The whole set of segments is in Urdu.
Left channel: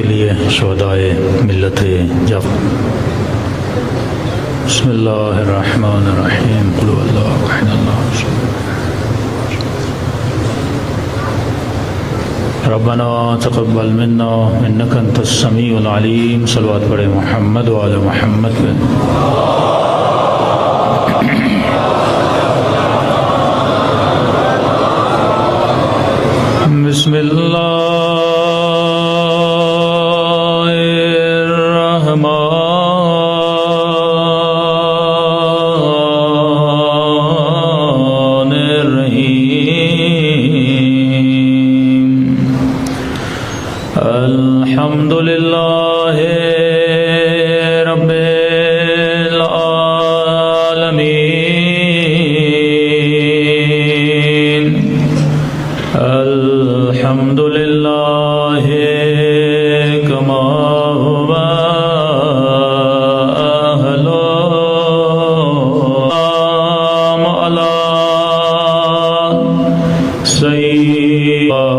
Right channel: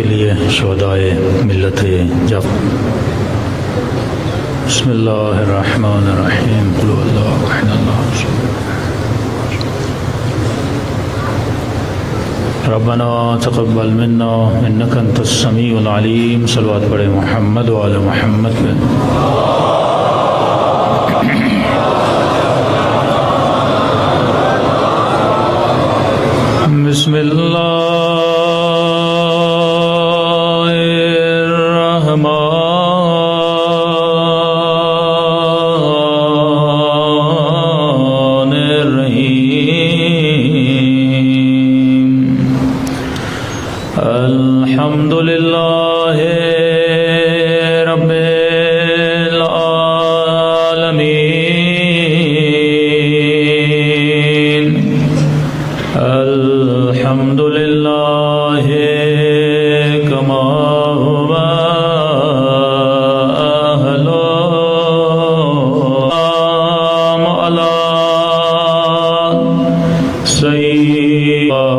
کے لیے شہدائے ملت جعفر۔ بسم اللہ الرحمن الرحیم، قل هو اللہ احد اللہ الصمد، ربنا تقبل منا انک انت السمیع العلیم۔ صلوات پڑھے محمد وعلی محمد پہ۔ بسم اللہ الحمد للہ رب العالمین، الحمد للہ کما هو اہل علی سیئات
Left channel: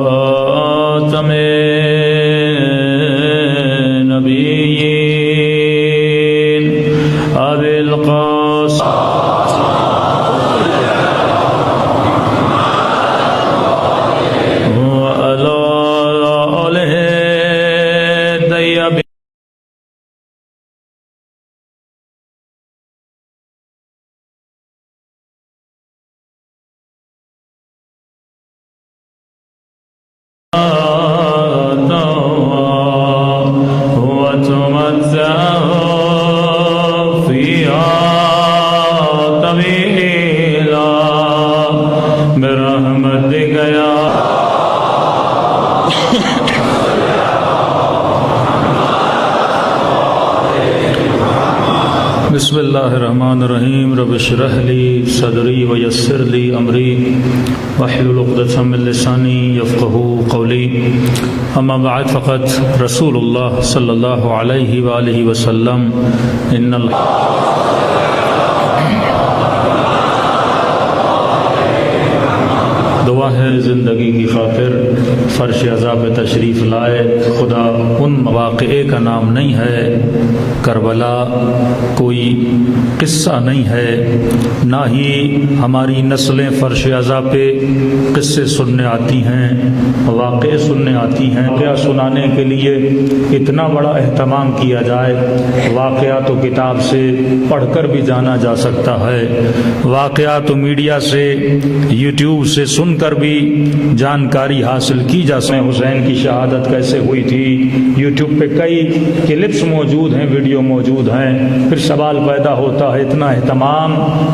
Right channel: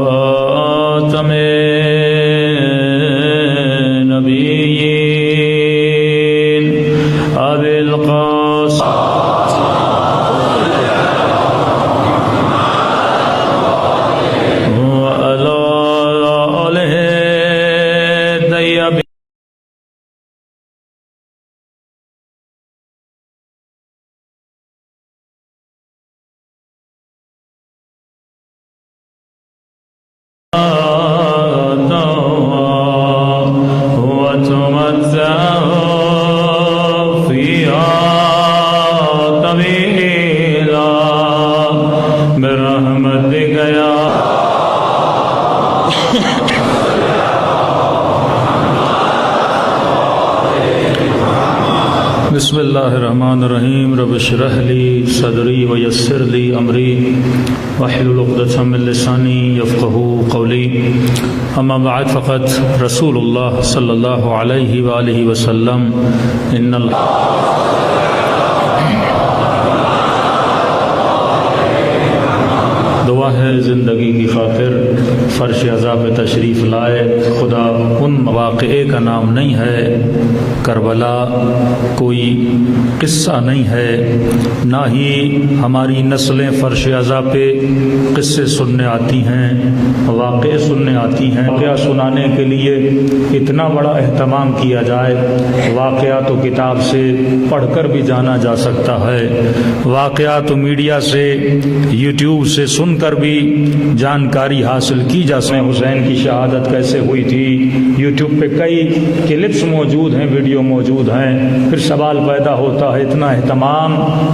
ابی القاسم وعلی آلہ الطیبین۔ بسم اللہ الرحمن الرحیم، رب اشرح لی صدری ویسر لی امری واحلل عقدۃ من لسانی یفقهوا قولی، اما بعد فقد رسول اللہ صلی اللہ علیہ وآلہ وسلم ان دعا ہے زندگی کی خاطر فرش عزا پہ تشریف لائے۔ خدا ان مواقع کا نام نہیں ہے، کربلا کوئی قصہ نہیں ہے، نہ ہی ہماری نسلیں فرش عزا پہ قصے سننے آتی ہیں، واقعے سننے آتی ہیں۔ واقعہ سنانے کے لیے اتنا بڑا اہتمام کیا جائے، واقعہ تو کتاب سے پڑھ کر بھی جانا جا سکتا ہے، واقعہ تو میڈیا سے یوٹیوب سے سن کر بھی جانکاری حاصل کی جا سکتی۔ حسین کی شہادت کیسے ہوئی تھی، یوٹیوب پہ کئی کلپس موجود ہیں، ویڈیو موجود ہیں۔ پھر سوال پیدا ہوتا ہے اتنا اہتمام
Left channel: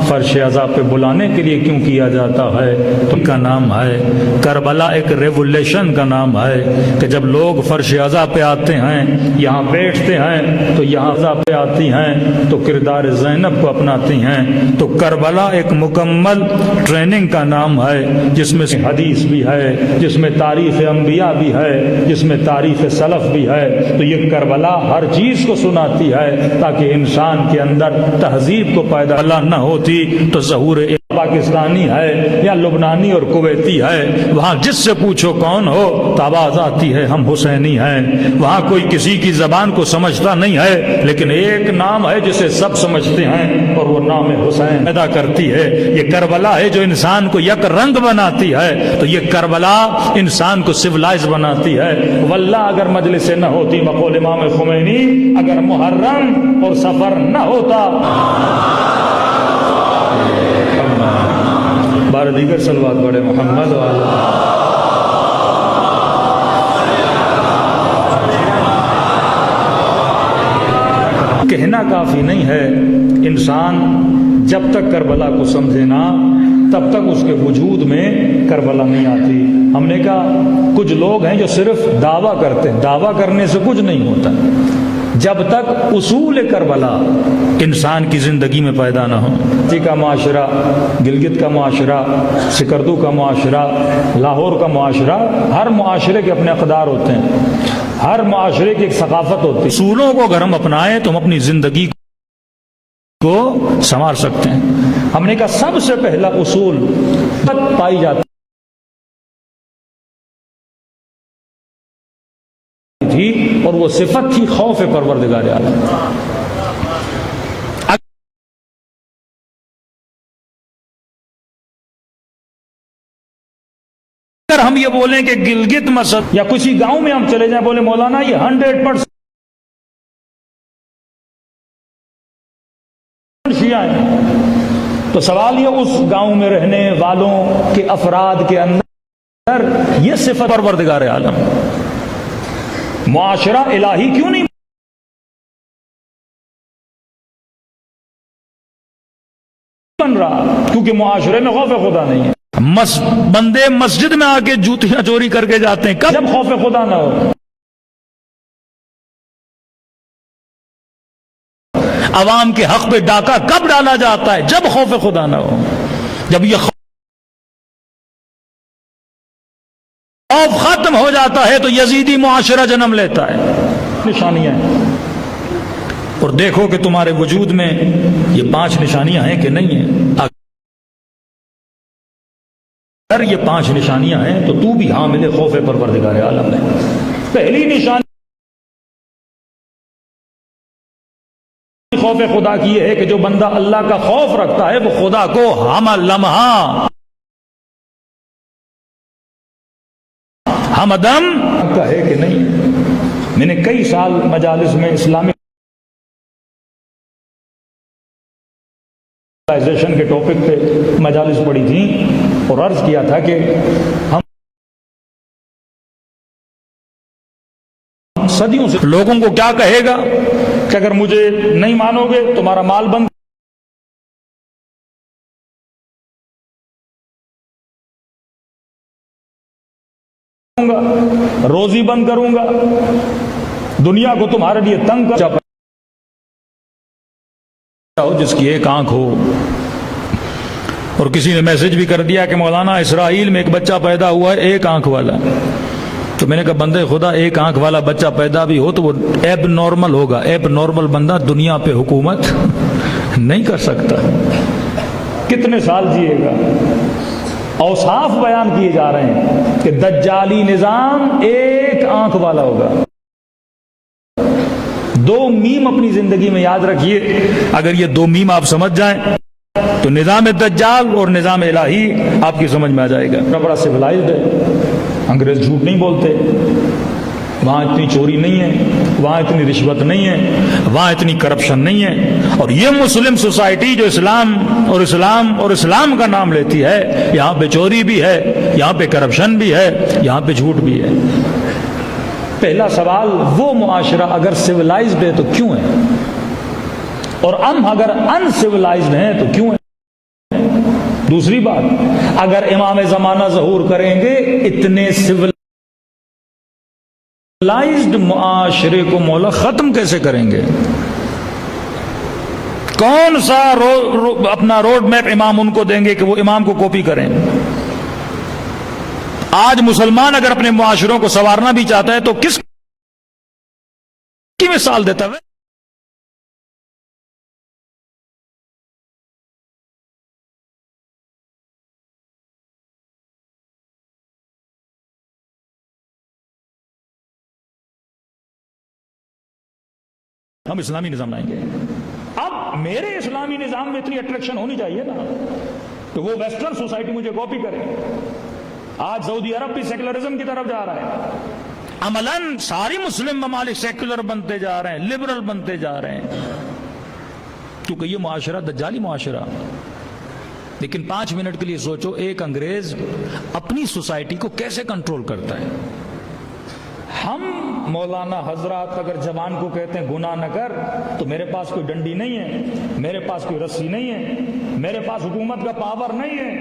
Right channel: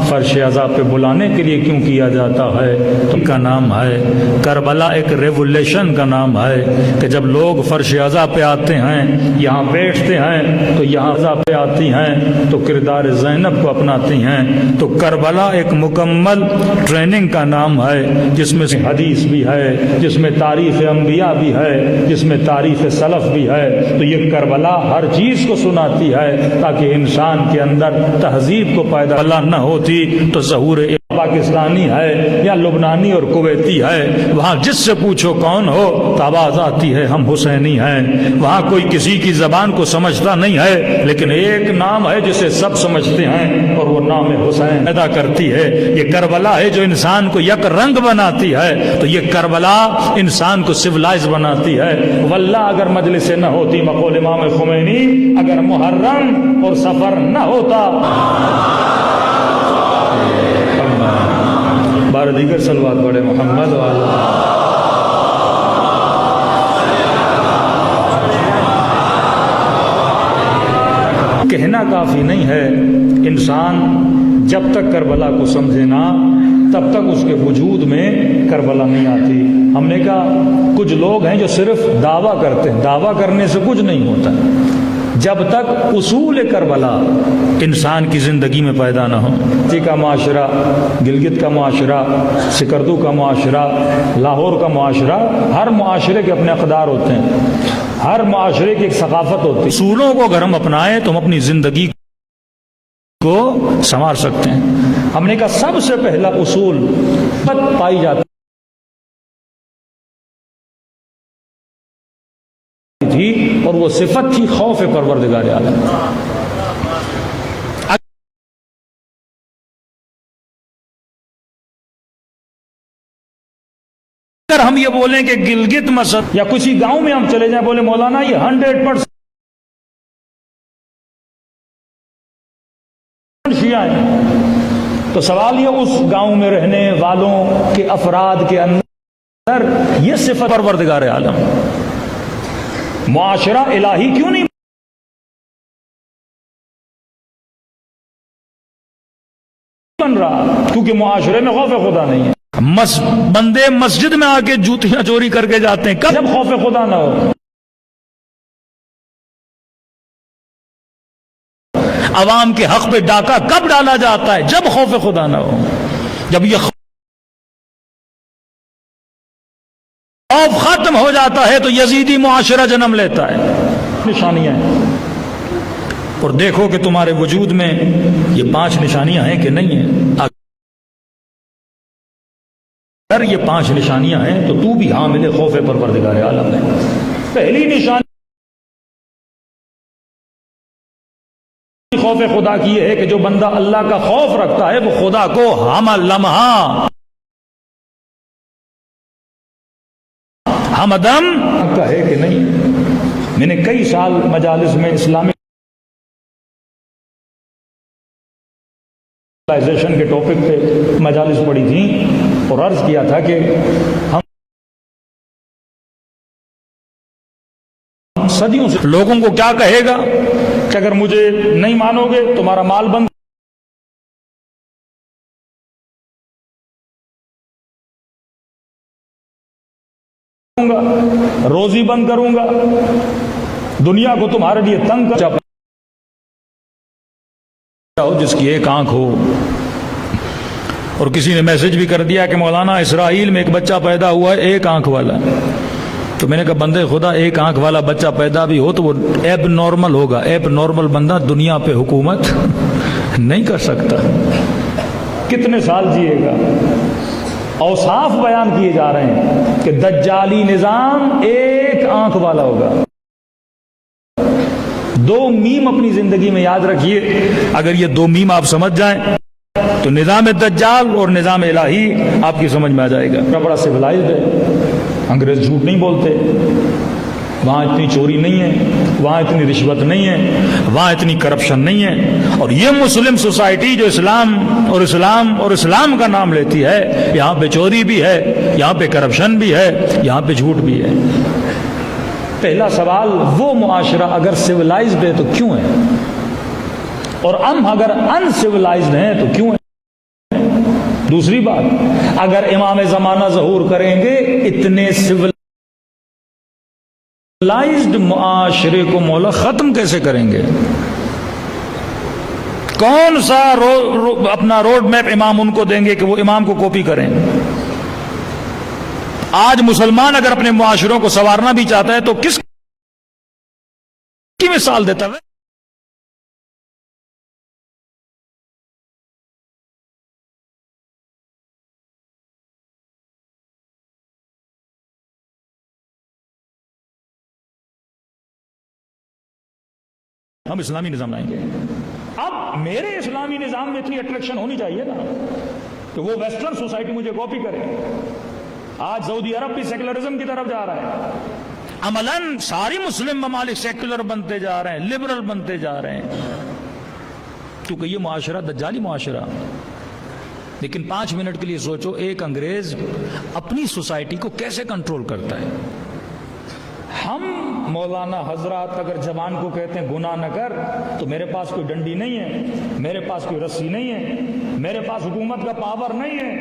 فرش عزا پہ بلانے کے لیے کیوں کیا جاتا ہے؟ تو کا نام ہے کربلا، ایک ریولیشن کا نام ہے کہ جب لوگ فرش عزا پہ آتے ہیں، یہاں بیٹھتے ہیں تو یہاں عزا پہ آتی ہیں تو کردار زینب کو اپناتی ہیں۔ تو کربلا ایک مکمل ٹریننگ کا نام ہے، جس میں حدیث بھی ہے، جس میں تاریخ انبیاء بھی ہے، جس میں تاریخ سلف بھی ہے۔ تو یہ کربلا ہر چیز کو سناتی ہے تاکہ انسان کے اندر تہذیب کو پیدا نہ ہوتی تو ظہور پاکستانی ہے یا لبنانی اور کویتی ہے، وہاں جس سے پوچھو کون ہو تو آواز آتی ہے ہم حسینی ہیں۔ وہاں کوئی کسی کی زبان کو سمجھتا نہیں ہے، لیکن ایک نام ہے جسے سب سمجھتے ہیں اور وہ نام حسین ادا کرتی ہے۔ یہ کربلا ہے جو انسان کو یک رنگ بناتی ہے، تو یہ کربلا انسان کو سویلائز بناتی ہے۔ واللہ اگر مجلس نہ ہوتی، مقول امام خمینی، اگر محرم اور سفر نہ ہوتا، بار دیگر صلوات پڑھے محمد والا۔ کہنا کافی نہیں ہے، انسان جب تک کربلا کو سمجھے نا تب تک اس کے وجود میں کربلا نہیں آتی۔ ہم نے کہا کچھ لوگ ہیں جو صرف دعویٰ کرتے ہیں، دعویٰ کرنے سے کچھ نہیں ہوتا جب تک اصول کربلا انسان کی زندگی میں پیدا نہ ہو۔ کراچی کا معاشرہ، گلگت کا معاشرہ، سکردو کا معاشرہ، لاہور کا معاشرہ، ہر معاشرے کے اپنے اقدار ہوتے ہیں، ہر معاشرے کی ایک ثقافت ہوتی ہے۔ اصولوں کو اگر ہم اپنائیں تو ہم اپنی زندگی کو سنوار سکتے ہیں۔ ہم نے کہا سب سے پہلا اصول پائی جاتی تھی اور وہ صفت تھی خوف پروردگار عالم. اگر ہم یہ بولیں کہ گلگت مسجد یا کسی گاؤں میں ہم چلے جائیں بولے مولانا یہ 100% شیعہ ہیں، تو سوال یہ اس گاؤں میں رہنے والوں کے افراد کے اندر یہ صفت پروردگار عالم معاشرہ الہی کیوں نہیں بن رہا؟ کیونکہ معاشرے میں خوف خدا نہیں ہے. بندے مسجد میں آ کے جوتیاں چوری کر کے جاتے ہیں جب خوف خدا نہ ہو. عوام کے حق پہ ڈاکہ کب ڈالا جاتا ہے؟ جب خوف خدا نہ ہو. جب یہ خوف ختم ہو جاتا ہے تو یزیدی معاشرہ جنم لیتا ہے. نشانیاں اور دیکھو کہ تمہارے وجود میں یہ 5 نشانیاں ہیں کہ نہیں ہیں. اگر یہ 5 نشانیاں ہیں تو تو بھی حامل خوف پروردگار عالم ہے. پہلی نشانی خوف خدا کی یہ ہے کہ جو بندہ اللہ کا خوف رکھتا ہے وہ خدا کو ہم لمحہ ہمدم کا ہے کہ نہیں. میں نے کئی سال مجالس میں اسلامک کے ٹاپک پہ مجالس پڑھی تھی اور عرض کیا تھا کہ ہم صدیوں سے لوگوں کو کیا کہے گا کہ اگر مجھے نہیں مانو گے تمہارا مال بند کروں گا، روزی بند کروں گا، دنیا کو تمہارے لیے تنگ کر جس کی ایک آنکھ ہو. اور کسی نے میسج بھی کر دیا کہ مولانا اسرائیل میں ایک بچہ پیدا ہوا ہے ایک آنکھ والا. تو میں نے کہا بندے خدا ایک آنکھ والا بچہ پیدا بھی ہو تو وہ ایب نارمل ہوگا. ایب نارمل بندہ دنیا پہ حکومت نہیں کر سکتا. کتنے سال جیے گا؟ اوصاف بیان کیے جا رہے ہیں کہ دجالی نظام ایک آنکھ والا ہوگا. 2 میم اپنی زندگی میں یاد رکھیے. اگر یہ 2 میم آپ سمجھ جائیں تو نظام دجال اور نظام الہی آپ کی سمجھ میں آ جائے گا. بڑا سویلائزڈ ہے. انگریز جھوٹ نہیں بولتے. وہاں اتنی چوری نہیں ہے، وہاں اتنی رشوت نہیں ہے، وہاں اتنی کرپشن نہیں ہے. اور یہ مسلم سوسائٹی جو اسلام کا نام لیتی ہے یہاں پہ چوری بھی ہے، یہاں پہ کرپشن بھی ہے، یہاں پہ جھوٹ بھی ہے. پہلا سوال وہ معاشرہ اگر سویلائزڈ ہے تو کیوں ہے؟ اور ہم اگر ان سویلائزڈ ہیں تو کیوں ہے؟ دوسری بات اگر امام زمانہ ظہور کریں گے اتنے سویلائزڈ معاشرے کو مولا ختم کیسے کریں گے؟ کون سا اپنا روڈ میپ امام ان کو دیں گے کہ وہ امام کو کاپی کریں؟ آج مسلمان اگر اپنے معاشروں کو سنوارنا بھی چاہتا ہے تو کس کی مثال دیتا ہے؟ ہم اسلامی نظام لائیں گے. اب میرے اسلامی نظام میں اتنی اٹریکشن ہونی چاہیے نا تو وہ ویسٹرن سوسائٹی مجھے کاپی کرے. آج سعودی عرب بھی سیکولرزم کی طرف جا رہا ہے. عملاً ساری مسلم ممالک سیکولر بنتے جا رہے ہیں، لبرل بنتے جا رہے ہیں کیونکہ یہ معاشرہ دجالی معاشرہ. لیکن 5 منٹ کے لیے سوچو ایک انگریز اپنی سوسائٹی کو کیسے کنٹرول کرتا ہے. ہم مولانا حضرات اگر جوان کو کہتے ہیں گناہ نہ کر تو میرے پاس کوئی ڈنڈی نہیں ہے، میرے پاس کوئی رسی نہیں ہے، میرے پاس حکومت کا پاور نہیں ہے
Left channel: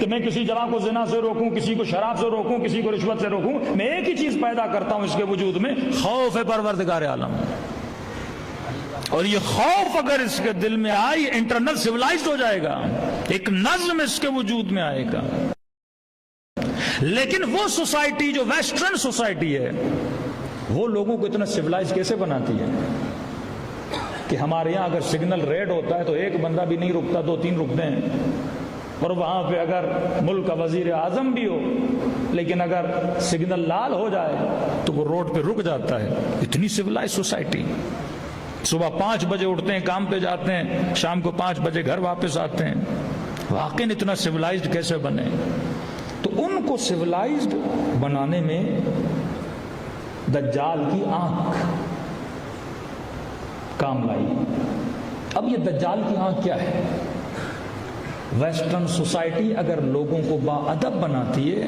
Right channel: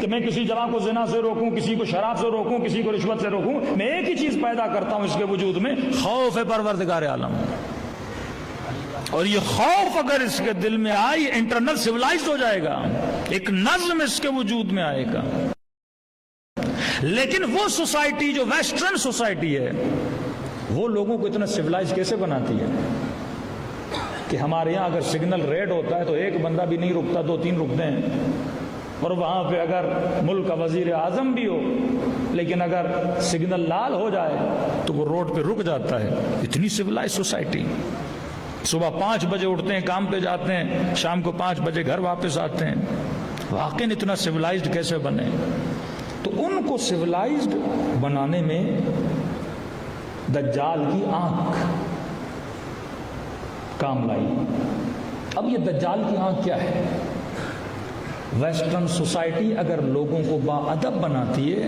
کہ میں کسی جوان کو زنا سے روکوں، کسی کو شراب سے روکوں، کسی کو رشوت سے روکوں. میں ایک ہی چیز پیدا کرتا ہوں اس کے وجود میں، خوف پروردگار عالم. اور یہ خوف اگر اس کے دل میں آئے یہ انٹرنل سویلائزڈ ہو جائے گا، ایک نظم اس کے وجود میں آئے گا. لیکن وہ سوسائٹی جو ویسٹرن سوسائٹی ہے وہ لوگوں کو اتنا سویلائز کیسے بناتی ہے کہ ہمارے یہاں اگر سگنل ریڈ ہوتا ہے تو ایک بندہ بھی نہیں رکتا، 2-3 رکتے ہیں. اور وہاں پہ اگر ملک کا وزیر اعظم بھی ہو لیکن اگر سگنل لال ہو جائے تو وہ روڈ پہ رک جاتا ہے. اتنی سویلائز سوسائٹی. صبح 5 بجے اٹھتے ہیں, کام پہ جاتے ہیں, شام کو 5 بجے گھر واپس آتے ہیں. واقعی اتنا سویلائزڈ کیسے بنے؟ تو ان کو سویلائزڈ بنانے میں دجال کی آنکھ کام لائی. اب یہ دجال کی آنکھ کیا ہے؟ ویسٹرن سوسائٹی اگر لوگوں کو با ادب بناتی ہے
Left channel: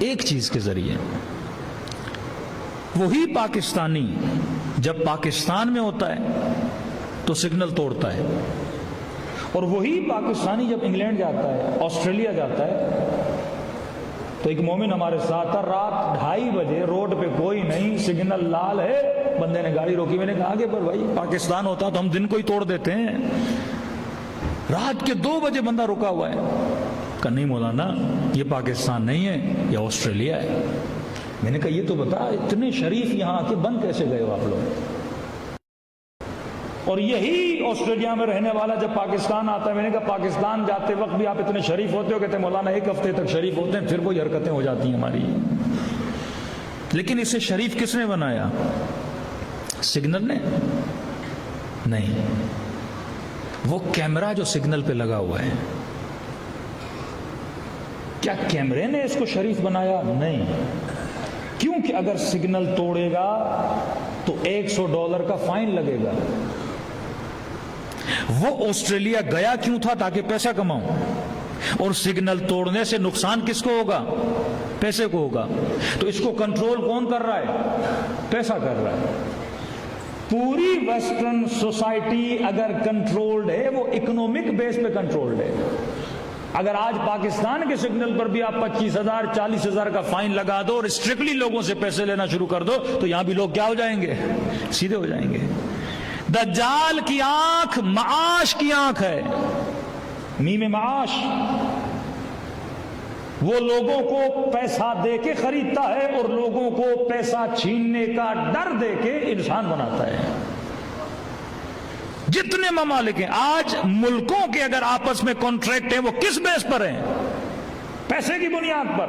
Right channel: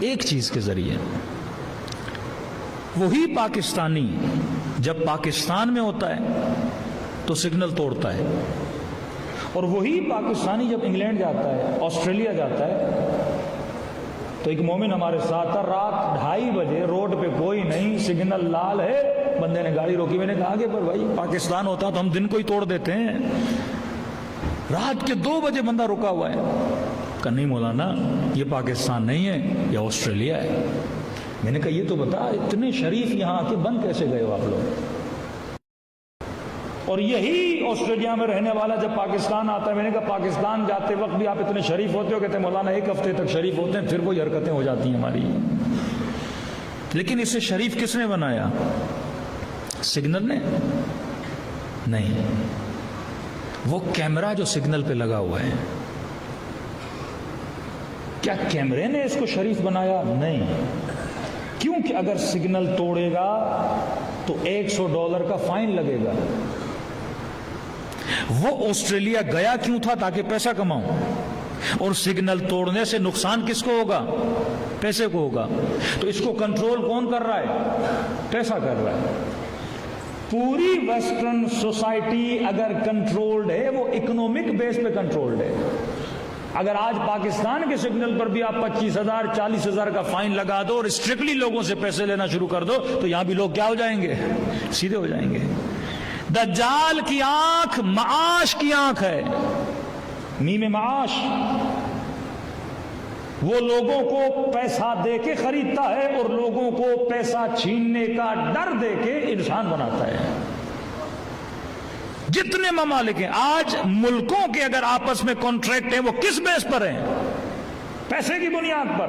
ایک چیز کے ذریعے, وہی پاکستانی جب پاکستان میں ہوتا ہے تو سگنل توڑتا ہے, اور وہی پاکستانی جب انگلینڈ جاتا ہے, آسٹریلیا جاتا ہے, تو ایک مومن ہمارے ساتھ تھا, رات 2:30 بجے روڈ پہ کوئی نہیں, سگنل لال ہے, بندے نے گاڑی روکی. میں نے کہا کہ بھائی پاکستان ہوتا تو ہم دن کو ہی توڑ دیتے ہیں, رات کے 2 بجے بندہ رکا ہوا ہے. کہ نہیں مولانا یہ پاکستان نہیں ہے, یہ آسٹریلیا ہے. میں نے کہا یہ تو بتا اتنے شریف یہاں آ کے بند کیسے گئے ہو آپ لوگ؟ اور یہی آسٹریلیا میں رہنے والا جب پاکستان آتا ہے, میں نے کہا پاکستان جاتے وقت بھی آپ اتنے شریف ہوتے ہو؟ کہتے ہیں مولانا 1 ہفتے تک شریف ہوتے ہیں, پھر کوئی حرکتیں ہو جاتی ہیں ہماری. لیکن اسے شریف کس نے بنایا؟ سگنل نے نہیں, وہ کیمرہ جو سگنل پہ لگا ہوا ہے. کیا کیمرے نے اس کو شریف بنایا؟ نہیں, کیونکہ اگر سگنل توڑے گا تو $100 کا فائن لگے گا. وہ آسٹریلیا گیا کیوں تھا؟ تاکہ پیسہ کماؤں, اور سگنل توڑنے سے نقصان کس کو ہوگا؟ پیسے کو ہوگا. تو اس کو کنٹرول کون کر رہا ہے؟ پیسہ کر رہا ہے. پوری ویسٹرن سوسائٹی اگر کنٹرولڈ ہے وہ اکنامک بیس پہ کنٹرولڈ ہے. اگر آج پاکستان کے سگنل پر بھی آپ 25,000 40,000 کا فائن لگا دو اور اسٹرکٹلی لوگوں سے پیسے لینا شروع کر دو تو یہاں بھی لوگ کیا ہو جائیں گے؟ سیدھے ہو جائیں گے. دجال کی آنکھ معاش کی آنکھ ہے, میم معاش. وہ لوگوں کو پیسہ دے کے خریدتا ہے اور لوگوں کو پیسہ چھیننے کا ڈر دے کے انسان بناتا ہے. جتنے ممالک ہیں آج ملکوں کے اگر آپس میں کانٹریکٹ ہیں وہ کس بیس پر ہیں؟ پیسے کی بنیاد پر.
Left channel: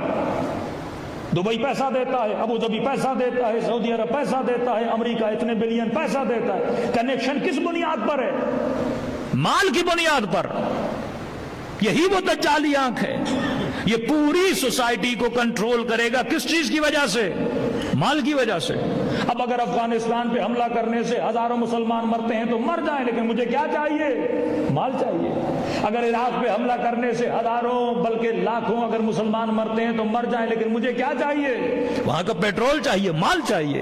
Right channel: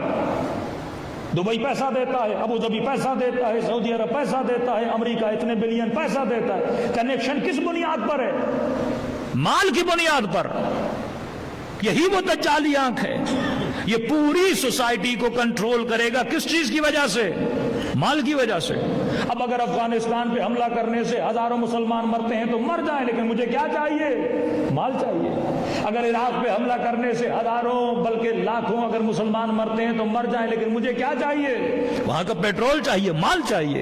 دبئی پیسہ دیتا ہے, ابو ظبی پیسہ دیتا ہے, سعودی عرب پیسہ دیتا ہے, امریکہ اتنے بلین پیسہ دیتا ہے. کنیکشن کس بنیاد پر ہے؟ مال کی بنیاد پر. یہی وہ دجالی آنکھ ہے. یہ پوری سوسائٹی کو کنٹرول کرے گا کس چیز کی وجہ سے؟ مال کی وجہ سے. اب اگر افغانستان پہ حملہ کرنے سے ہزاروں مسلمان مرتے ہیں تو مر جائیں, لیکن مجھے کیا چاہیے؟ مال چاہیے. اگر عراق پہ حملہ کرنے سے ہزاروں بلکہ لاکھوں اگر مسلمان مرتے ہیں تو مر جائیں, لیکن مجھے کیا چاہیے؟ وہاں کا پیٹرول چاہیے, مال چاہیے.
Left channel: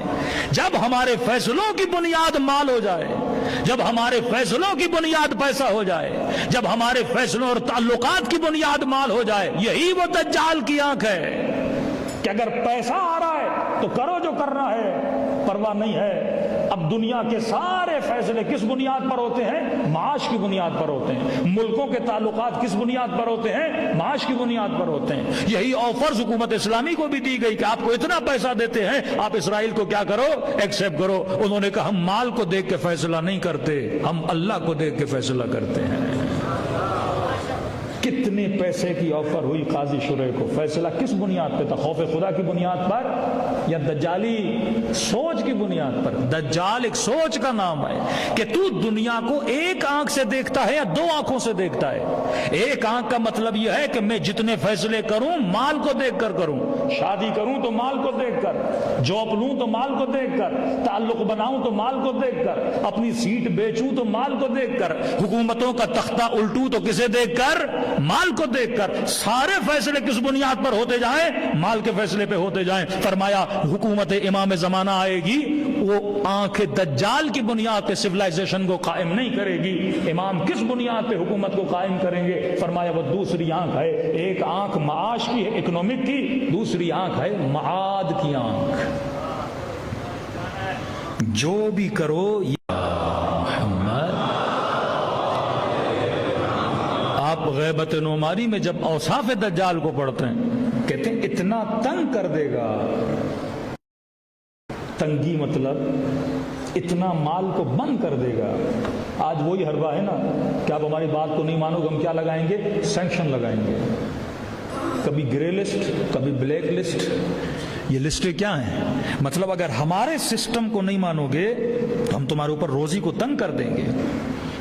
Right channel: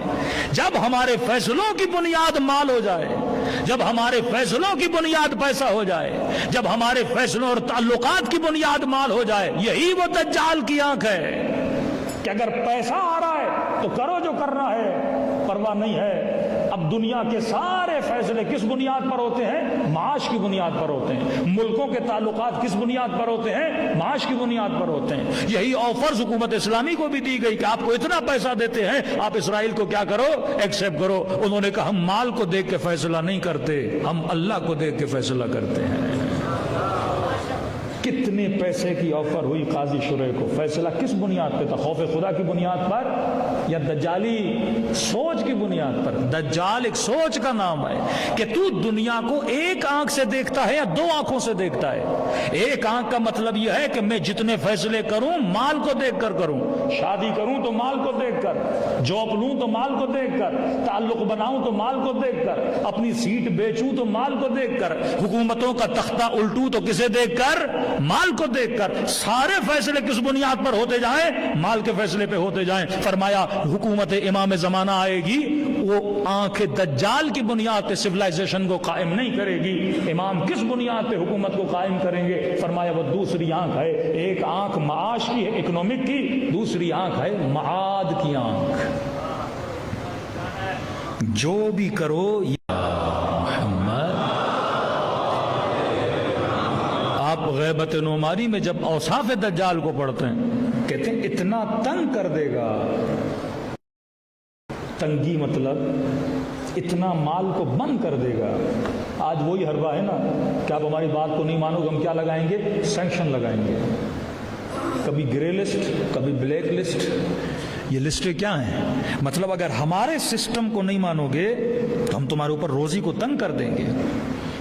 جب ہمارے فیصلوں کی بنیاد مال ہو جائے, جب ہمارے فیصلوں کی بنیاد پیسہ ہو جائے, جب ہمارے فیصلوں اور تعلقات کی بنیاد مال ہو جائے, یہی وہ دجال کی آنکھ ہے کہ اگر پیسہ آ رہا ہے تو کرو جو کر رہا ہے, پرواہ نہیں ہے. اب دنیا کے سارے فیصلے کس بنیاد پر ہوتے ہیں؟ معاش کی بنیاد پر ہوتے ہیں. ملکوں کے تعلقات کس بنیاد پر ہوتے ہیں؟ معاش کی بنیاد پر ہوتے ہیں. یہی آفرز حکومت اسلامی کو بھی دی گئی کہ آپ کو اتنا پیسہ دیتے ہیں, آپ اسرائیل کو کیا کرو؟ ایکسپٹ کرو. انہوں نے کہا ہم مال کو دیکھ کے فیصلہ نہیں کرتے, ہم اللہ کو دیکھ کے فیصلہ کرتے ہیں. کتنے پیسے کی آفر ہوئی قاضی شرح کو, فیصلہ کس بنیاد پہ تھا؟ خوف خدا کی بنیاد پر یا دجالی سوچ کی بنیاد پر؟ دجال ایک سوچ کا نام ہے کہ تو دنیا کو ایک آنکھ سے دیکھتا ہے یا 2 آنکھوں سے دیکھتا ہے. ایک آنکھ کا مطلب یہ ہے کہ میں جتنے فیصلے کروں مال کو دیکھ کر کروں, شادی کروں تو مال کو دیکھ کر, جاب لوں تو مال کو دیکھ کر, تعلق بناؤں تو مال کو دیکھ کر, اپنی سیٹ بیچوں تو مال کو دیکھ کر, حکومتوں کا تختہ الٹوں تو کسے دیکھ کر؟ مال کو دیکھ کر. سارے فیصلے کس بنیاد پر ہوتے جائیں؟ مال کے فیصلے پہ ہوتے جائیں. فرمایا حکومت امام زمانہ آئے گی, وہ آنکھ دجال کی بنیاد پہ سویلائزیشن کو قائم نہیں کرے گی. امام کس بنیاد پہ حکومت کو قائم کریں گے؟ فرمایا وہ دوسری آنکھ ہے. ایک آنکھ معاش کی ہے, اکنامک کی, دوسری آنکھ ہے معاد کی آنکھ. جو بھی کرو غیبت نعماری میں جب اوصاف دجال کو پڑھتے ہیں کہتے ہیں اتنا تنگ کر دے گا. تنگی مطلب اتنا مال کو بند کر دے گا. آج وہی حربہ ہے نا کہ آپ ہماری بات کو نہیں مانو گے ہم کیا لگائیں گے؟ سینکشن لگائیں گے. کبھی گرے لسٹ, کبھی بلیک لسٹ. یہ لسٹیں کیا ہیں؟ مطلب اگر ہمارے سسٹم کو نہیں مانو گے تو ہم تمہارے اوپر روزی کو تنگ کر دیں گے,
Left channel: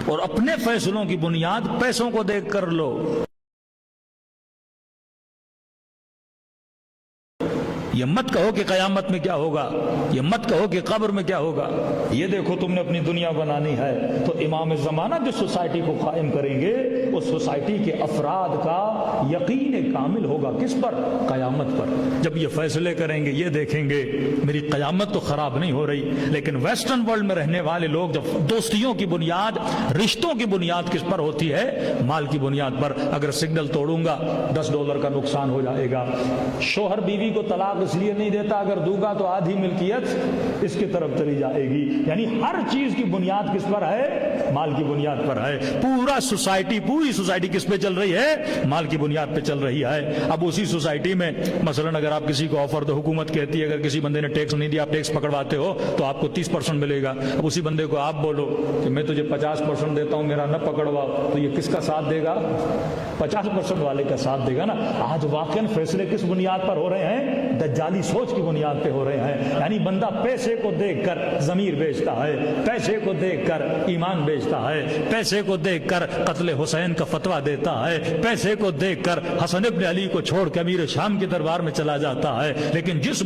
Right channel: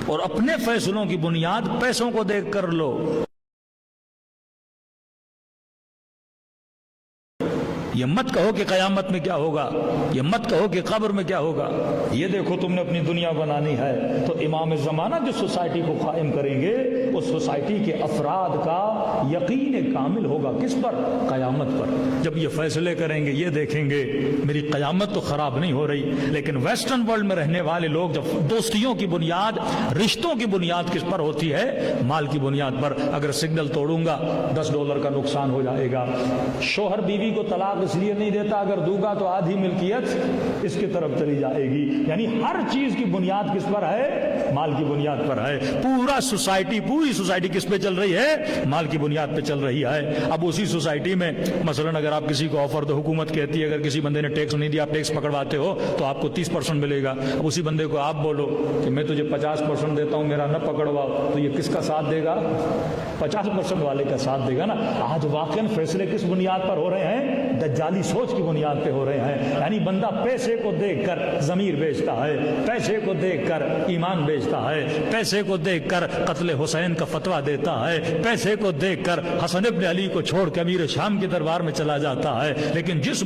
اور اپنے فیصلوں کی بنیاد پیسوں کو دیکھ کر لو. یہ مت کہو کہ قیامت میں کیا ہوگا, یہ مت کہو کہ قبر میں کیا ہوگا. یہ دیکھو تم نے اپنی دنیا بنانی ہے تو امام زمانہ جو سوسائٹی کو قائم کریں گے اس سوسائٹی کے افراد کا یقین کامل ہوگا کس پر؟ قیامت پر. جب یہ فیصلے کریں گے یہ دیکھیں گے میری قیامت تو خراب نہیں ہو رہی. لیکن ویسٹرن ورلڈ میں رہنے والے لوگ جب دوستیوں کی بنیاد, رشتوں کی بنیاد کس پر ہوتی ہے؟ مال کی بنیاد پر. اگر سگنل توڑوں گا $10 کا نقصان ہو جائے گا. شوہر بیوی کو طلاق اس لیے نہیں دیتا اگر دوں گا تو آدھی ملکیت اس کی طرف چلی جائے گی. یعنی ہر چیز کی بنیاد کس پر ہے؟ مال کی بنیاد پر ہے. پورا سوسائٹی, پوری سوسائٹی کس پہ چل رہی ہے؟ مال کی بنیاد پہ چل رہی ہے. اب اسی سوسائٹی میں مثلا اگر آپ کسی کو آفر دو, حکومت کہتی ہے اگر کسی بندے نے ٹیکس نہیں دیا آپ ٹیکس پکڑواتے ہو تو آپ کو 30% ملے گا. اب اسی بندے کو آپ بولو کہ میں تجھے 50% دیتا ہوں میرا نہ پکڑواؤ, تو یہ کس کا ساتھ دے گا؟ 50% والے کا ساتھ دے گا نا. آج واقعی فیصلے کس بنیاد پر ہو رہے ہیں؟ دجالی سوچ کی بنیاد پہ ہو رہے ہیں. یعنی بندہ پیسے کو دیکھ کر ضمیر بیچتا ہے, پیسے کو دیکھ کر ایمان بیچتا ہے, پیسے کو دیکھ کر قتل حسین کا فتویٰ دیتا ہے, پیسے کو دیکھ کر حسن ابن علی کو چھوڑ کے امیر شام کے دربار میں چلا جاتا ہے. لیکن جس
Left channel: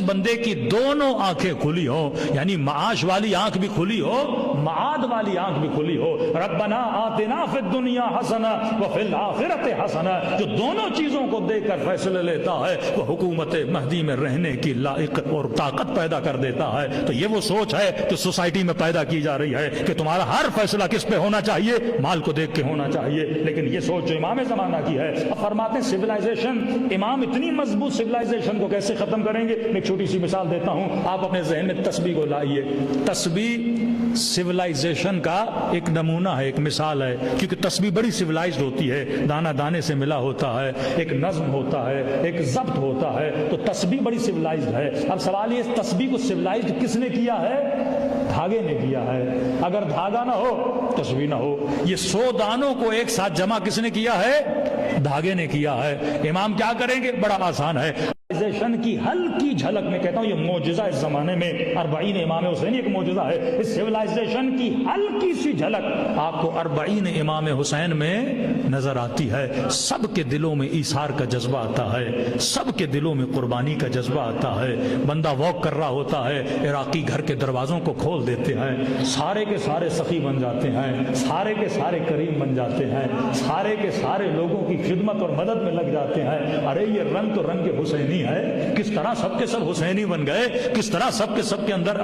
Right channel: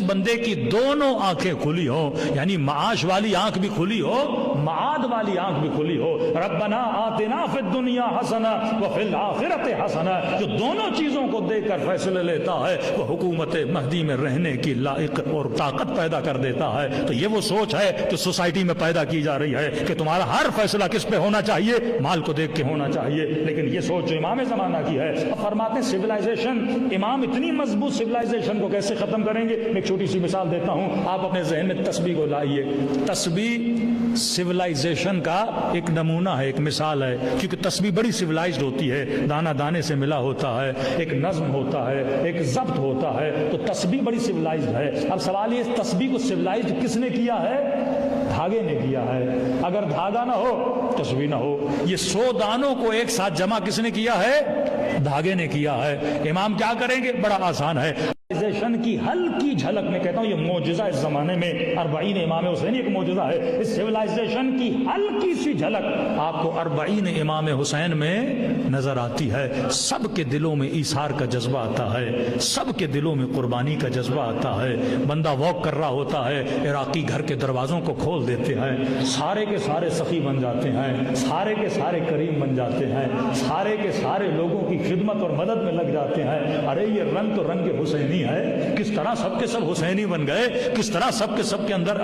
بندے کی دونوں آنکھیں کھلی ہو, یعنی معاش والی آنکھ بھی کھلی ہو, معاد والی آنکھ بھی کھلی ہو, ربنا آتنا فی الدنیا حسنہ وفی الآخرۃ حسنہ, جو دونوں چیزوں کو دیکھ کر فیصلے لیتا ہے وہ حکومت مہدی میں رہنے کی لائق اور طاقت پیدا کر دیتا ہے. تو یہ وہ سوچ ہے جو سوسائٹی میں پیدا کی جا رہی ہے کہ تمہارا ہر فیصلہ کس پہ ہونا چاہیے؟ مال کو دیکھ کے ہونا چاہیے. لیکن یہ سوچ امام زمانہ کی ہے. اب فرماتے ہیں سویلائزیشن, امام اتنی مضبوط سویلائزیشن کو کیسے ختم کریں گے؟ میں ایک چھوٹی سی مثال دیتا ہوں, آپ اپنے ذہن میں تسبیح کو لائیے. تسبیح سویلائزیشن کا ایک نمونہ ہے, ایک مثال ہے, کیونکہ تسبیح بڑی سویلائزڈ ہوتی ہے, دانا دانے سے ملا ہوتا ہے, ایک نظم ہوتا ہے, ایک ضبط ہوتا ہے, تو تسبیح بڑی سویلائزڈ ہے. اب سوال یہ تسبیح کو سویلائزڈ کس نے کیا ہے؟ دھاگے نے کیا ہے. اگر دھاگا نہ ہو تسبیح نہ ہو. یہ 100 دانوں کو ایک ساتھ جمع کس نے کیا ہے؟ دھاگے نے کیا ہے. امام کیا کریں گے؟ بڑا آسان ہے. کی ہلکی جھلک میں کہتا ہوں یہ معجزہ اس زمانے میں 40 امام حسین ایک معجزہ ہے. اس سویلائزیشن کی ہلکی سی جھلک آپ کو 40 امام حسین میں نظر آتی ہے. سب کے دلوں میں ایثار کا جذبہ آتا ہے, سب کے دلوں میں قربانی کا جذبہ آتا ہے. بندہ واک کر رہا ہوتا ہے, عراقی گھر کے دروازوں کو کھول دیتے ہیں, سارے کے سارے سخی بن جاتے ہیں, سارے کے سارے کریم بن جاتے ہیں, سارے کے سارے لوگوں کی خدمت اور مدد میں لگ جاتے ہیں. ارے یہ رنگ تو رنگ حسینی ہے, کس طرح سب کے سب حسینی بن گئے, کس طرح سب کے اندر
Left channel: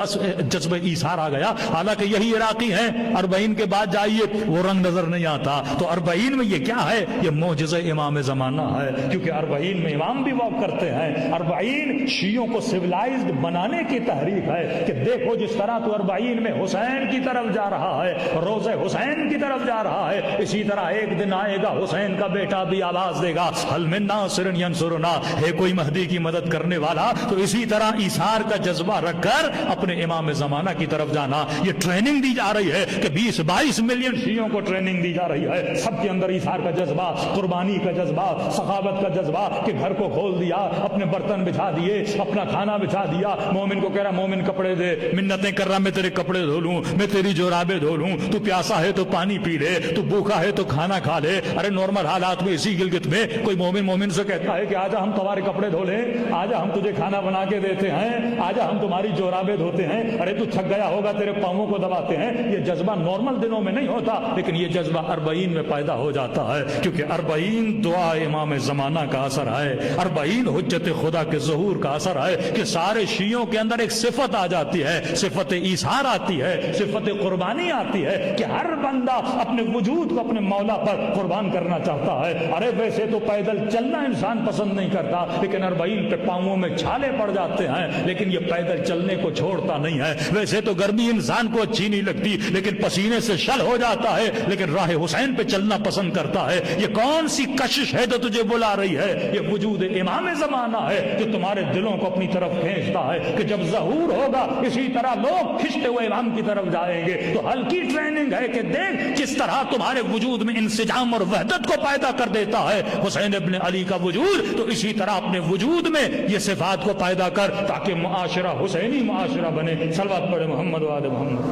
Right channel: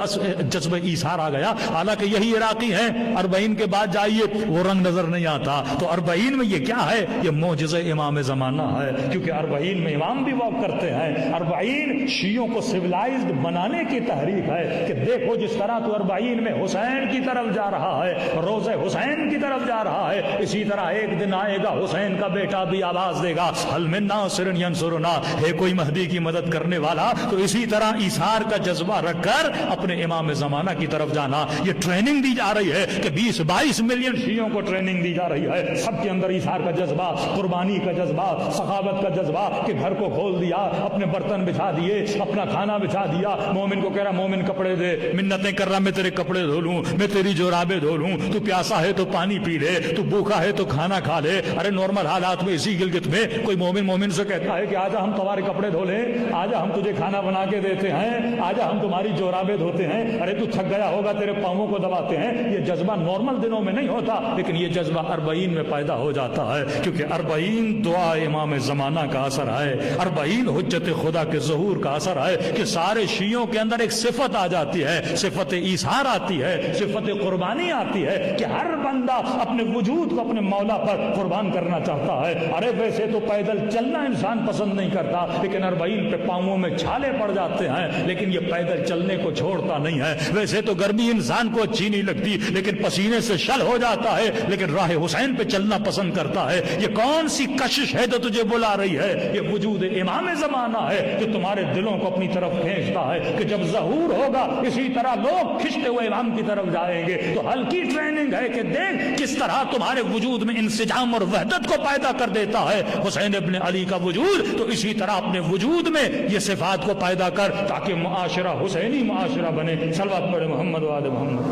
جذبہ ایثار آ گیا. حالانکہ یہی عراقی ہیں, 40 کے بعد جائیے وہ رنگ نظر نہیں آتا. تو 40 میں یہ کیا ہے؟ یہ معجزہ امام زمانہ ہے, کیونکہ 40 میں امام بھی واک کرتے ہیں. 40 شیعوں کو سویلائزڈ بنانے کی تحریک ہے کہ دیکھو جس طرح تو 40 میں حسین کی طرف جا رہا ہے, روزہ حسین کی طرف جا رہا ہے, اسی طرح ایک دن آئے گا حسین کا بیٹا بھی آواز دے گا هل من ناصر ینصرنا, ہے کوئی مہدی کی مدد کرنے والا. تو اسی طرح ایثار کا جذبہ رکھ کر اپنے امام زمانہ کی طرف جانا. یہ ٹریننگ دی جا رہی ہے کہ 20-22 ملین شیعوں کو ٹریننگ دی جا رہی ہے. سب کے اندر ایثار کا جذبہ, قربانی کا جذبہ, سخاوت کا جذبہ, کہ گھر کو کھول دیا, اپنے برتن بچھا دیے, اپنا کھانا بچھا دیا. مومن کو کہہ رہا مومن کپڑے دے, منتیں کر رہا میں تیرے کپڑے دھو لوں, میں تیری جورابیں دھو لوں, تو پیاسا ہے تو پانی پی لے, تو بھوکا ہے تو کھانا کھا لے. ارے نارمل حالات میں اسی گلگت میں کوئی مومن سے کہتا ہے کہ آجا ہم تمہارے کپڑے دھو لیں, آجا ہم تجھے کھانا بنا کے دیتے ہیں, آجا ہم تمہاری جورابیں دھوتے ہیں. ارے تو تھک گیا ہوگا, تیرے پاؤں کو دباتے ہیں. یہ جذبہ نارمل دنوں میں نہیں ہوتا, لیکن یہ جذبہ 40 میں پیدا ہو جاتا ہے, کیونکہ 40 دعا امام زمانہ کا اثر ہے, 40 حجت خدا کے ظہور کا اثر ہے کہ سارے شیعوں کے اندر ایک صفت آ جاتی ہے, صفت ایثار آتی ہے, صفت قربانی آتی ہے, کہ ہر بندہ اپنے وجود کو اپنے مولا پر قربان کرنا چاہتا ہے. ارے ویسے تو پیدل چلنا انسان پسند نہیں کرتا, لیکن تبعین کے پاؤں میں چھالے پڑ جاتے ہیں لیکن یہ پیدل چلنے کو چھوڑتا نہیں ہے. ویسے تو گرمی انسان کو اچھی نہیں لگتی لیکن پسینے سے شل ہو جاتا ہے لیکن راہ حسین پہ چلنا پسند کرتا ہے. یہ کون سی کشش ہے جو تجھے بلا رہی ہے؟ یہ وجود امام زمانہ ہے جو تمہارے دلوں کو اپنی طرف کھینچتا ہے کہ جب ظہور ہوگا اسی طرح لوگ کھنچتے ہوئے امام کی طرف جائیں گے. تو ہلکی ٹریننگ ہے کہ دیکھ کس طرح تمہارے وجود میں انسجام اور وحدت کو پیدا کر دیتا ہے حسین ابن علی کا وجود. تو اسی طرح اپنے وجود میں یہ صفات کو پیدا کر تاکہ معاشرہ حسینی معاشرہ بنے. صلوات پڑھے محمد وآل محمد.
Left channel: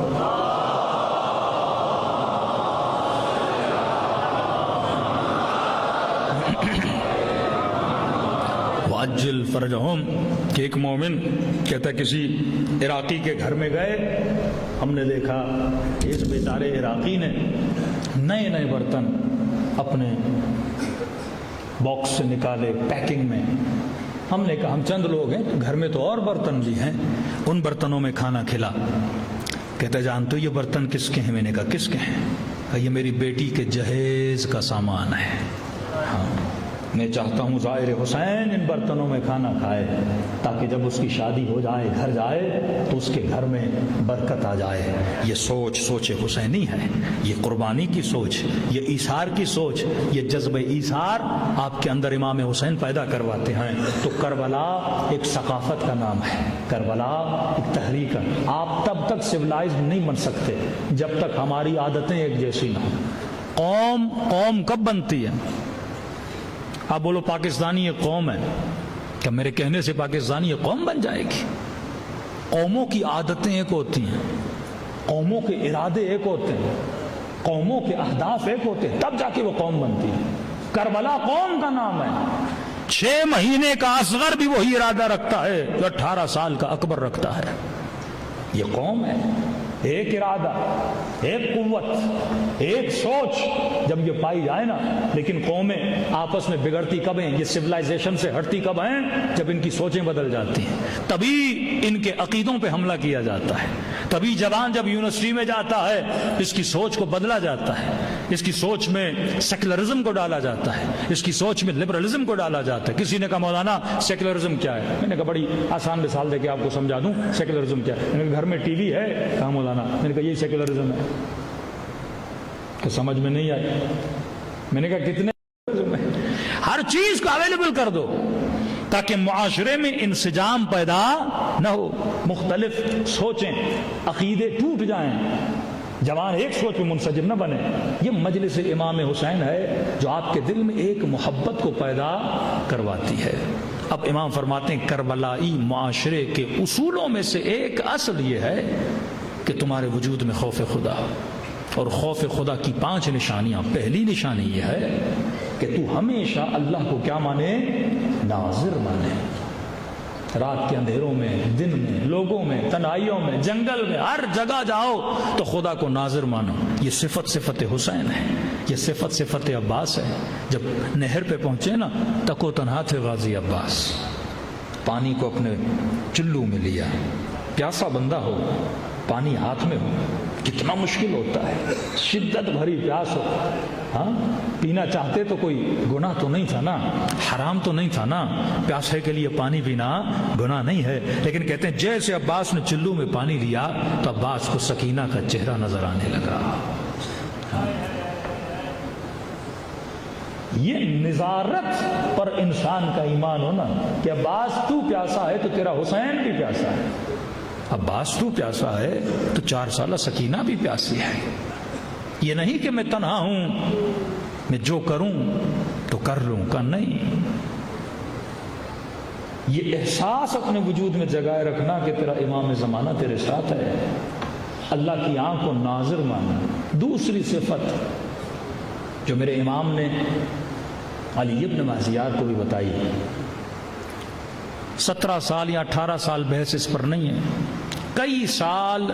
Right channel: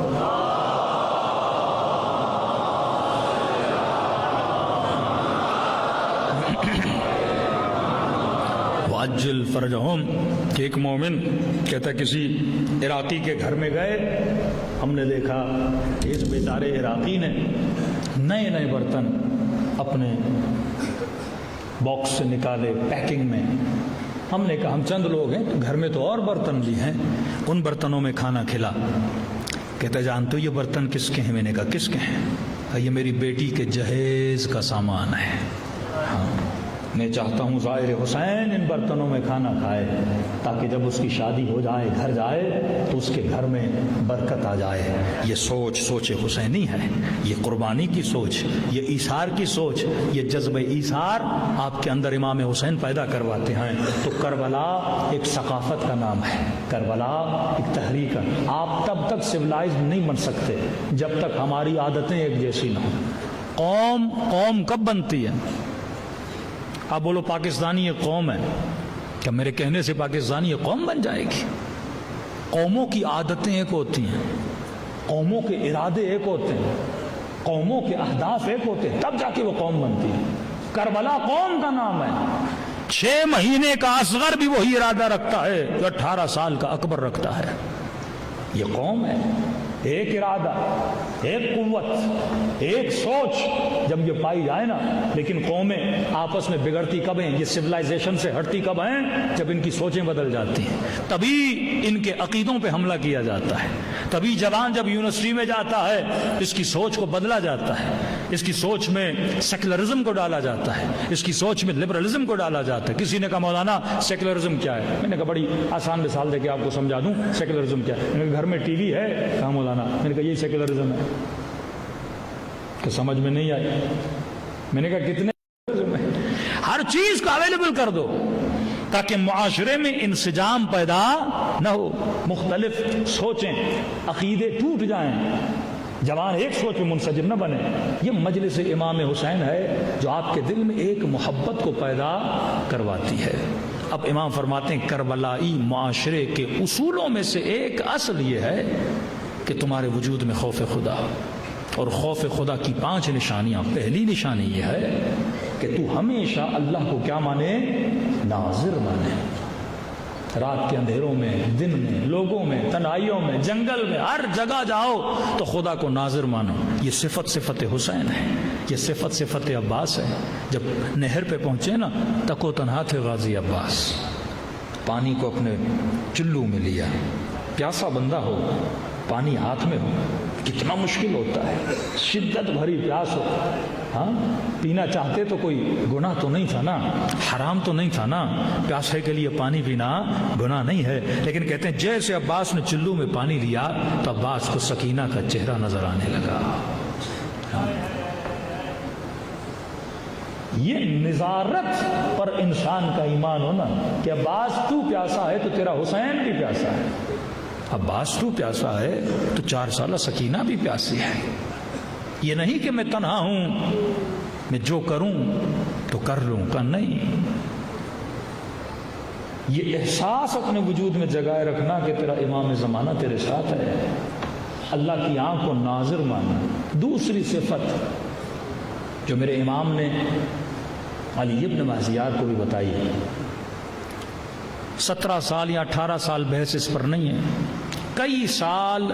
واجل فرجہم کہ ایک مومن کہتا کسی عراقی کے گھر میں گئے, ہم نے دیکھا اس بیچارے عراقی نے نئے نئے برتن اپنے باکس سے نکالے پیکنگ میں. ہم نے کہا ہم چند لوگ ہیں گھر میں تو اور برتن بھی ہیں, ان برتنوں میں کھانا کھلا. کہتا جانتے ہو یہ برتن کس کے ہیں؟ میں نے کہا کس کے ہیں؟ یہ میری بیٹی کے جہیز کا سامان ہے. میں چاہتا ہوں زائر حسین ان برتنوں میں کھانا کھائے تاکہ جب اس کی شادی ہو جائے گھر جائے تو اس کے گھر میں برکت آ جائے. یہ سوچ حسینی ہے, یہ قربانی کی سوچ, یہ ایثار کی سوچ, یہ جذبہ ایثار آپ کے اندر امام حسین پیدا کرواتے ہیں. تو کربلا ایک ثقافت کا نام ہے, کربلا ایک تحریک ہے. آپ تب تک سویلائز نہیں بن سکتے جب تک ہماری عادتیں ایک جیسی نہ ہوں. قوم کب بنتی ہے؟ آپ بولو پاکستانی یہ قوم ہے, کیا میرے کہنے سے پاکستانی یہ قوم بن جائے گی؟ قوموں کی عادتیں ایک ہوتی ہیں, قوموں کے ارادے ایک ہوتے ہیں, قوموں کے اہداف ایک ہوتے ہیں, تب جا کے وہ قوم بنتی ہے. کربلا قوم کا نام ہے. 6 مہینے کا اصغر بھی وہی ارادہ رکھتا ہے جو 18 سال کا اکبر رکھتا ہے. یہ قوم ہے. ایک ارادہ, ایک قوت, ایک سوچ جب یہ پائی جائے نا. لیکن قومیں آپس میں بگڑتی کب ہیں؟ یہ سویلائزیشن سے ہٹتی کب ہیں؟ جب ان کی سوچیں بدل جاتی ہیں. تبھی ان کے عقیدوں پہ حملہ کیا جاتا ہے. تبھی جوان جب یونیورسٹی میں جاتا ہے اس کی سوچ کو بدلا جاتا ہے, اس کی سوچ میں سیکولرزم کو ڈالا جاتا ہے, اس کی سوچ میں لبرلزم کو ڈالا جاتا ہے. کسی نے کہا مولانا سیکولرزم کیا ہے؟ میں نے کہا بڑی آسان مثال دے کے آپ کو سمجھا دوں سیکولرزم کیا ہے. میں نے کہا گھر میں ٹی وی ہے. کہا مولانا, میں نے کہا یہی سیکولرزم ہے. کہ سمجھ میں نہیں آئی. میں نے کہا کتنے ہر چیز کو اویلیبل کر دو تاکہ معاشرے میں انسجام پیدا نہ ہو. مختلف سوچیں, عقیدے ٹوٹ جائیں, جوان ایک سوچ میں منسجم نہ بنے. یہ مجلس امام حسین ہے جو آپ کے دل میں ایک محبت کو پیدا کرواتی ہے. اب امام فرماتے ہیں کربلائی معاشرے کے اصولوں میں سے ایک اصل یہ ہے کہ تمہارے وجود میں خوف خدا ہو. اور خوف خدا کی 5 نشانیاں. پہلی نشانی یہ ہے کہ تو ہمیشہ اللہ کو کیا مانے؟ ناظر مانے. رات کے اندھیروں میں, دن میں, لوگوں میں, تنہائیوں میں, جنگل میں, ہر جگہ جاؤ تو خدا کو ناظر مانو. یہ صفت حسین ہے, یہ صفت عباس ہے. جب نہر پہ پہنچے نا تکو تنہا تھے غازی عباس, پانی کو اپنے چلو میں لیا. پیاسا بندہ ہو, پانی ہاتھ میں ہو, کتنا مشکل ہوتا ہے. شدت بھری پیاس ہو, ہاں پینا چاہتے تو کوئی گناہ تو نہیں تھا نا, حرام تو نہیں تھا نا. پیاسے کے لیے پانی پینا گناہ نہیں ہے. لیکن کہتے ہیں جیسے عباس نے چلو میں پانی لیا تو عباس کو سکینہ کا چہرہ نظر آنے لگا. یہ نظارت اور انسان کا ایمان ہونا کہ عباس تو پیاسا ہے تو تیرا حسین بھی پیاسا ہے. عباس تو پیاسا ہے تو 4 سالہ سکینہ بھی پیاسی ہے. یہ نہیں کہ میں تنہا ہوں, میں جو کروں تو کر لوں کا نہیں. یہ احساس اپنے وجود میں جگائے رکھنا کہ تیرا امام زمانہ تیرے ساتھ ہے. اللہ کی آنکھ کو ناظر ماننا. دوسری صفت جو میرے امام نے علی ابن مہزیار کو بھی بتائی ہے, 17 سال یا 18 سال بحث اس پر نہیں ہے. کئی سال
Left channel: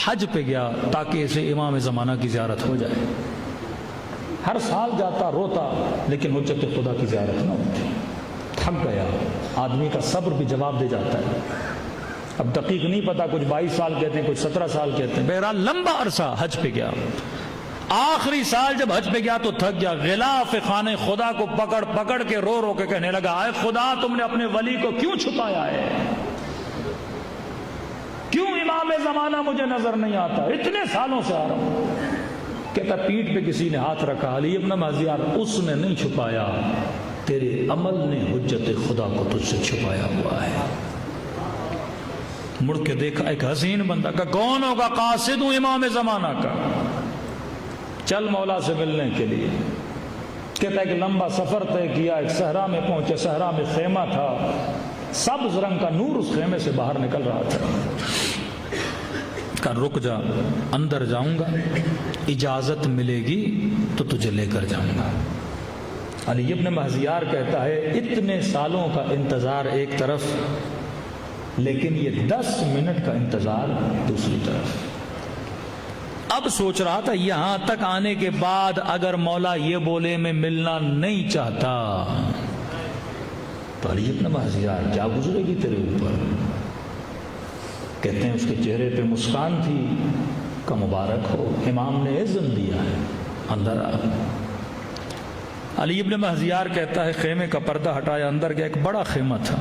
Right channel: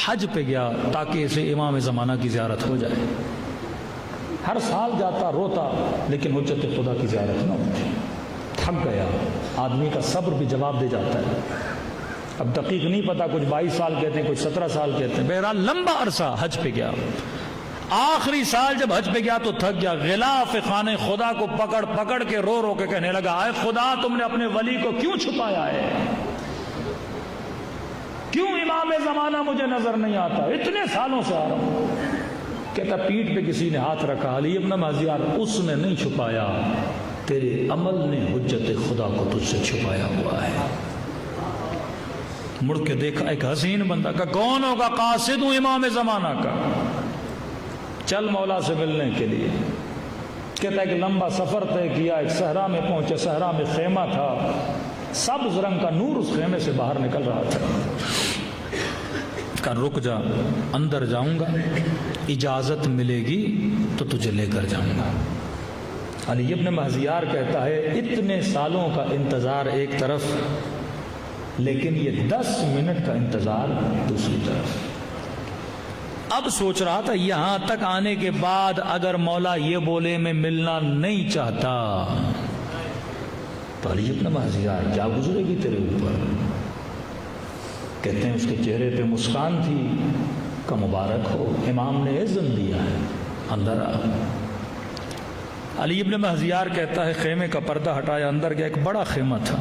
حج پہ گیا تاکہ اسے امام زمانہ کی زیارت ہو جائے. ہر سال جاتا, روتا, لیکن حجت خدا کی زیارت نہ ہوتی. تھک گیا. آدمی کا صبر بھی جواب دے جاتا ہے. اب دقیق نہیں پتا, کچھ 22 سال کہتے ہیں, کچھ 17 سال کہتے ہیں. بہرحال لمبا عرصہ حج پہ گیا. آخری سال جب حج پہ گیا تو تھک گیا، غلاف خانے خدا کو پکڑ پکڑ کے رو رو کے کہنے لگا، اے خدا تم نے اپنے ولی کو کیوں چھپایا ہے؟ کیوں امام زمانہ مجھے نظر نہیں آتا؟ اتنے سالوں سے آ رہا ہوں۔ کہتا پیٹھ پہ کسی نے ہاتھ رکھا، علی ابن مہذیار اس نے نہیں چھپایا، تیرے عمل نے حجت خدا کو تجھ سے چھپایا ہوا ہے۔ مڑ کے دیکھا ایک حسین بندہ کا، کون ہوگا؟ قاصد ہوں امام زمانہ کا، چل مولا سے ملنے کے لیے۔ کہتا ایک لمبا سفر طے کیا، ایک صحرا میں پہنچے، صحرا میں خیمہ تھا، سبز رنگ کا نور اس خیمے سے باہر نکل رہا تھا۔ کہا رک جا، اندر جاؤں گا، اجازت ملے گی تو تجھے لے کر جاؤں گا۔ علی ابن مہذیار کہتا ہے اتنے سالوں کا انتظار ایک طرف، لیکن یہ 10 منٹ کا انتظار دوسری طرف۔ اب سوچ رہا تھا یہاں تک آنے کے بعد اگر مولا یہ بولے میں ملنا نہیں چاہتا تو علی ابن مہذیار کیا گزرے گی تیرے اوپر؟ کہتے ہیں اس کے چہرے پہ مسکان تھی کہ مبارک ہو، امام نے عزم دیا ہے، اندر آ۔ علی ابن مہذیار کہتا ہے خیمے کا پردہ ہٹایا، اندر گیا، ایک بڑا خیمہ تھا،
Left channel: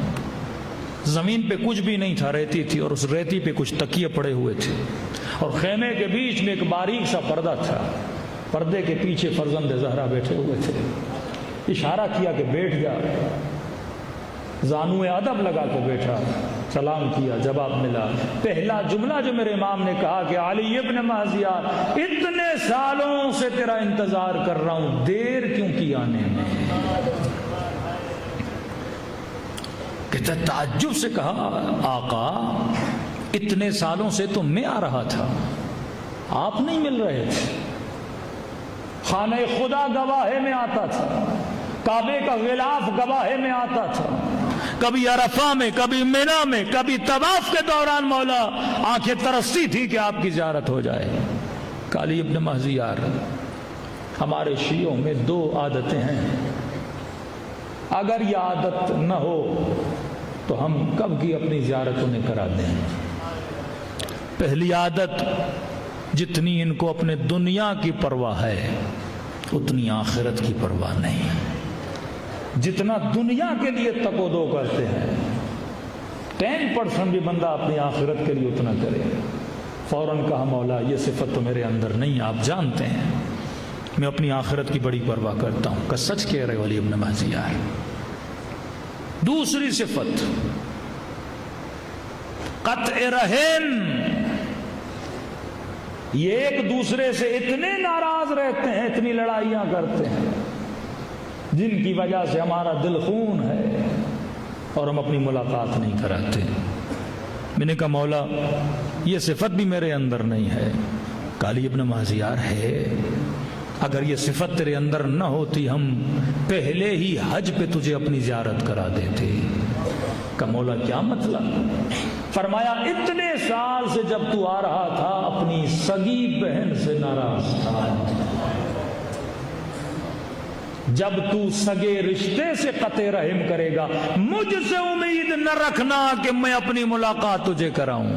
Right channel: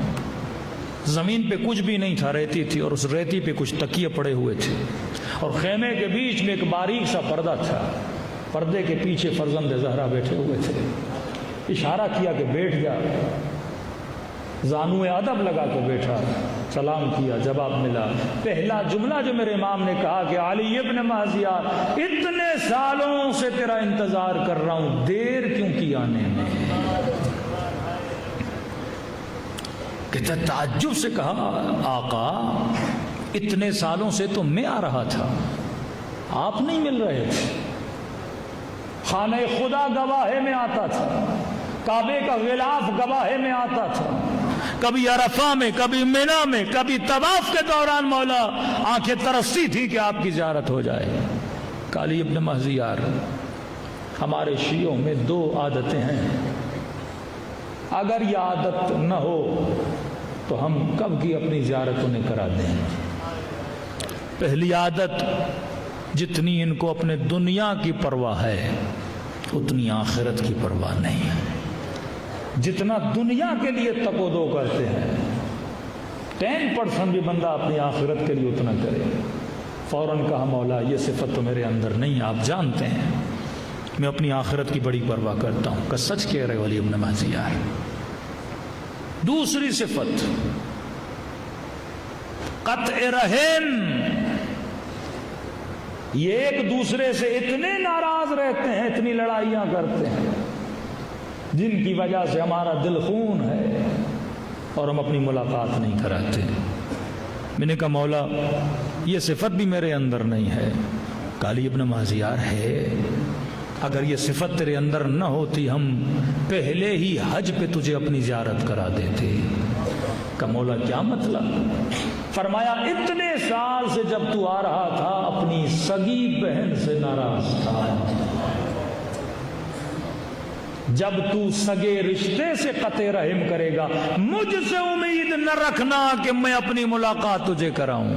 زمین پہ کچھ بھی نہیں تھا، ریتی تھی، اور اس ریتی پہ کچھ تکیے پڑے ہوئے تھے، اور خیمے کے بیچ میں ایک باریک سا پردہ تھا، پردے کے پیچھے فرزند زہرا بیٹھے ہوئے تھے۔ اشارہ کیا کہ بیٹھ جا، زانو ادب لگا کے بیٹھا، سلام کیا، جواب ملا۔ پہلا جملہ جو میرے امام نے کہا کہ علی ابن مہذیار اتنے سالوں سے تیرا انتظار کر رہا ہوں، دیر کیوں کی آنے میں؟ کہتا تعجب سے کہا آقا اتنے سالوں سے تو میں آ رہا تھا، آپ نہیں مل رہے تھے، خانہ خدا گواہے میں آتا تھا، کعبے کا غلاف گواہے میں آتا تھا، کبھی عرفہ میں، کبھی مینا میں، کبھی طواف کے دوران مولا آنکھیں ترستی تھی کہ آپ کی زیارت ہو جائے۔ علی ابن مہذیار ہمارے شیعوں میں 2 عادتیں ہیں، اگر یہ عادت نہ ہو تو ہم کب کی اپنی زیارت انہیں کراتے ہیں۔ پہلی عادت، جتنی ان کو اپنے دنیا کی پرواہ ہے اتنی آخرت کی پرواہ نہیں۔ جتنا دنیا کے لیے تک و دو کرتے ہیں 10% بھی بندہ اپنی آخرت کے لیے اتنا کرے۔ فوراً کہا مولا یہ صفت تو میرے اندر نہیں، آپ جانتے ہیں میں اپنی آخرت کی بڑی پرواہ کرتا ہوں۔ کہ سچ کہہ رہے علی ابن مہذیار۔ دوسری صفت قطع رحم، یہ ایک دوسرے سے اتنے ناراض رہتے ہیں، اتنی لڑائیاں کرتے ہیں جن کی وجہ سے ہمارا دل خون ہے اور ہم اپنی ملاقات نہیں کراتے۔ میں نے کہا مولا یہ صفت بھی میرے اندر نہیں ہے۔ علی ابن مہذیار ہے، اگر یہ صفت تیرے اندر نہ ہوتی ہم پہلے ہی حج پہ تجھے اپنی زیارت کرا دیتے۔ کہ مولا کیا مطلب؟ فرمایا اتنے سال سے جب تو آ رہا تھا اپنی سگی بہن سے ناراض تھا، جب تو سگے رشتے سے قطع رحم کرے گا مجھ سے امید نہ رکھنا کہ میں اپنی ملاقات تجھے کراؤں۔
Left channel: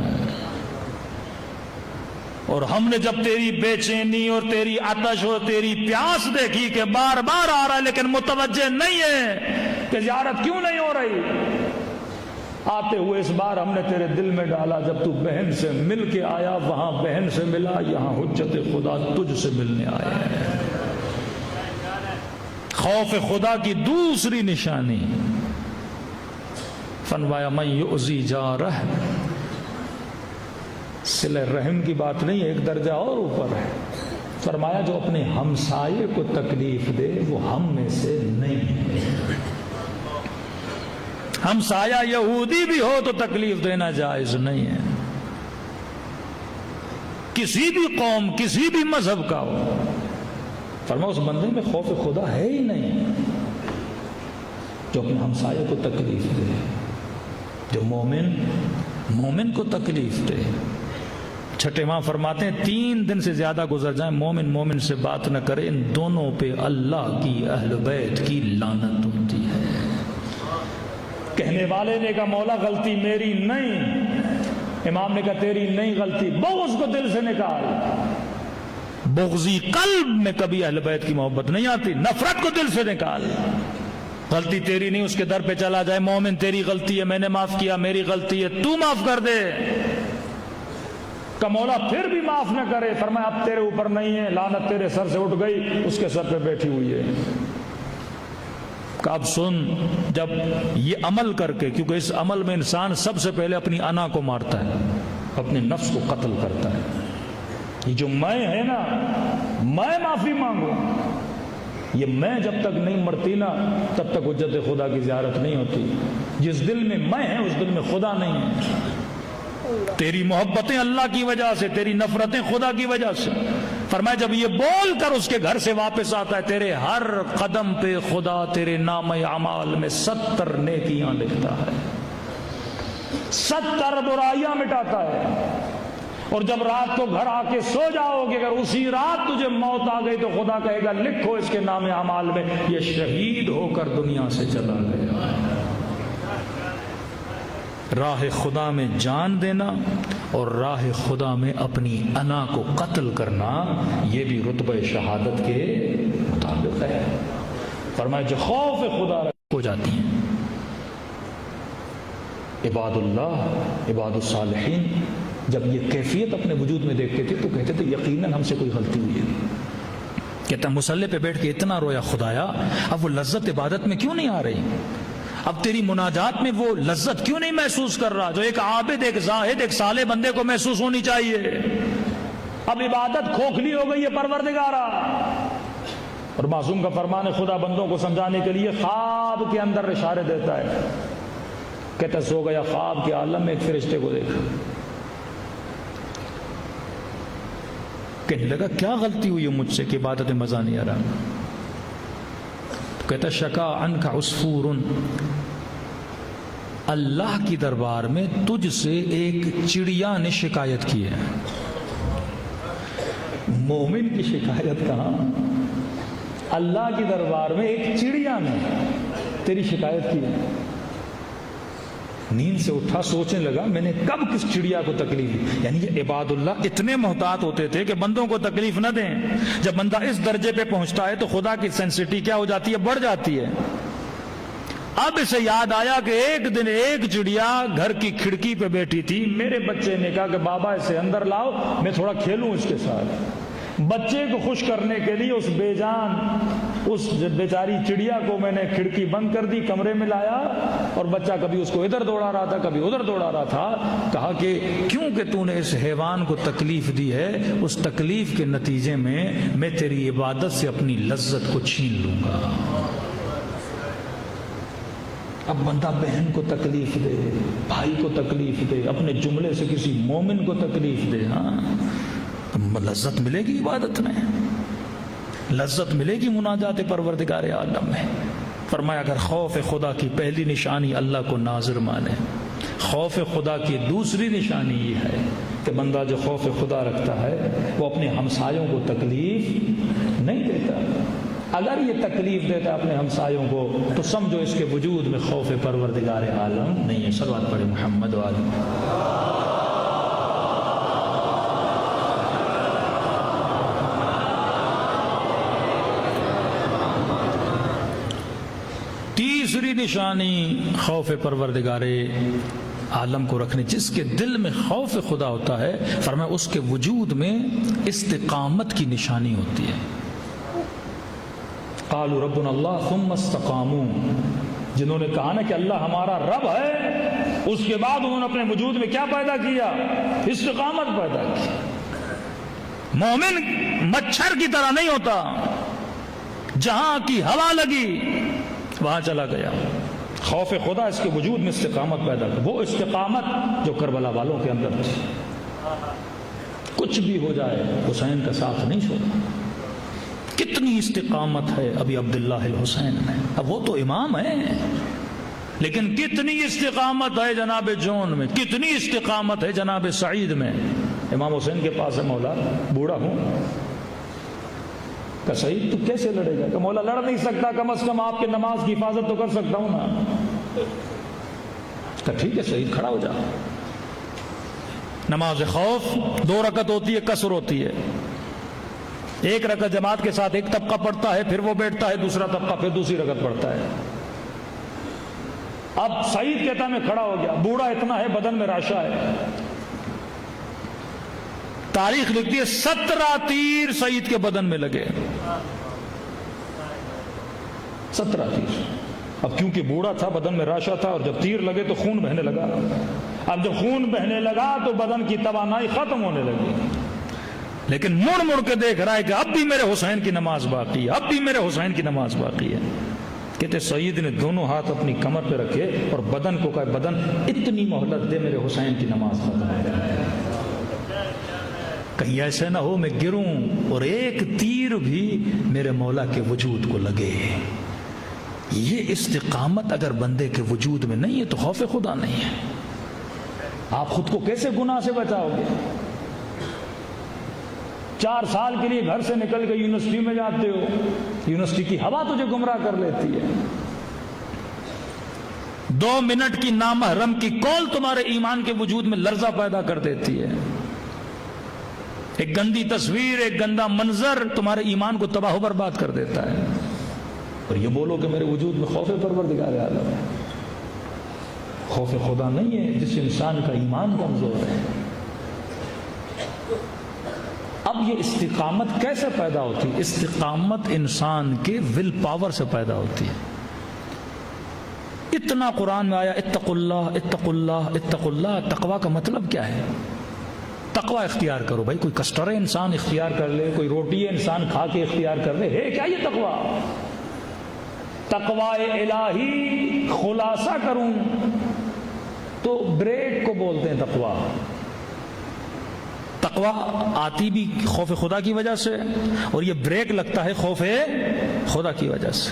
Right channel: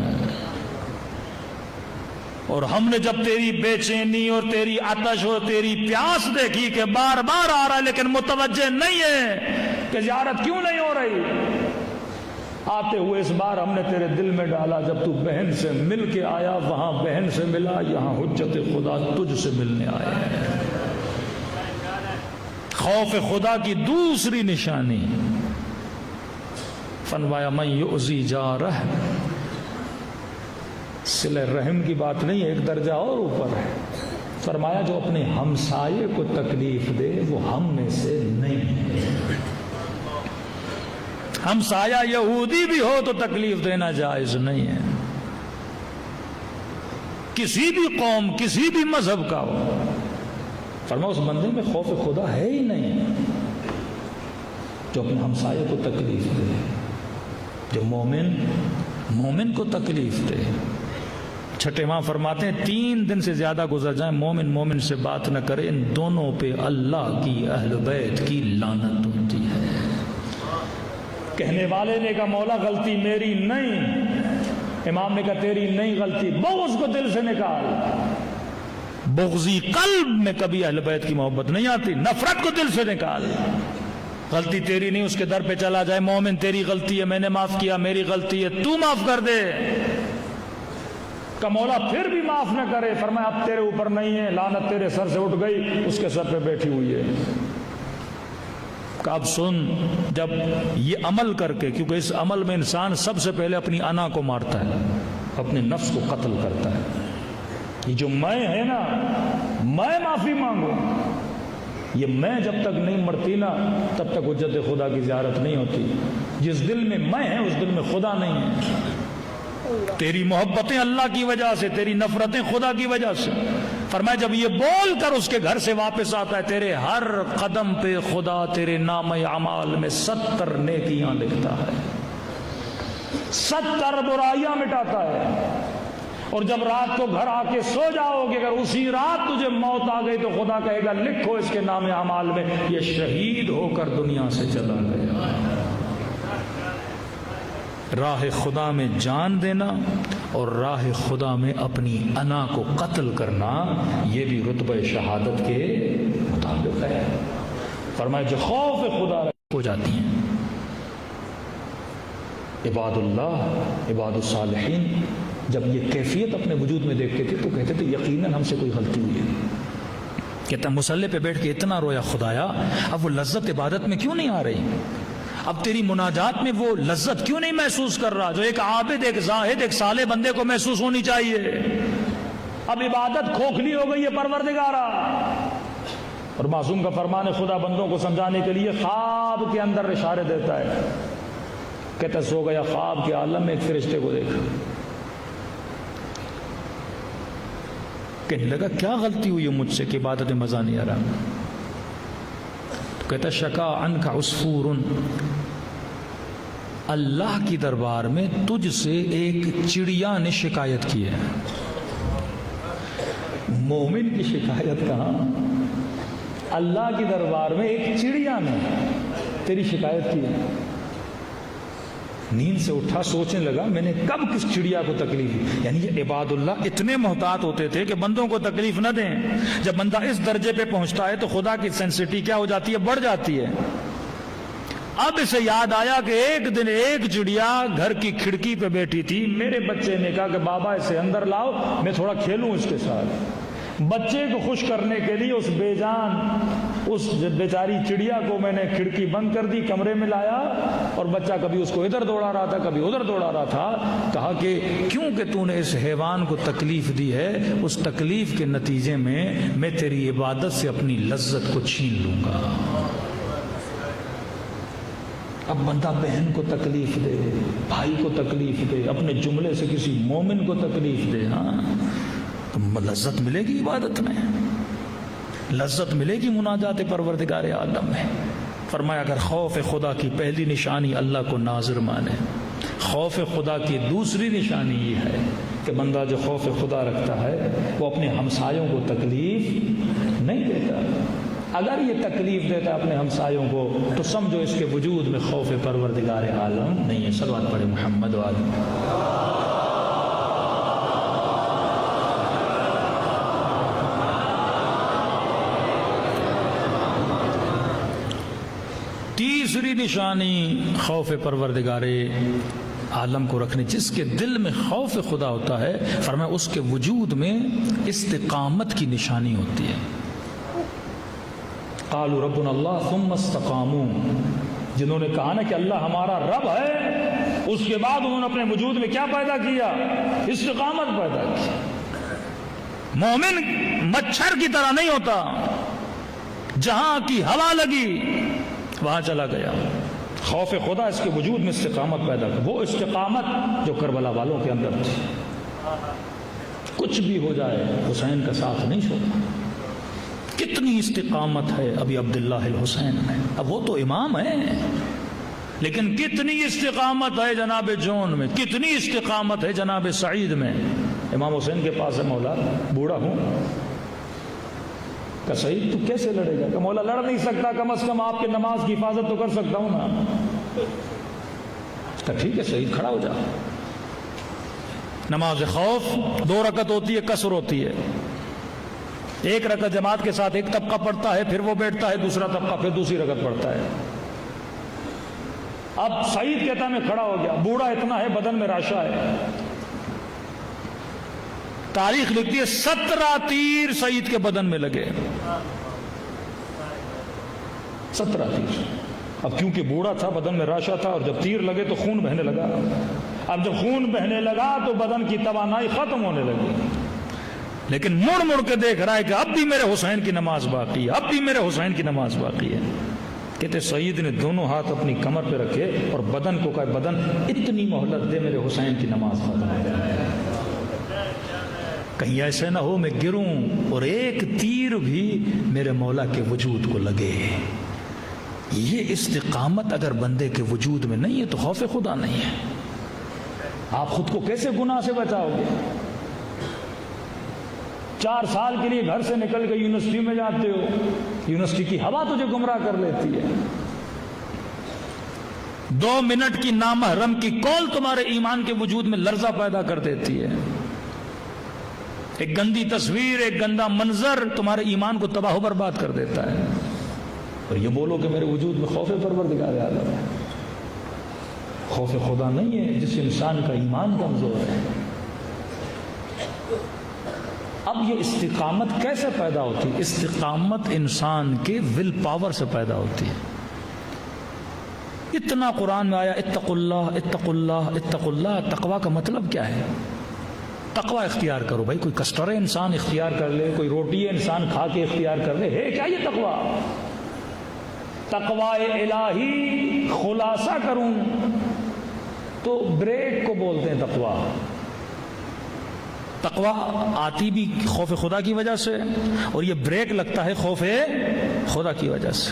اور ہم نے جب تیری بے چینی اور تیری آتش اور تیری پیاس دیکھی کہ بار بار آ رہا ہے لیکن متوجہ نہیں ہے کہ زیارت کیوں نہیں ہو رہی، آتے ہوئے اس بار ہم نے تیرے دل میں ڈالا، جب تو بہن سے مل کے آیا وہاں بہن سے ملا، یہاں حجت خدا تجھ سے ملنے آئے ہیں۔ خوف خدا کی دوسری نشانی، فرمایا من یؤذی جارہ، صلہ رحم کی بات نہیں ہے، ایک درجہ اور اوپر ہے۔ فرمایا جو اپنے ہمسائے کو تکلیف دے وہ ہم میں سے نہیں ہے۔ ہمسایہ یہودی بھی ہو تو تکلیف دینا جائز نہیں ہے، کسی بھی قوم کسی بھی مذہب کا ہو۔ فرمایا اس بندے میں خوف خدا ہے ہی نہیں جو اپنے ہمسائے کو تکلیف دے، جو مومن کو تکلیف دے۔ چھٹے ماں فرماتے ہیں 3 دن سے زیادہ گزر جائیں مومن سے بات نہ کرے، ان دونوں پہ اللہ کی اہل بیت کی لعنت ہوتی ہے۔ کہنے والے نے کہا مولا غلطی میری نہیں، امام نے کہا تیری نہیں غلطی، بغض کو دل سے نکال، بغضی قلب میں کبھی اہل بیت کی محبت نہیں آتی. نفرت کو دل سے نکال. غلطی تیری نہیں، اس کے در پہ چلا جائے، مومن تیری غلطی ہے، میں نے معاف کیا، میری غلطی ہے، تو معاف کر دے. کہ مولا پھر بھی معاف نہ کرے، فرمایا اب تیرے اوپر نہیں ہے، لعنت تیرے سر سے اٹھ گئی، اس کے سر پہ بیٹھی ہوئی ہے. کہ اب سن، جب یہ عمل کر کے، کیونکہ اس عمل میں انسان سب سے پہلے اپنی انا کو مارتا ہے، اپنے نفس کو قتل کرتا ہے. یہ جو میں ہے نا، میں معافی مانگوں، یہ میں جب تک نہیں مرتی نا تب تک حجت خدا کی زیارت نہیں ہوتی. جس دل میں میں ہے اس دل میں خدا نہیں ہے. تیری محبتیں اللہ کی وجہ سے، تیری نفرتیں خدا کی وجہ سے. فرمایا جب یہ بول کر اس کے گھر سے واپس آتا ہے، تیرے ہر قدم پہ خدا تیرے نام اعمال میں 70 نیکیاں لکھتا ہے، 70 برائیاں مٹاتا ہے. اور جب رات کو گھر آ کے سو جاؤ گے، اگر اسی رات تجھے موت آ گئی تو خدا کہے گا لکھو اس کے نام اعمال میں یہ شہید ہو کر دنیا سے چلا گیا. راہ خدا میں جان دینا اور راہ خدا میں اپنی انا کو قتل کرنا، یہ بھی رتبہ شہادت کے مطابق ہے. فرمایا جو خوف خدا ہو جاتی ہیں عباد اللہ، عباد الصالحین، جب یہ کیفیت اپنے وجود میں دیکھتے تھے تو کہتے تھے یقیناً ہم سے کوئی غلطی ہوئی ہے. کہتا مصلی پہ بیٹھ کے اتنا رویا خدایا، اب وہ لذت عبادت میں کیوں نہیں آ رہی؟ اب تیری مناجات میں وہ لذت کیوں نہیں محسوس کر رہا جو ایک عابد، ایک زاہد، ایک صالح بندے کو محسوس ہونی چاہیے؟ اب عبادت کھوکھلی ہو گئی ہے پروردگارا. اور معصوم کا فرمان خدا بندوں کو سمجھانے کے لیے خواب کے اندر اشارے دیتا ہے. کہتا سو گیا، خواب کے عالم میں ایک فرشتے کو دیکھا. کہنے لگا کیا غلطی ہوئی ہے مجھ سے کہ عبادت میں مزہ نہیں آ رہا؟ کہتا شکا عنک عصفور، اللہ کی دربار میں تجھ سے ایک چڑیا نے شکایت کی ہے. مومن کی شکایت کہاں، اللہ کی دربار میں ایک چڑیا نے تیری شکایت کی ہے. نیند سے اٹھا، سوچنے لگا میں نے کب کس چڑیا کو تکلیف دی. یعنی یہ عباد اللہ اتنے محتاط ہوتے تھے کہ بندوں کو تکلیف نہ دیں. جب بندہ اس درجے پہ پہنچتا ہے تو خدا کی سینسٹی کیا ہو جاتی ہے، بڑھ جاتی ہے. اب اسے یاد آیا کہ ایک دن ایک چڑیا گھر کی کھڑکی پہ بیٹھی تھی. میرے بچے نے کہا کہ بابا اسے اندر لاؤ، میں تھوڑا کھیلوں اس کے ساتھ. بچے کو خوش کرنے کے لیے اس بے جان، اس بیچاری چڑیا کو میں نے کھڑکی بند کر دی، کمرے میں لایا، اور بچہ کبھی اس کو ادھر دوڑا رہا تھا کبھی ادھر دوڑا رہا تھا. کہا کہ کیوں کہ تو نے اس حیوان کو تکلیف دی ہے، اس تکلیف کے نتیجے میں تیری عبادت سے اپنی لذت کو چھین لوں گا. اب بندہ بہن کو تکلیف دے، بھائی کو تکلیف دے، اپنے جملے سے کسی مومن کو تکلیف دے، ہاں تو لذت ملے گی عبادت میں، لذت ملے گی مناجات پروردگار عالم میں. فرمایا اگر خوف خدا کی پہلی نشانی اللہ کو ناظر مانے، خوف خدا کی دوسری نشانی یہ ہے کہ بندہ جو خوف خدا رکھتا ہے وہ اپنے ہمسایوں کو تکلیف نہیں دیتا. اگر یہ تکلیف دیتا ہے اپنے ہمسایوں کو تو سمجھو اس کے وجود میں خوف پروردگار عالم نہیں ہے. صلوات پڑھے محمد وآلہ. تیسری نشانی خوف پروردگار عالم کو رکھنے، جس کے دل میں خوف خدا ہوتا ہے، فرمایا اس کے وجود میں استقامت کی نشانی ہوتی ہے. قالوا ربنا اللہ ثم استقاموا، جنہوں نے کہا نا کہ اللہ ہمارا رب ہے، اس کے بعد انہوں نے اپنے وجود میں کیا پیدا کیا؟ استقامت پیدا کی. مومن مچھر کی طرح نہیں ہوتا، جہاں کی ہوا لگی وہاں چلا گیا. خوف خدا اس کے وجود میں استقامت پیدا کر، وہ استقامت جو کربلا والوں کے اندر تھی. کچھ بھی ہو جائے حسین کا ساتھ نہیں چھوڑا. کتنی استقامت ہے ابھی عبداللہ الحسین میں، اب وہ تو امام ہے، لیکن کتنی استقامت ہے جناب جون میں، کتنی استقامت ہے جناب سعید میں. امام حسین کے پاس ہے، مولا بوڑھا ہوں. کہ سعید تو کیسے لڑے گا؟ کہ مولا لڑ نہیں سکتا، کم از کم آپ کی نماز کی حفاظت تو کر سکتا ہوں نا. کہ ٹھیک ہے سعید کھڑا ہو جا. نماز خوف 2 رکعت ہوتی ہے، قصر ہوتی ہے. ایک رکعت جماعت کے ساتھ ایک طبقہ پڑھتا ہے، پھر وہ بیٹھتا ہے، دوسرا طبقہ پھر دوسری رکعت پڑھتا ہے۔ اب سعید کہتا میں کھڑا ہو گیا، بوڑھا اتنا ہے، بدن میں راشا ہے۔ تاریخ لکھتی ہے 17 تیر سعید کے بدن میں لگے، 17 تیر۔ اب کیونکہ بوڑھا تھا، بدن میں راشا تھا، جب تیر لگے تو خون بہنے لگا۔ اب جب خون بہنے لگا تو بدن کی توانائی ختم ہونے لگی، لیکن مڑ مڑ کے دیکھ رہا ہے کہ اب بھی میرے حسین کی نماز باقی ہے، اب بھی میرے حسین کی نماز باقی ہے۔ کہتے سعید نے دونوں ہاتھ اپنی کمر پہ رکھے اور بدن کو کہا، بدن اتنی مہلت دے میرے حسین کی نماز پڑھنے، کہیں ایسے نہ ہو میں گروں اور ایک تیر بھی میرے مولا کے وجود کو لگے۔ یہ استقامت اگر بندے کے وجود میں نہیں ہے تو خوف خدا نہیں ہے۔ آپ خود کو کیسے گناہ سے بچاؤ گے؟ 4 سال کے لیے گھر سے نکل کے یونیورسٹی میں جاتے ہو، یونیورسٹی کی ہوا تجھے گمراہ کر لیتی ہے۔ 2 منٹ کی نامحرم کی کال تمہارے ایمان کے وجود میں لرزہ پیدا کر دیتی ہے۔ ایک گندی تصویر، ایک گندا منظر تمہارے ایمان کو تباہ و برباد کر دیتا ہے۔ اور یہ بولو کہ میرے وجود میں خوف پروردگار عالم ہے۔ خوف خدا نہیں ہے جس انسان کا ایمان کمزور ہے۔ اب یہ استقامت کیسے پیدا ہوتی ہے؟ استقامت انسان کے ول پاور سے پیدا ہوتی ہے۔ اتنا قرآن میں آیا اتقوا اللہ اتقوا اللہ اتقوا اللہ۔ تقوی کا مطلب کیا ہے؟ تقوی اختیار کرو بھائی، کوئی کسٹر انسان اختیار کر لے، کوئی روٹی انسان کھا کے اختیار کر لے، ہے کیا یہ تقوی؟ تقوی الہی خلاصہ کروں تو بریک کو بولتے ہیں تقوی۔ تقوی آتی بھی خوف خدا کی وجہ سے، اور یہ بریک لگتا ہے خوف خدا کی وجہ سے۔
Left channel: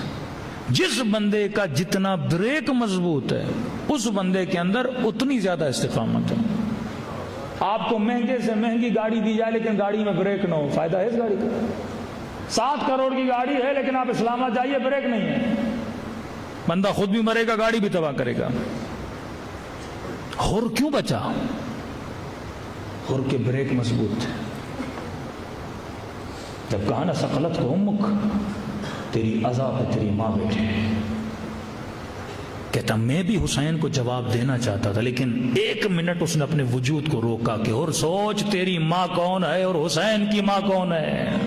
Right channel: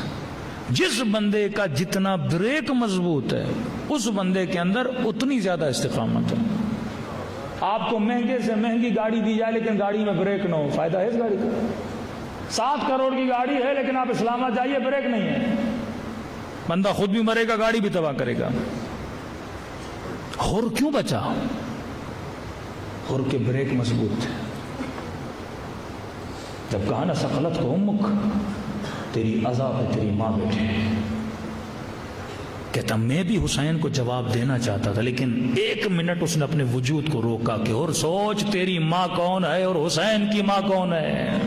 جس بندے کا جتنا بریک مضبوط ہے اس بندے کے اندر اتنی زیادہ استقامت ہے۔ آپ کو مہنگے سے مہنگی گاڑی دی جائے لیکن گاڑی میں بریک نہ ہو، فائدہ ہے اس گاڑی کا؟ 7 کروڑ کی گاڑی ہے لیکن آپ اسلام آباد جائیے بریک نہیں ہے، بندہ خود بھی مرے گا، گاڑی بھی تباہ کرے گا۔ اور کیوں بچا؟ اور کے بریک مضبوط ہے۔ جب کہا نا ثقلت کو امک، تیری عذاب ہے تیری ماں بیٹھے، کہتا میں بھی حسین کو جواب دینا چاہتا تھا لیکن 1 منٹ اس نے اپنے وجود کو روکا کہ اور سوچ تیری ماں کون ہے اور حسین کی ماں کون ہے۔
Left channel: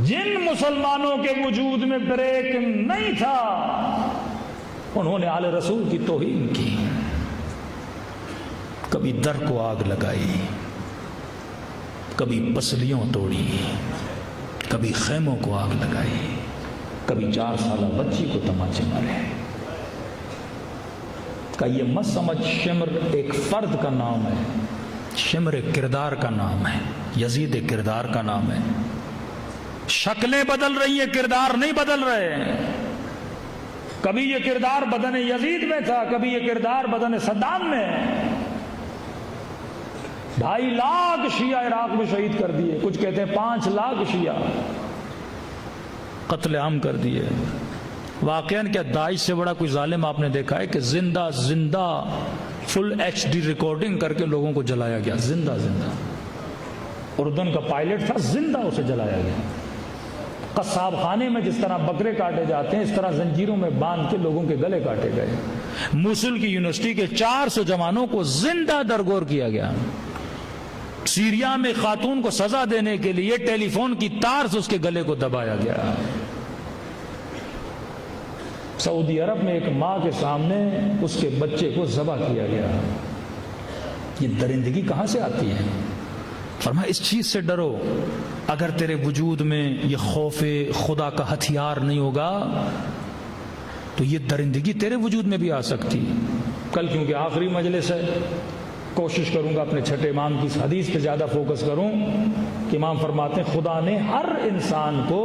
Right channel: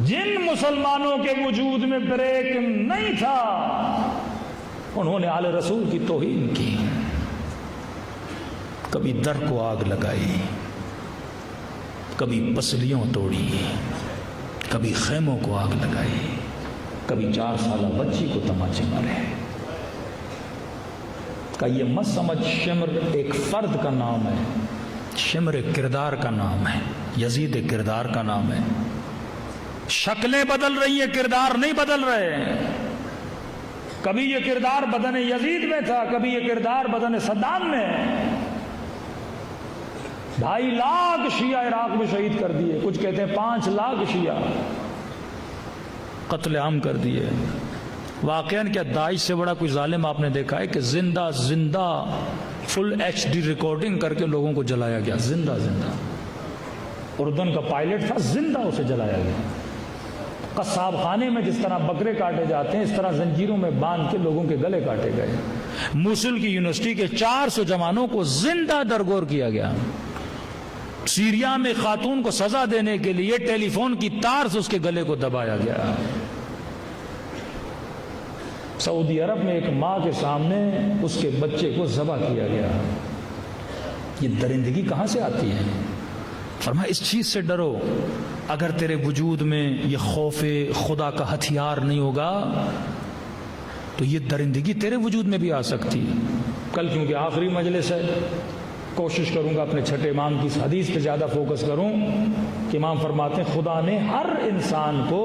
جن مسلمانوں کے وجود میں بریک نہیں تھا انہوں نے آل رسول کی توہین کی، کبھی در کو آگ لگائی، کبھی پسلیوں توڑی، کبھی خیموں کو آگ لگائی، کبھی 4 سالہ بچی کو تماچے مارے۔ کہ یہ مت سمجھ شمر ایک فرد کا نام ہے، شمر ایک کردار کا نام ہے، یزید ایک کردار کا نام ہے۔ شکلیں بدل رہی ہے، کردار نہیں بدل رہے۔ کبھی یہ کردار بدن یزید میں تھا، کبھی یہ کردار بدن صدام میں۔ 2.5 لاکھ شیعہ عراق میں شہید کر دیے، کچھ کہتے ہیں 5 لاکھ شیعہ قتل عام کر دیے۔ واقعاً کیا داعش سے بڑا کوئی ظالم آپ نے دیکھا ہے کہ زندہ فل HD ریکارڈنگ کر کے لوگوں کو جلایا گیا، زندہ۔ اردن کا پائلٹ تھا، زندہ اسے جلایا گیا۔ قصاب خانے میں جس طرح بکرے کاٹے جاتے ہیں اس طرح زنجیروں میں باندھ کے لوگوں کے گلے کاٹے گئے۔ موصل کی یونیورسٹی کے 400 جوانوں کو زندہ درگور کیا گیا۔ سیریا میں خاتون کو سزا دینے کے لیے ٹیلی فون کی تار سے اس کے گلے کو دبایا گیا۔ سعودی عرب میں ایک ماں کے سامنے اس کے بچے کو ذبح کیا گیا۔ یہ درندگی کہاں سے آتی ہے؟ فرمایا اس چیز سے ڈرو، اگر تیرے وجود میں یہ خوف خدا کا ہتھیار نہیں ہوگا تو یہ درندگی تیرے وجود میں بھی آ سکتی ہے۔ کل کیونکہ آخری مجلس ہے، کوشش کروں گا اپنے چھٹے امام کی حدیث پہ زیادہ فوکس کروں کہ امام فرماتے ہیں خدا نے ہر انسان کو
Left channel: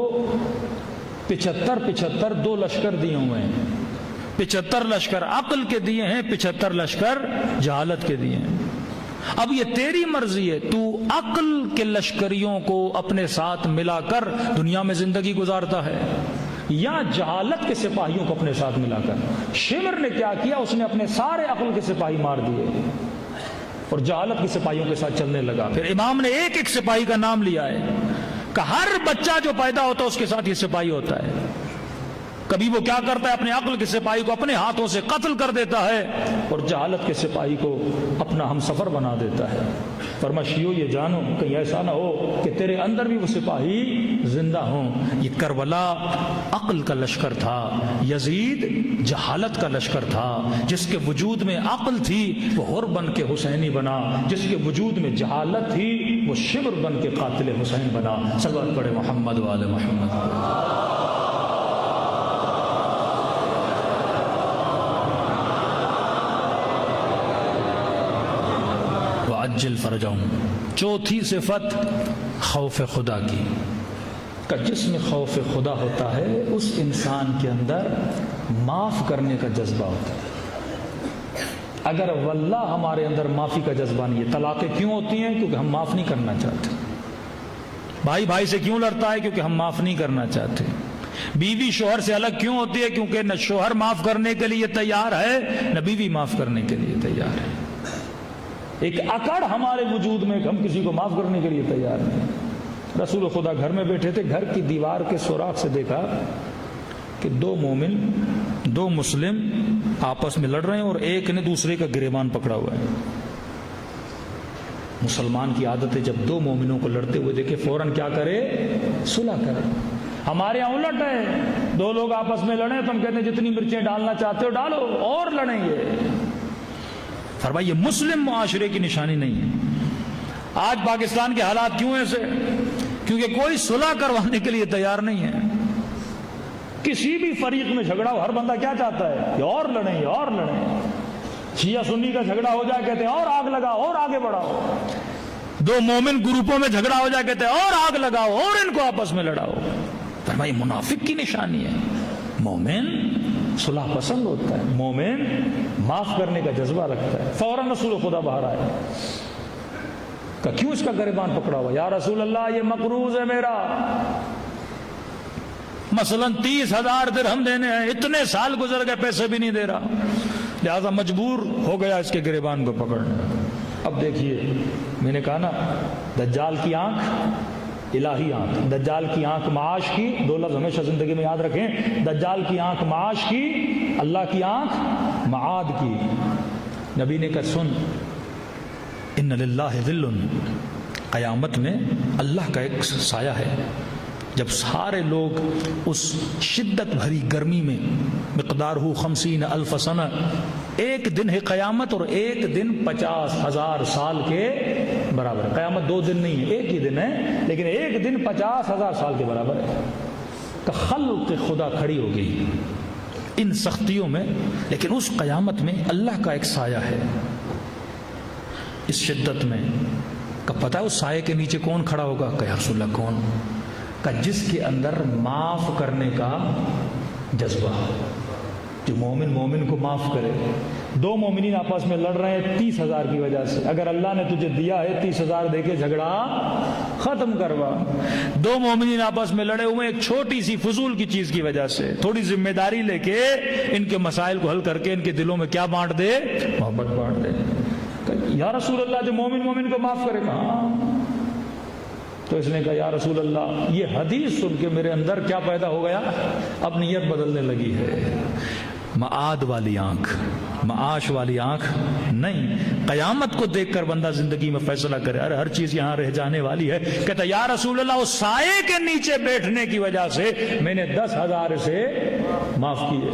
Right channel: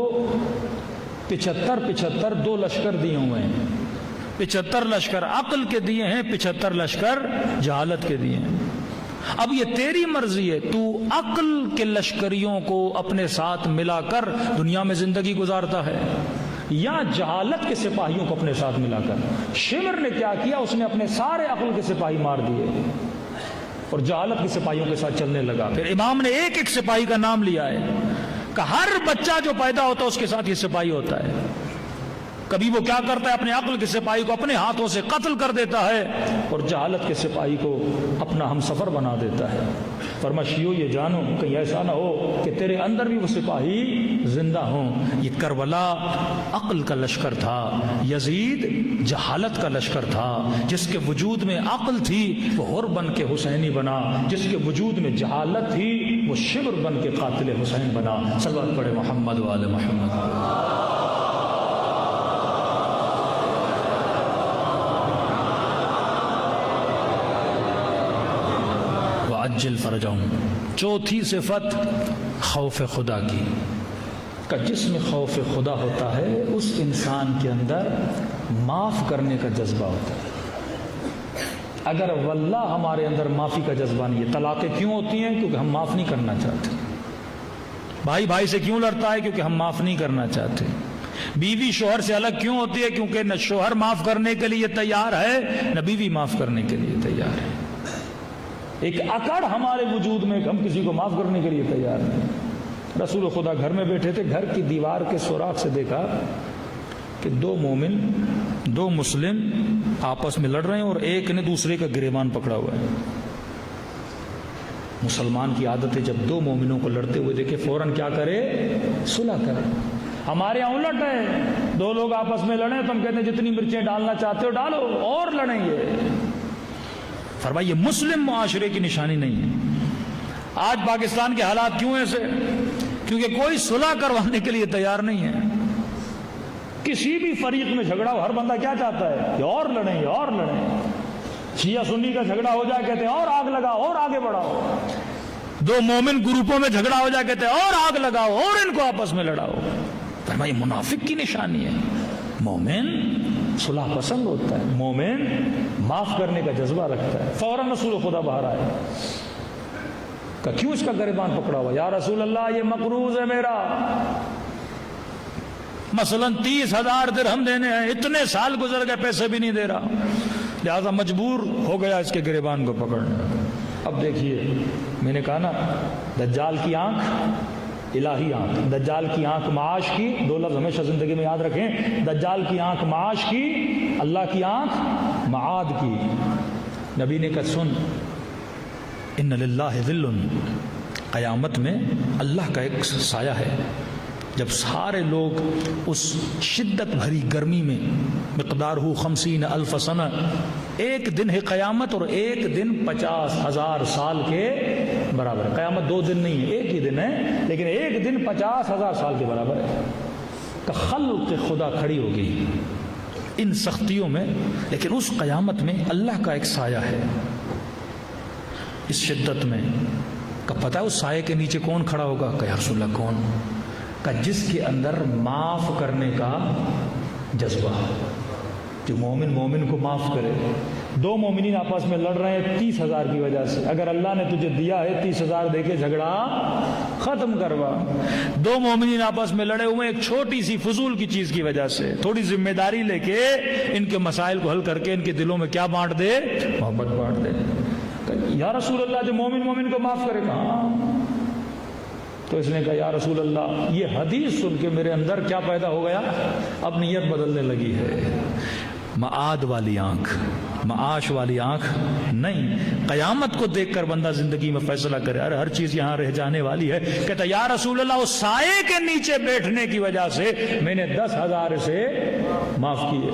75 2 لشکر دیے ہوئے ہیں۔ 75 لشکر عقل کے دیے ہیں، 75 لشکر جہالت کے دیے ہیں۔ اب یہ تیری مرضی ہے، تو عقل کے لشکریوں کو اپنے ساتھ ملا کر دنیا میں زندگی گزارتا ہے یا جہالت کے سپاہیوں کو اپنے ساتھ ملا کر۔ شمر نے کیا کیا؟ اس نے اپنے سارے عقل کے سپاہی مار دیے۔ اور جہالت کے سپاہیوں کے ساتھ چلنے لگا. پھر امام نے ایک ایک سپاہی کا نام لیا ہے کہ ہر بچہ جو پیدا ہوتا ہے اس کے ساتھ یہ سپاہی ہوتا ہے. کبھی وہ کیا کرتا ہے, اپنے عقل کے سپاہی کو اپنے ہاتھوں سے قتل کر دیتا ہے اور جہالت کے سپاہی کو اپنا ہم سفر بنا دیتا ہے. فرما شیعو یہ جانو کہیں ایسا نہ ہو کہ تیرے اندر بھی وہ سپاہی زندہ ہوں. یہ کربلا عقل کا لشکر تھا, یزید جہالت کا لشکر تھا. جس کے وجود میں عقل تھی وہ حر بن کے حسینی بنا, جس کے وجود میں جہالت تھی وہ شبر بن کے قاتل حسین بنا. صلوات پڑھے محمد و آل محمد. عجل فرجهم. چوتھی صفت خوف خدا کی, کہ جس میں خوف خدا ہوتا ہے اس انسان کے اندر معاف کرنے کا جذبہ ہوتا ہے. اگر واللہ ہمارے اندر معافی کا جذبہ نہیں ہے, طلاقیں کیوں ہوتی ہیں؟ کیونکہ ہم معاف نہیں کرنا چاہتے. بھائی بھائی سے کیوں لڑتا ہے؟ کیونکہ ہم معاف نہیں کرنا چاہتے. بیوی شوہر سے الگ کیوں ہوتی ہے؟ کیونکہ نہ شوہر معاف کرنے کے لیے تیار ہے نہ بیوی معاف کرنے کے لیے تیار ہے. ایک اکڑ ہمارے وجود میں, ہم کسی کو معاف کرنے کے لیے تیار نہیں. رسول خدا گھر میں بیٹھے تھے, گھر کی دیوار کے سوراخ سے دیکھا کہ دو مومن, دو مسلم آپس میں لڑ رہے ہیں اور ایک نے دوسرے کا گریبان پکڑا ہوا ہے. مسلمان کی عادت ہے جب دو مومنوں کو لڑتے ہوئے دیکھے فوراً کیا کرے؟ صلح کرے. ہمارے یہاں الٹ ہے, دو لوگ آپس میں لڑے تو ہم کہتے ہیں جتنی مرچیں ڈالنا چاہتے ڈالو اور لڑیں گے. فرمایا یہ مسلم معاشرے کی نشانی نہیں ہے. آج پاکستان کے حالات کیوں ایسے؟ کیونکہ کوئی صلح کروانے کے لیے تیار نہیں ہے. کسی بھی فریق میں جھگڑا ہو, ہر بندہ کیا چاہتا ہے کہ اور لڑیں اور لڑیں. شیعہ سنی کا جھگڑا ہو جائے کہتے ہیں اور آگ لگاؤ اور آگے بڑھاؤ. دو مومن گروپوں میں جھگڑا ہو جائے کہتے ہیں اور آگ لگاؤ اور ان کو آپس میں لڑاؤ. فرمایا یہ منافق کی نشانی ہے. مومن صلح پسند ہوتا ہے, مومن معاف کرنے کا جذبہ رکھتا ہے. فوراً رسول خدا باہر آئے کہ کیوں اس کا گریبان پکڑا ہوا؟ یا رسول اللہ یہ مقروض ہے میرا, مثلا 30,000 درہم دینے ہیں, اتنے سال گزر گئے پیسے بھی نہیں دے رہا, لہذا مجبور ہو گیا اس کے گریبان کو پکڑنے. اب دیکھیے میں نے کہا نا, دجال کی آنکھ الہی آنکھ, دجال کی آنکھ معاش کی. دو لفظ ہمیشہ زندگی میں یاد رکھیں, دجال کی آنکھ معاش کی, اللہ کی آنکھ معاد کی. نبی نے کہا سن, ان للہ ظل, قیامت میں اللہ کا ایک سایہ ہے. جب سارے لوگ اس شدت بھری گرمی میں, مقدار ہو 50,000 سنہ, ایک دن ہے قیامت اور ایک دن 50,000 سال کے برابر. قیامت 2 دن نہیں ہے, ایک ہی دن ہے, لیکن ایک دن 50,000 سال کے برابر ہے. تو خلق خدا کھڑی ہو گئی ان سختیوں میں, لیکن اس قیامت میں اللہ کا ایک سایہ ہے. اس شدت میں کہ پتہ ہے اس سائے کے نیچے کون کھڑا ہوگا؟ کہ یا رسول اللہ کون؟ کہ جس کے اندر معاف کرنے کا جذبہ, جو مومن مومن کو معاف کرے. دو مومنین آپس میں لڑ رہے ہیں 30,000 کی وجہ سے, اگر اللہ نے تجھے دیا ہے 30,000 دے کے جھگڑا ختم کروا. دو مومنین آپس میں لڑے ہوئے ایک چھوٹی سی فضول کی چیز کی وجہ سے, تھوڑی ذمہ داری لے کے ان کے مسائل کو حل کر کے ان کے دلوں میں کیا بانٹ دے؟ محبت بانٹ دے. یا رسول اللہ جو مومن مومن کو معاف کرے گا. تو اس نے کہا یا رسول اللہ یہ حدیث سن کے میرے اندر کیا پیدا ہو گیا؟ اب نیت بدلنے لگی ہے. معاد والی آنکھ, معاش والی آنکھ نہیں. قیامت کو دیکھ کر بندہ زندگی میں فیصلہ کرے, ارے ہر چیز یہاں رہ جانے والی ہے. کہتا یا رسول اللہ اس سائے کے نیچے بیٹھنے کی وجہ سے میں نے 10,000 سے معاف کیے,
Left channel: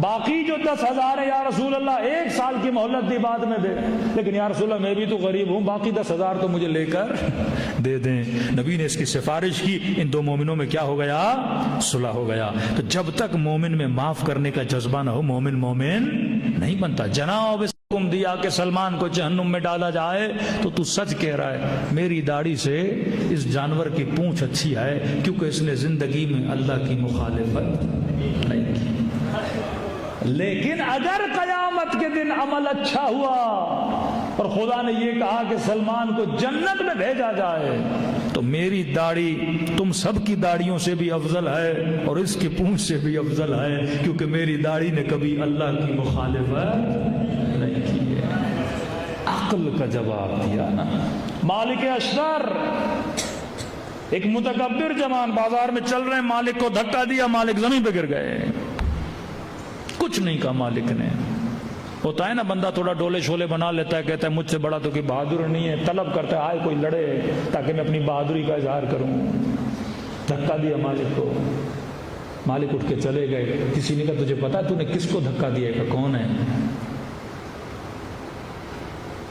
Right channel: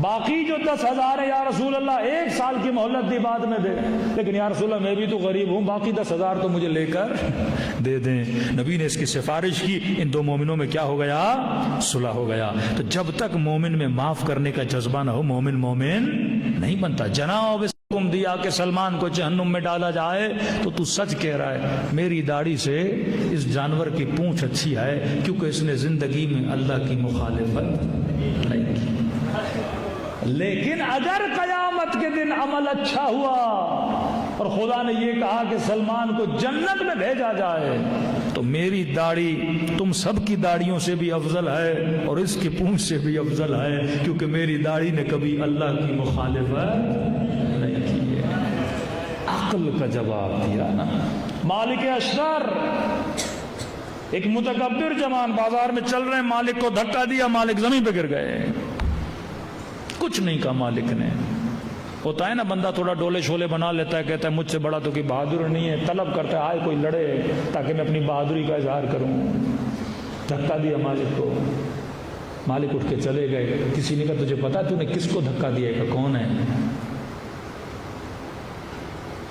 باقی جو 10,000 ہے یا رسول اللہ 1 سال کی مہلت دی بعد میں دے. لیکن یا رسول اللہ میں بھی تو غریب ہوں, باقی 10,000 تو مجھے لے کر دے دیں. نبی نے اس کی سفارش کی, ان دو مومنوں میں کیا ہو گیا؟ صلح ہو گیا. تو جب تک مومن میں معاف کرنے کا جذبہ نہ ہو مومن مومن نہیں بنتا. جناب حکم دیا کہ سلمان کو جہنم میں ڈالا جائے تو سچ کہہ رہا ہے, میری داڑھی سے اس جانور کی پونچھ اچھی ہے کیونکہ اس نے زندگی میں اللہ کی مخالفت نہیں کی. لیکن اگر قیامت کے دن عمل اچھا ہوا اور خدا نے یہ کہا کہ سلمان کو جنت میں بھیجا جائے تو میری داڑھی تم سب کی داڑھیوں سے بھی افضل ہے اور اس کی پونچھ سے بھی افضل ہے, کیونکہ میری داڑھی نے کبھی اللہ کی مخالفت نہیں کی ہے. عقل کا جواب دیا نا. مالک اشتر ایک متکبر جوان بازار میں چل رہے، مالک کو دھکا دیا، مالک زمین پہ گر گئے. کچھ نہیں کہا مالک نے. ہوتا ہے نا بندہ تھوڑا ڈولے شولے بنا لیتا ہے، کہتا ہے مجھ سے بڑا تو کوئی بہادر نہیں ہے، طلب کرتا ہے آئے کوئی لڑے تاکہ میں اپنی بہادری کا اظہار کروں. دھکا دیا مالک کو، مالک اٹھ کے چلے گئے. کسی نے کہا تجھے پتا تو نے کس کو دھکا دیا؟ کہ کون ہے؟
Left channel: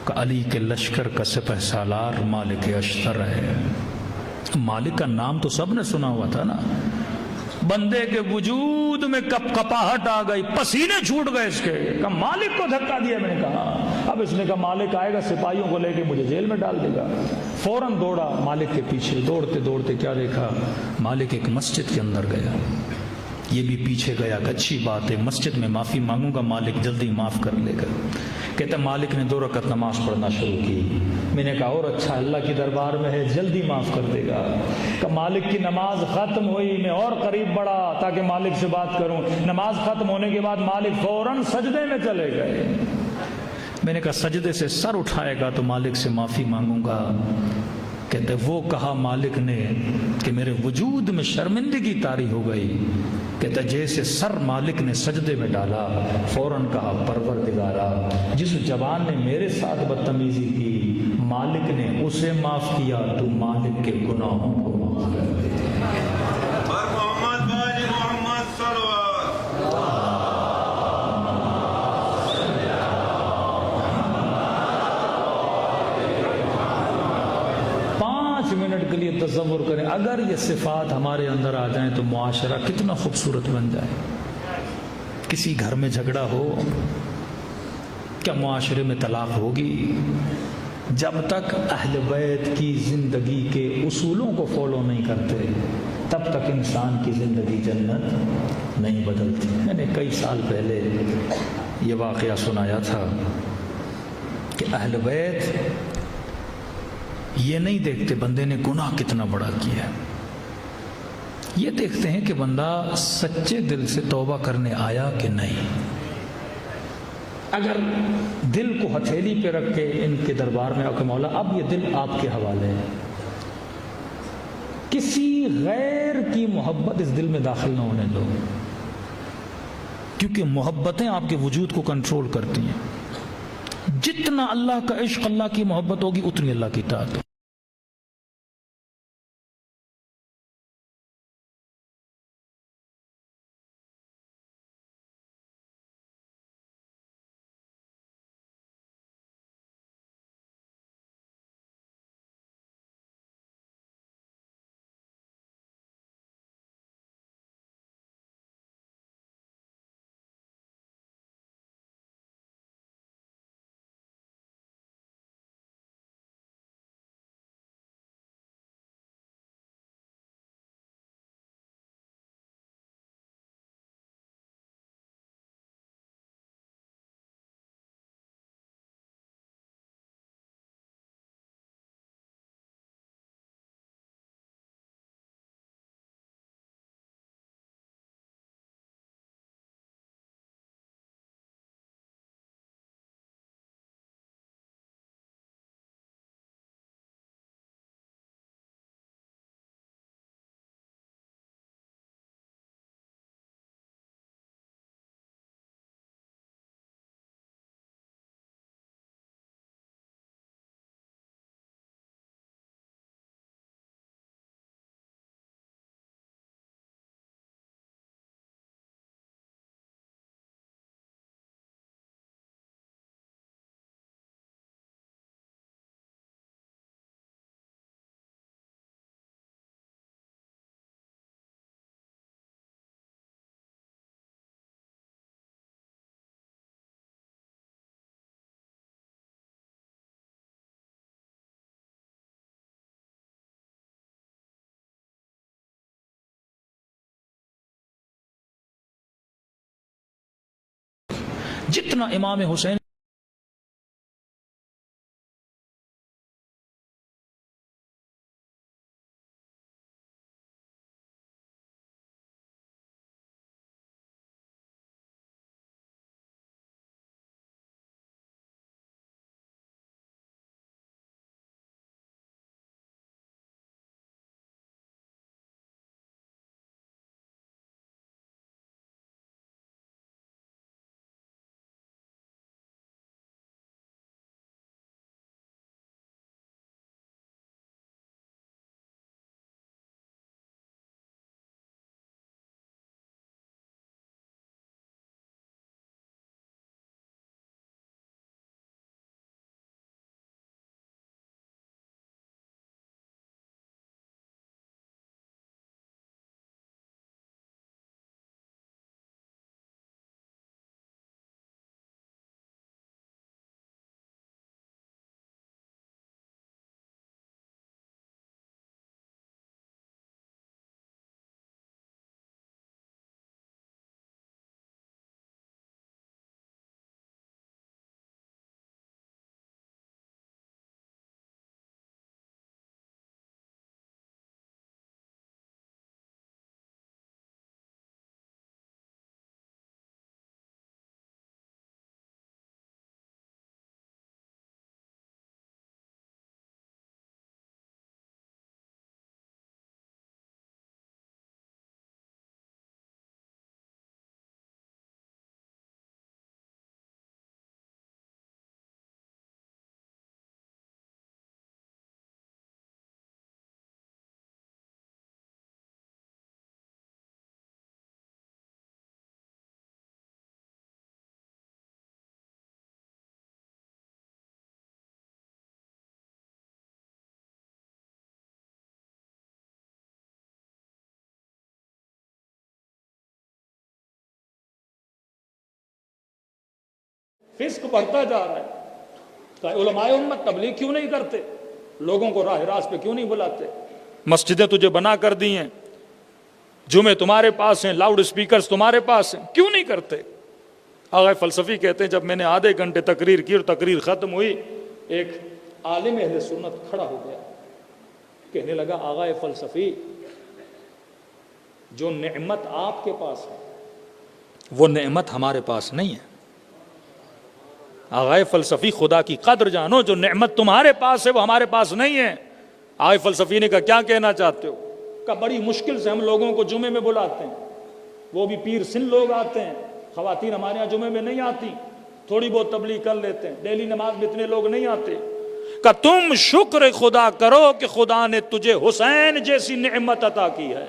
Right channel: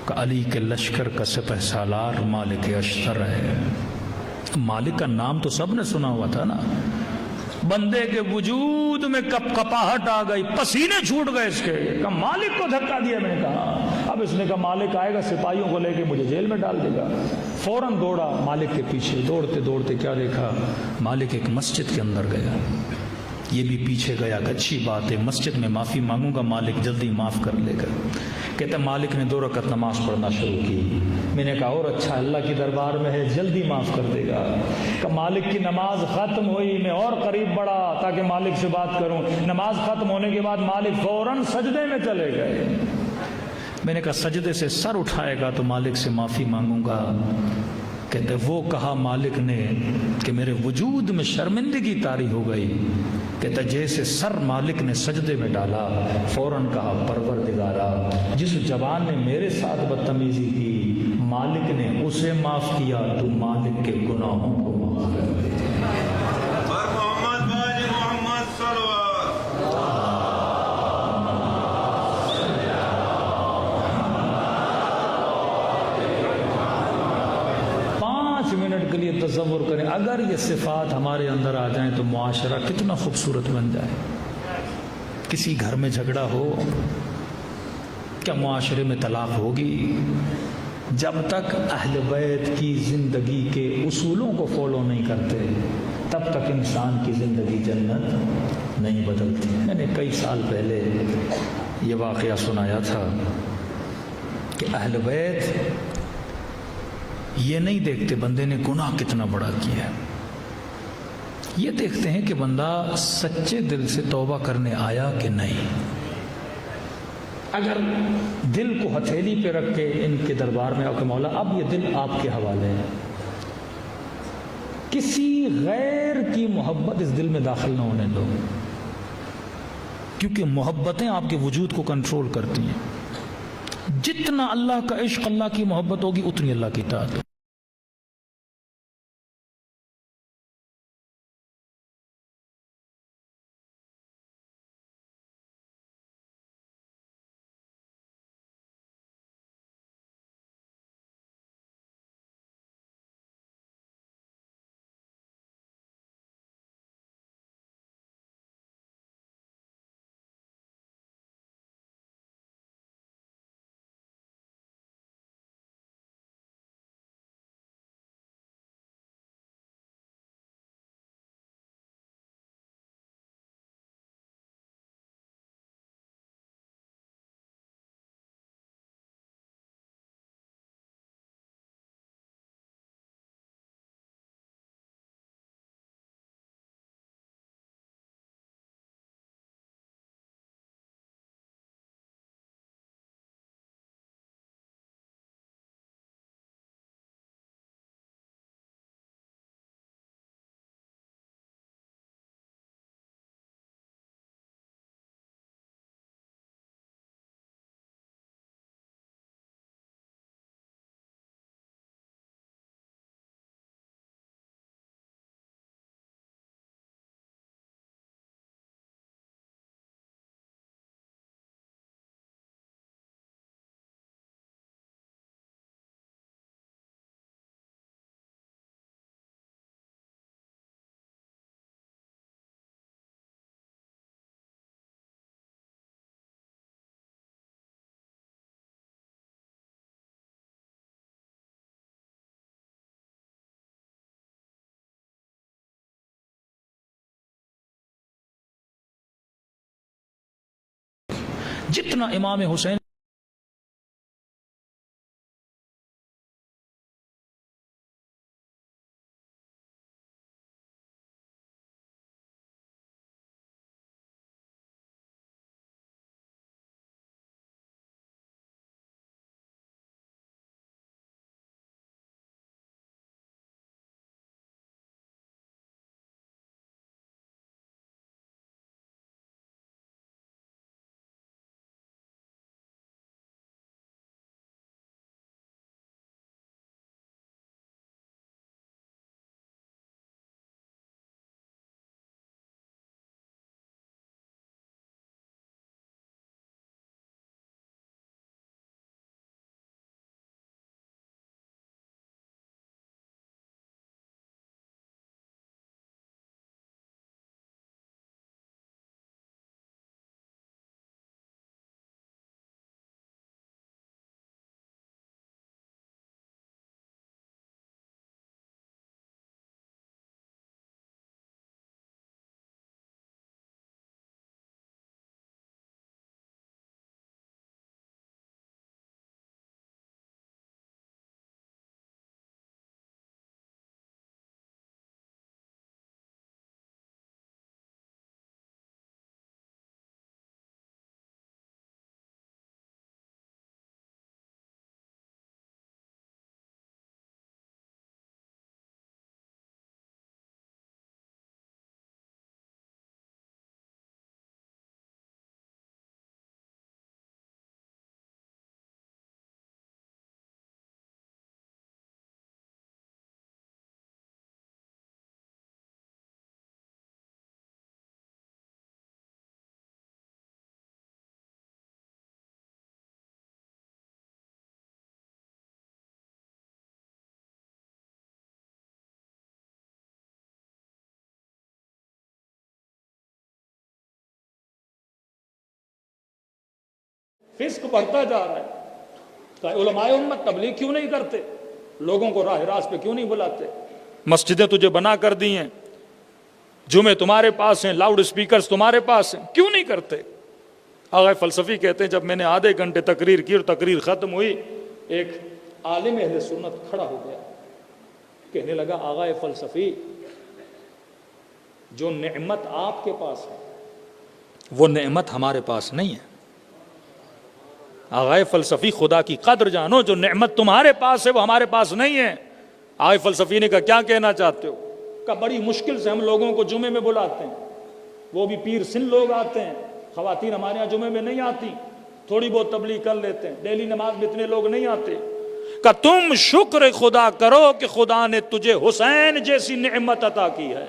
کہ علی کے لشکر کا سپہ سالار مالک اشتر ہے. مالک کا نام تو سب نے سنا ہوا تھا نا. بندے کے وجود میں کپاہٹ آ گئی، پسینے چھوٹ گئے اس کے. کہ مالک کو دھکا دیا. میں نے کہا اب اس نے کہا مالک آئے گا سپاہیوں کو لے کے مجھے جیل میں ڈال دے گا. فوراً دوڑا مالک کے پیچھے. دوڑتے دوڑتے کیا دیکھا؟ مالک ایک مسجد کے اندر گیا. یہ بھی پیچھے گیا کہ اچھی بات ہے، مسجد میں معافی مانگوں گا، مالک جلدی معاف کر لے گا. کہتا مالک نے 2 رکعت نماز پڑھنا شروع کی. میں نے کہا اور اچھا، اللہ کی دربار میں ہے، جلدی معاف کر دے گا. کہ مالک کی نماز ختم ہوئی، میں اور قریب بڑھا تاکہ مالک سے بات کروں. نماز ختم ہونے کے بعد مالک فوراً سجدے میں چلے گئے. میں نے کہا سجدے سے سر اٹھائے گا تو مالک سے معافی مانگوں گا. کہتے وہ کہا مالک نے کہ میرے وجود میں شرمندگی طاری ہو گئی. کہتا جیسے سر مالک نے سجدے میں ڈالا فوراً کہا پروردگارا، جس جوان نے میرے ساتھ بدتمیزی کی مالک نے اسے معاف کیا، تو مالک کے گناہوں کو معاف کر دے. منٹ کے لیے تصور کریں اگر یہ صفات ہمارے اندر آ جائیں تو معاشرہ کتنا خوبصورت بن جائے. کسی گھر میں جھگڑا ہو، کیا معاشرے میں طلاق ہوگی؟ جب تک اہل بیت کی زندگی کے اصولوں کو فالو نہیں کرتے تب تک انسان کی زندگی جنت نہیں بدلتی. میں نے کئی سال پہلے یہ واقعہ سنایا تھا کہ اہل بیت یہ نہیں دیکھتے بندے نے گناہ کتنا بڑا کیا، یہ دیکھتے ہیں کہ بندہ سچے دل سے توبہ کرنے آیا کہ نہیں. اگر دل کو ہتھیلی پہ رکھ کے ان کے دربار میں آ کے مولا اب یہ دل آپ کے حوالے ہے، کسی غیر کی محبت اس دل میں داخل نہ ہونے دو، کیونکہ محبتیں آپ کے وجود کو کنٹرول کرتی ہیں. جتنا اللہ کا عشق، اللہ کی محبت ہوگی اتنی اللہ کی اطاعت. جتنا امام حسین فسق بڑھتا جا رہا ہے. کہ علماء امت تبلیغ کیوں نہیں کرتے؟ لوگوں کو راہ راست پہ کیوں نہیں بلاتے؟ مسجدیں تجھے بنا کر دی ہیں، جمعے تمہارے پاس ہیں، لاؤڈ اسپیکرز تمہارے پاس ہیں، کیوں نہیں کرتے؟ آغا فلسفی کہتے ہیں جب میں نے آدھے گھنٹے تقریر کی اور تقریر ختم ہوئی، ایک عالم اہل سنت کھڑا ہو گیا، کہنے لگا آغا فلسفی جو نعمت آپ کے پاس ہے وہ نعمت ہمارے پاس نہیں ہے. آغا فلسفی خدا کی قدر جانو، جو نعمت تمہارے پاس ہے وہ ہمارے پاس نہیں ہے. آغا فلسفی نے کہا کیا کہنا چاہتے ہو؟ کہ بڑی مشکل سے ہم لوگوں کو جمعے میں بلاتے ہیں، وہ بھی پیر سن لوگ آتے ہیں، خواتین ہمارے یہاں جمعے میں نہیں آتی، تھوڑی بہت تبلیغ کر لیتے ہیں، ڈیلی نماز میں اتنے لوگ نہیں آتے. کہ تم شکر خدا کرو کہ خدا نے تجھے حسین جیسی نعمت عطا کی ہے.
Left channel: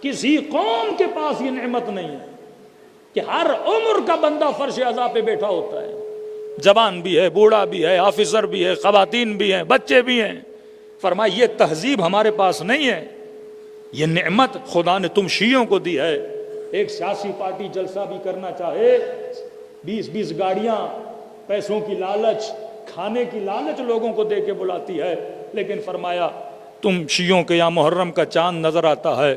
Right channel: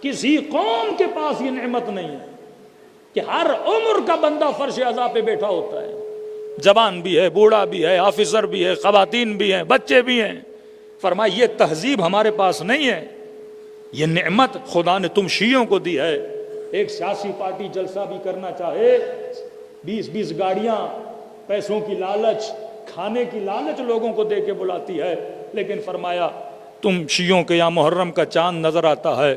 کسی قوم کے پاس یہ نعمت نہیں ہے کہ ہر عمر کا بندہ فرش عزا پہ بیٹھا ہوتا ہے، جوان بھی ہے، بوڑھا بھی ہے، آفیسر بھی ہے، خواتین بھی ہیں، بچے بھی ہیں. فرمایا یہ تہذیب ہمارے پاس نہیں ہے، یہ نعمت خدا نے تم شیعوں کو دی ہے. ایک سیاسی پارٹی جلسہ بھی کرنا چاہے، 20 گاڑیاں، پیسوں کی لالچ، کھانے کی لالچ لوگوں کو دے کے بلاتی ہے. لیکن فرمایا تم شیعوں کے یہاں محرم کا چاند نظر آتا ہے،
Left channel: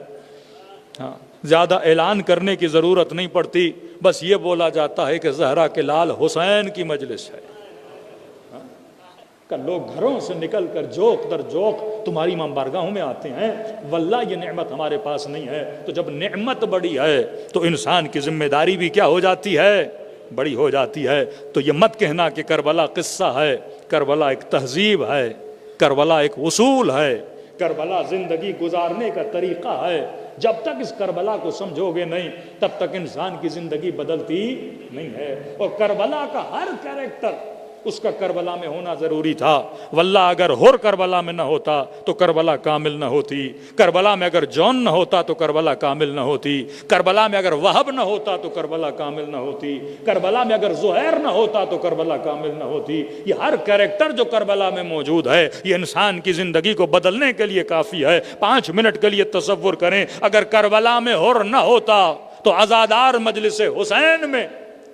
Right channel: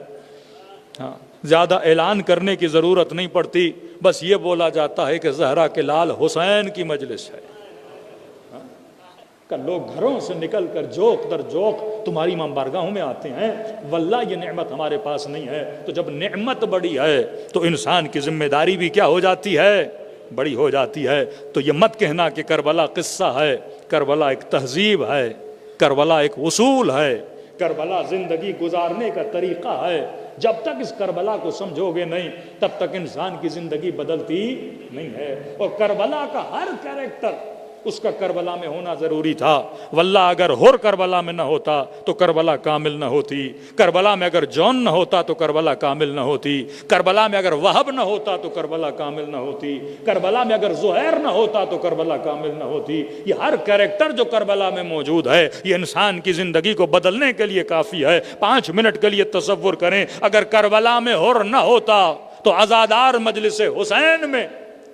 ہاں زیادہ اعلان کرنے کی ضرورت نہیں پڑتی، بس یہ بولا جاتا ہے کہ زہرا کے لال حسین کی مجلس ہے. کہ لوگ گھروں سے نکل کر جوک در جوک تمہاری امام بارگاہوں میں آتے ہیں. واللہ یہ نعمت ہمارے پاس نہیں ہے. تو جب نعمت بڑی ہے تو انسان کی ذمہ داری بھی کیا ہو جاتی ہے؟ بڑی ہو جاتی ہے. تو یہ مت کہنا کہ کربلا قصہ ہے، کربلا ایک تہذیب ہے، کربلا ایک اصول ہے، کربلا زندگی گزارنے کا طریقہ ہے. جب تک اس کربلا کو سمجھو گے نہیں تب تک انسان کی زندگی بدلتی نہیں ہے. اور کربلا کا ہر کیریکٹر اس کا کربلا میں ہونا ضروری تھا. واللہ اگر ہر کربلا میں نہ ہوتا تو کربلا کامل نہ ہوتی. کربلا میں اگر جون نہ ہوتا تو کربلا کامل نہ ہوتی. کربلا میں اگر وہب نہ ہوتا تو کربلا کامل نہ ہوتی. کربلا میں اگر زہیر نہ ہوتا تو کربلا کامل نہ ہوتی. یہ ہر کیریکٹر جو کربلا میں موجود ہے یہ انسان کی زندگی کو بدلنے کے لیے کافی ہے. 5 منٹ کے لیے تصور کریں، اگر کربلا میں ہر نہ ہوتا تو عزادار مجلس حسین میں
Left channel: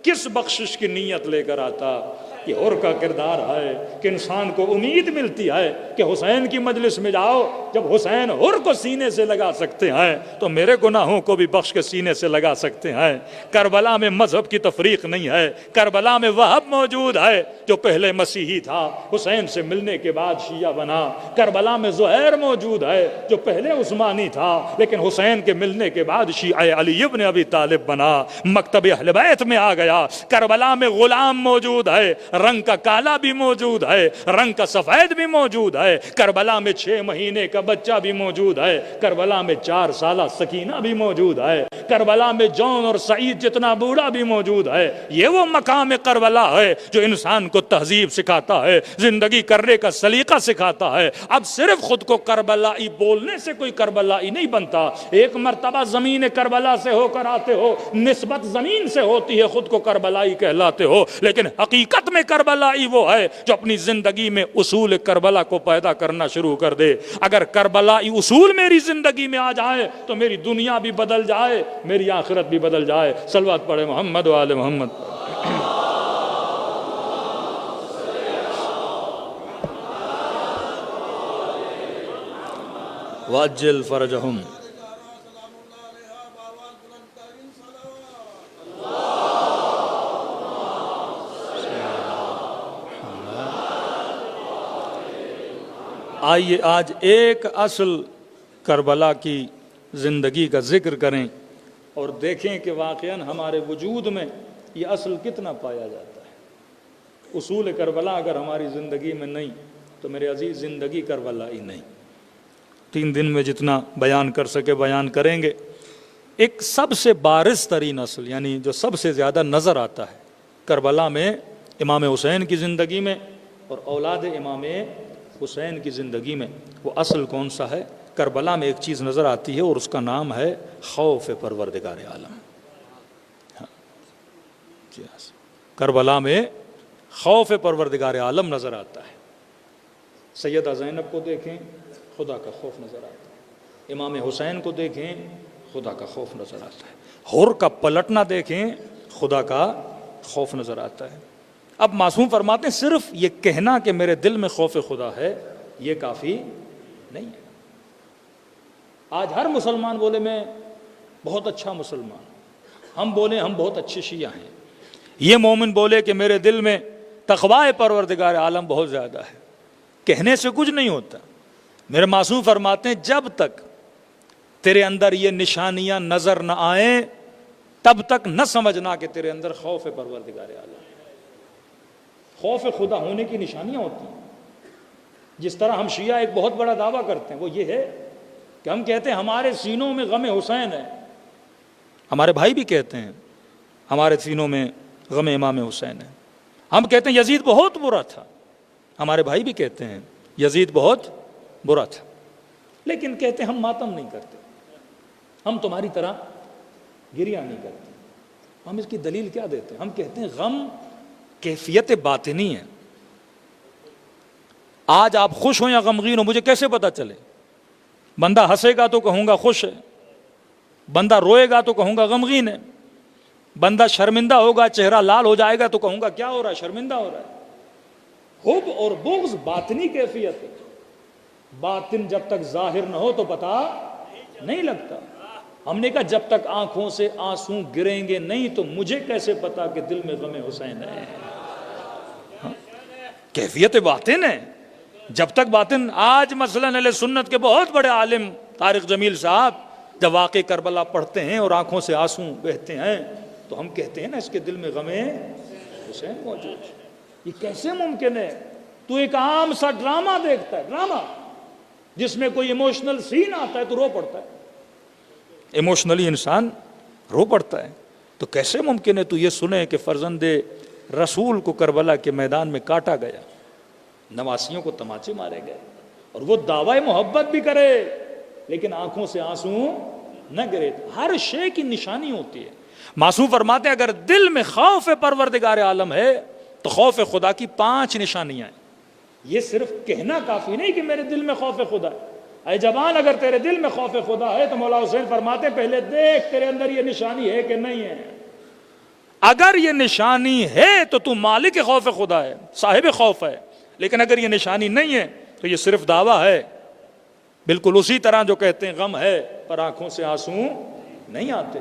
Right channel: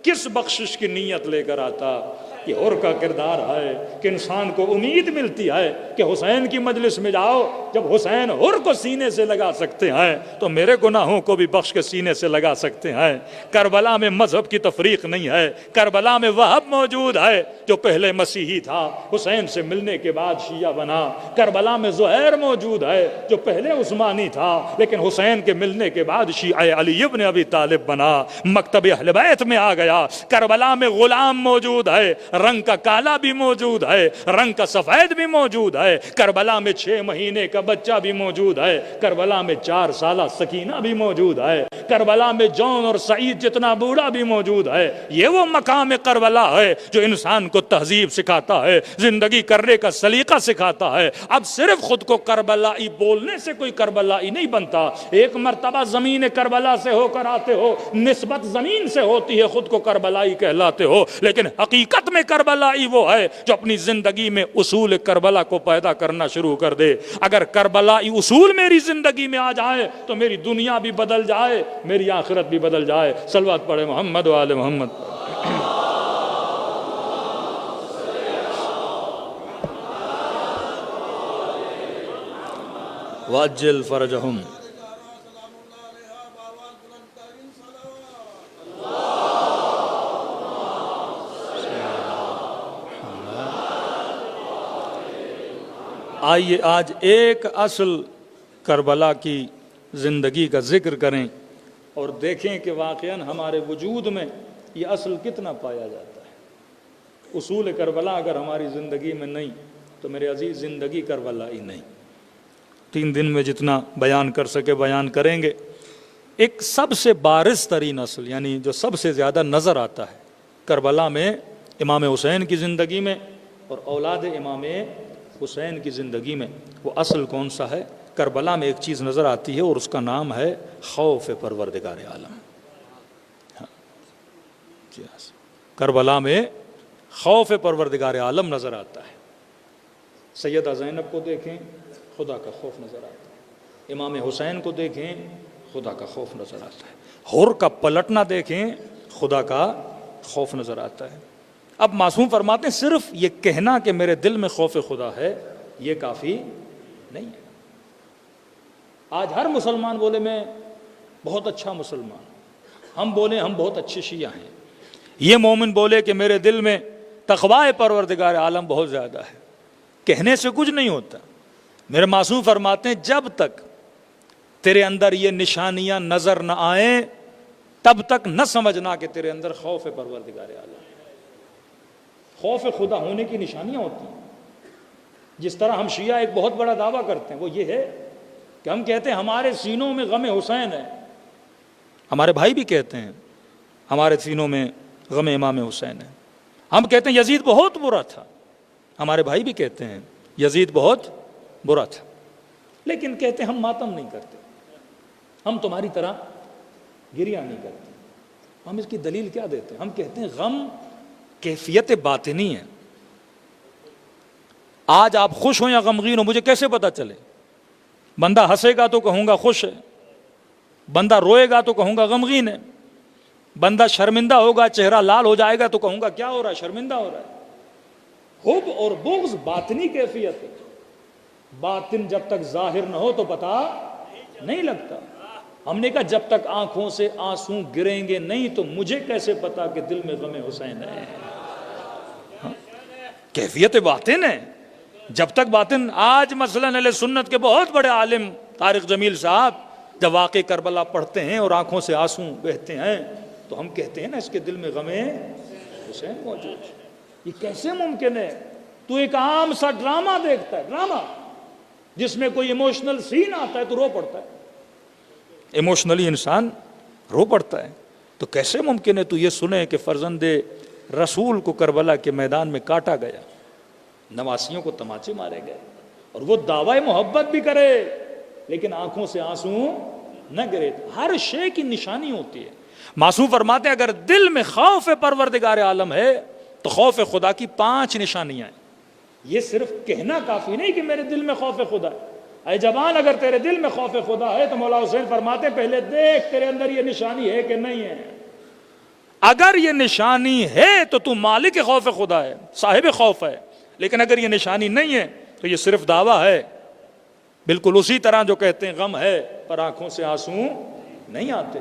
کس بخشش کی نیت لے کر آتا؟ یہ ہر کا کردار ہے کہ انسان کو امید ملتی ہے کہ حسین کی مجلس میں جاؤ. جب حسین ہر کو سینے سے لگا سکتے ہیں تو میرے گناہوں کو بھی بخش کے سینے سے لگا سکتے ہیں. کربلا میں مذہب کی تفریق نہیں ہے. کربلا میں وہب موجود ہے جو پہلے مسیحی تھا، حسین سے ملنے کے بعد شیعہ بنا. کربلا میں زہیر موجود ہے جو پہلے عثمانی تھا لیکن حسین کے ملنے کے بعد شیعہ علی ابن ابی طالب بنا، مکتب اہل بیت میں آ گیا. کربلا میں غلام موجود ہے، رنگ کا کالا بھی موجود ہے، رنگ کا سفید بھی موجود ہے. کربلا میں 6 مہینے کا بچہ بھی موجود ہے. کربلا میں 4 سالہ سکینہ بھی موجود ہے. کربلا میں جون اور سعید جتنا بوڑھا بھی موجود ہے. یہ وہ مقام کربلا ہے جو انسان کو تہذیب سکھاتا ہے، زندگی کرنے کا سلیقہ سکھاتا ہے. اب صرف خود کو کربلائی بولنے سے کوئی کربلائی نہیں بنتا. ایک مرتبہ زمین کربلا سے ہو کر آتے ہو، نسبت زمین سے ہوتی ہے، خود کو کربلائی کہلاتے ہو. لیکن حقیقت میں کربلائی وہ ہے جو اپنی زندگی میں اصول کربلا کو پیدا کرنا شروع کر دے. اگر کربلائی اصول میری زندگی میں آ جائے تو میری دنیا بھی بدل جائے، میری آخرت بھی بدل جائے. صلوات پڑھے محمد و آل محمد. واجل فرجہم. آئیے آج ایک اصل کربلا کی زندگی کا ذکر کریں اور دیکھیں کہ واقعاً ہمارے وجود میں یہ اصل کتنا پایا جاتا ہے. اصول کربلا اگر ہماری زندگی میں نہیں تو میرے عزیز زندگی کربلا ہی نہیں. 3 دن میں جتنا بیان کر سکے بیان کریں گے. ایک سب سے بارز ترین اصل یعنی جو سب سے زیادہ نظر آتا ہے کربلا میں امام حسین کی زندگی میں اور اولاد امام حسین کی زندگی میں، وہ اصل کون سا ہے؟ کربلا میں ایک چیز نظر آتی ہے اور اس کا نام ہے خوف پروردگار عالم. کربلا میں خوف پروردگار عالم نظر آتا ہے. سیدہ زینب کو دیکھیں خدا کا خوف نظر آتا ہے. امام حسین کو دیکھیں خدا کا خوف نظر آتا ہے. ہر کا پلٹنا دیکھیں خدا کا خوف نظر آتا ہے۔ اب معصوم فرماتے ہیں صرف یہ کہنا کہ میرے دل میں خوف خدا ہے یہ کافی نہیں ہے۔ آج ہر مسلمان بولے میں بہت اچھا مسلمان، ہم بولے ہم بہت اچھے شیعہ ہیں، یہ مومن بولے کہ میرے دل میں تقوی پروردگار عالم بہت زیادہ ہے، کہنے سے کچھ نہیں ہوتا۔ میرے معصوم فرماتے ہیں جب تک تیرے اندر یہ نشانیاں نظر نہ آئیں تب تک نہ سمجھنا کہ تیرے اندر خوف پروردگار عالم۔ خوف خدا ہونے کی نشانیاں ہوتی ہیں۔ جس طرح ہم شیعہ ایک بہت بڑا دعویٰ کرتے ہیں وہ یہ ہے کہ ہم کہتے ہیں ہمارے سینوں میں غم حسین ہے، ہمارے بھائی بھی کہتے ہیں ہمارے سینوں میں غم امام حسین ہے۔ ہم کہتے ہیں یزید بہت برا تھا، ہمارے بھائی بھی کہتے ہیں یزید بہت برا تھا، لیکن کہتے ہیں ہم ماتم نہیں کرتے، ہم تمہاری طرح گریہ نہیں کرتے۔ ہم اس کی دلیل کیا دیتے ہیں؟ ہم کہتے ہیں غم کیفیت باطنی ہے۔ آج آپ خوش ہوں یا غمگین ہو مجھے کیسے پتا چلے؟ بندہ ہنسے گا تو کہوں گا خوش ہے، بندہ روئے گا تو کہوں گا غمگین ہے، بندہ شرمندہ ہوگا چہرہ لال ہو جائے گا تو کہوں گا کیا ہو رہا ہے؟ شرمندہ ہو رہا ہے۔ حب اور بغض باطنی کیفیت ہے، باطن جب تک ظاہر نہ ہو تو پتہ نہیں لگتا۔ ہم نے کہا جب تک آنکھوں سے آنسو گریں گے نہیں تو مجھے کیسے پتا کہ دل میں غم حسین ہے؟ کیفیت باطن ہے۔ جب تک باطن، آج مثلاً اہل سنت کے بہت بڑے عالم طارق جمیل صاحب جب واقع کربلا پڑھتے ہیں اور آنکھوں سے آنسو بہتے ہیں تو ہم کہتے ہیں نا اس کے دل میں غم حسین موجود ہے۔ یہ کیسے ممکن ہے؟ تو ایک عام سا ڈرامہ دیکھتا ہے، ڈرامہ جس میں کوئی ایموشنل سین آتا ہے تو رو پڑتا ہے، ایموشنلی انسان رو پڑتا ہے۔ تو کیسے ممکن ہے تو یہ سنے کہ فرزند رسول کو کربلا کے میدان میں کاٹا گیا، نواسیوں کو تماچے مارے گئے، اور وہ دعوی محبت بھی کرے لیکن آنکھوں سے آنسو نہ گرے؟ ہر شے کی نشانی ہوتی ہے۔ معصوم فرماتے ہیں اگر دل میں خوف پروردگار عالم ہے تو خوف خدا کی 5 نشانیاں ہیں۔ یہ صرف کہنا کافی نہیں کہ میرے دل میں خوف خدا ہے۔ اے جوان اگر تیرے دل میں خوف خدا ہے تو مولا حسین فرماتے پہلے دیکھ تیرے اندر یہ نشانی ہے کہ نہیں ہے۔ اگر یہ نشانی ہے تو تو مالک خوف خدا ہے، صاحب خوف ہے، لیکن اگر یہ نشانی نہیں ہے تو یہ صرف دعویٰ ہے۔ بالکل اسی طرح جو کہتے ہیں غم ہے پر آنکھوں سے آنسو نہیں آتے،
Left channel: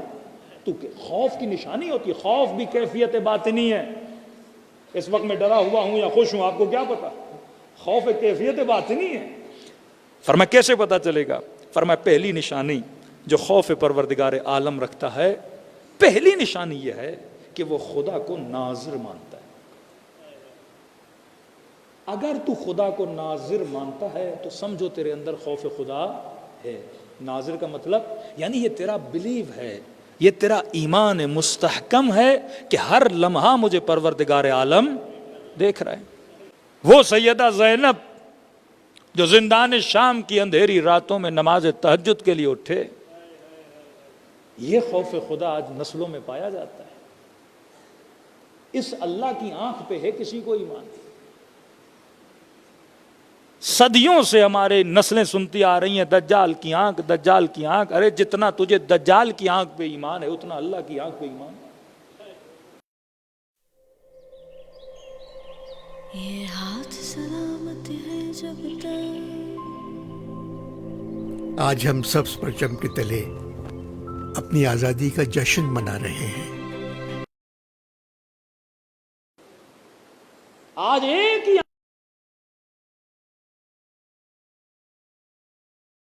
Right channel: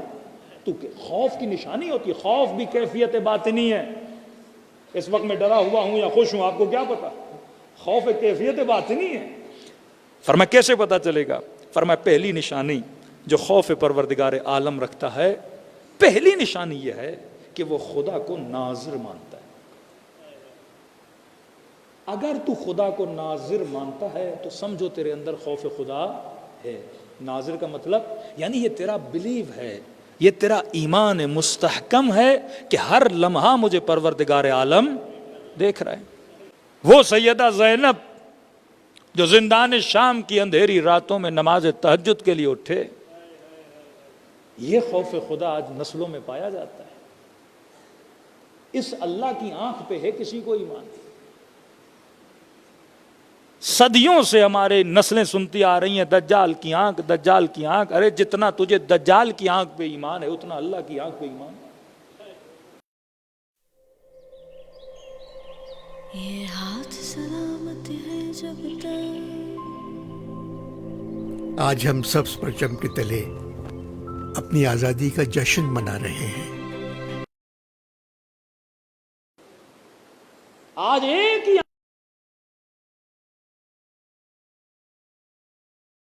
تو خوف کی نشانی ہوتی ہے۔ خوف بھی کیفیت باطنی ہے۔ اس وقت میں ڈرا ہوا ہوں یا خوش ہوں آپ کو کیا پتا؟ خوف ایک کیفیت باطنی ہے۔ فرمایا کیسے پتا چلے گا؟ فرمایا پہلی نشانی جو خوف پروردگار عالم رکھتا ہے، پہلی نشانی یہ ہے کہ وہ خدا کو ناظر مانتا ہے۔ اگر تو خدا کو ناظر مانتا ہے تو سمجھو تیرے اندر خوف خدا ہے۔ ناظر کا مطلب یعنی یہ تیرا بلیو ہے، یہ تیرا ایمان مستحکم ہے کہ ہر لمحہ مجھے پروردگار عالم دیکھ رہا ہے۔ وہ سیدہ زینب جو زندان شام کی اندھیری راتوں میں نماز تہجد کے لیے اٹھے، یہ خوف خدا آج نسلوں میں پایا جاتا ہے۔ اس اللہ کی آنکھ پہ ہے کسی کو ایمان؟ صدیوں سے ہمارے نسلیں سنتی آ رہی ہیں دجال کی آنکھ، دجال کی آنکھ۔ ارے جتنا تجھے دجال کی آنکھ پہ ایمان ہے اتنا اللہ کی آنکھ پہ ایمان ہے۔ یہ ہاتھ سلامت ہے جب تک۔ آج ہم سبز پرچم کے تلے اپنی آزادی کا جشن منا رہے ہیں۔ آج ایک ہی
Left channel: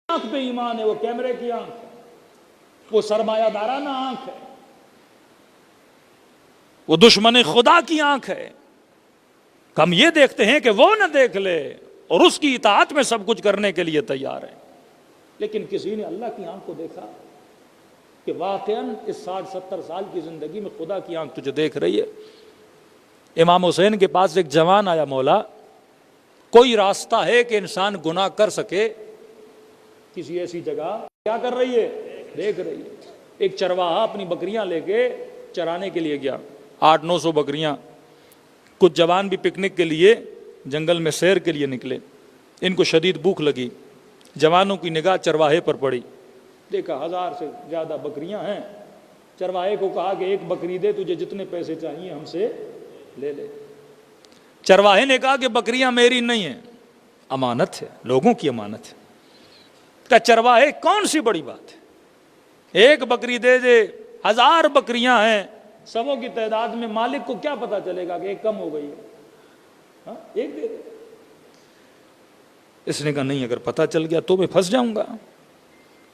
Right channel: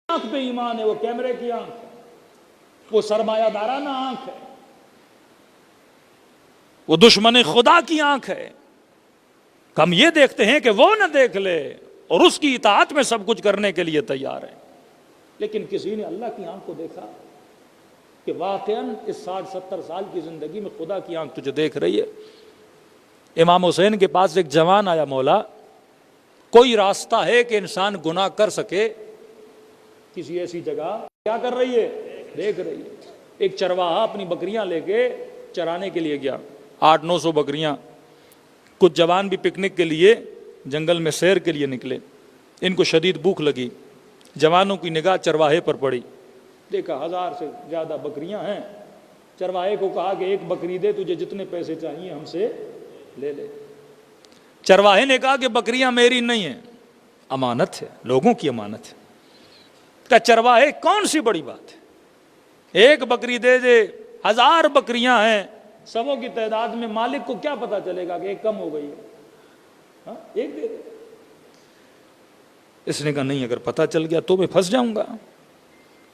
آنکھ پہ ایمان ہے، وہ کیمرے کی آنکھ ہے، وہ سرمایہ دارانہ آنکھ ہے، وہ دشمن خدا کی آنکھ ہے۔ ہم یہ دیکھتے ہیں کہ وہ نہ دیکھ لے اور اس کی اطاعت میں سب کچھ کرنے کے لیے تیار ہے، لیکن کسی نے اللہ کی آنکھ کو دیکھا کہ واقعاً اس 60-70 سال کی زندگی میں خدا کی آنکھ تجھے دیکھ رہی ہے۔ امام حسین کے پاس ایک جوان آیا، مولا کوئی راستہ ہے کہ انسان گناہ کر سکے؟ کسی ایسی جگہ کیا کر رہی ہے؟ دیکھ رہی ہے۔ ایک چرواہا اپنی بکریاں لے کے چرانے کے لیے گیا، 800-900 بکریاں۔ کچھ جوان بھی پکنک کے لیے جنگل میں سیر کے لیے نکلے، ان کو شدید بھوک لگی، جوانوں کی نگاہ چرواہے پر پڑی، دیکھا 1000 سے زیادہ بکریاں ہیں، چرواہے کو کہا کہ ایک بکری دے، تجھے جتنے پیسے چاہیے ہم سے لے لے۔ چرواہے نے کہا کہ بکریاں میری نہیں ہیں، امانت ہے، لوگوں کی امانت ہے۔ کہ چرواہے کون سی بڑی بات ہے، ایک بکری دے دے، 1000 بکریاں ہیں، سبوں کی تعداد میں، مالک کو کیا پتا چلے گا کہ ایک کم ہو گئی ہے؟ ہاں ایک دے دے۔ اس نے کہا نہیں، اگر پتا چل گیا تو میں پھنس جاؤں گا۔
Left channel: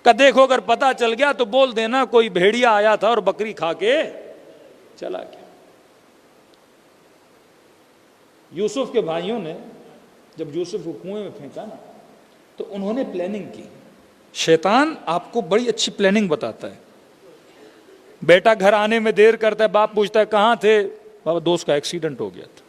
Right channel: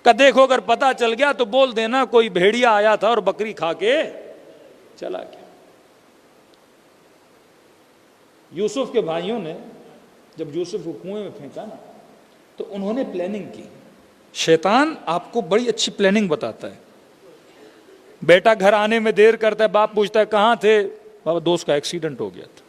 کہ دیکھو اگر پتا چل گیا تو بول دینا کوئی بھیڑیا آیا تھا اور بکری کھا کے چلا گیا۔ یوسف کے بھائیوں نے جب یوسف کو کنویں میں پھینکا نا تو انہوں نے پلاننگ کی۔ شیطان آپ کو بڑی اچھی پلاننگ بتاتا ہے۔ بیٹا گھر آنے میں دیر کرتا ہے، باپ پوچھتا ہے کہاں تھے؟ بابا دوست کا ایکسیڈنٹ ہو گیا تھا۔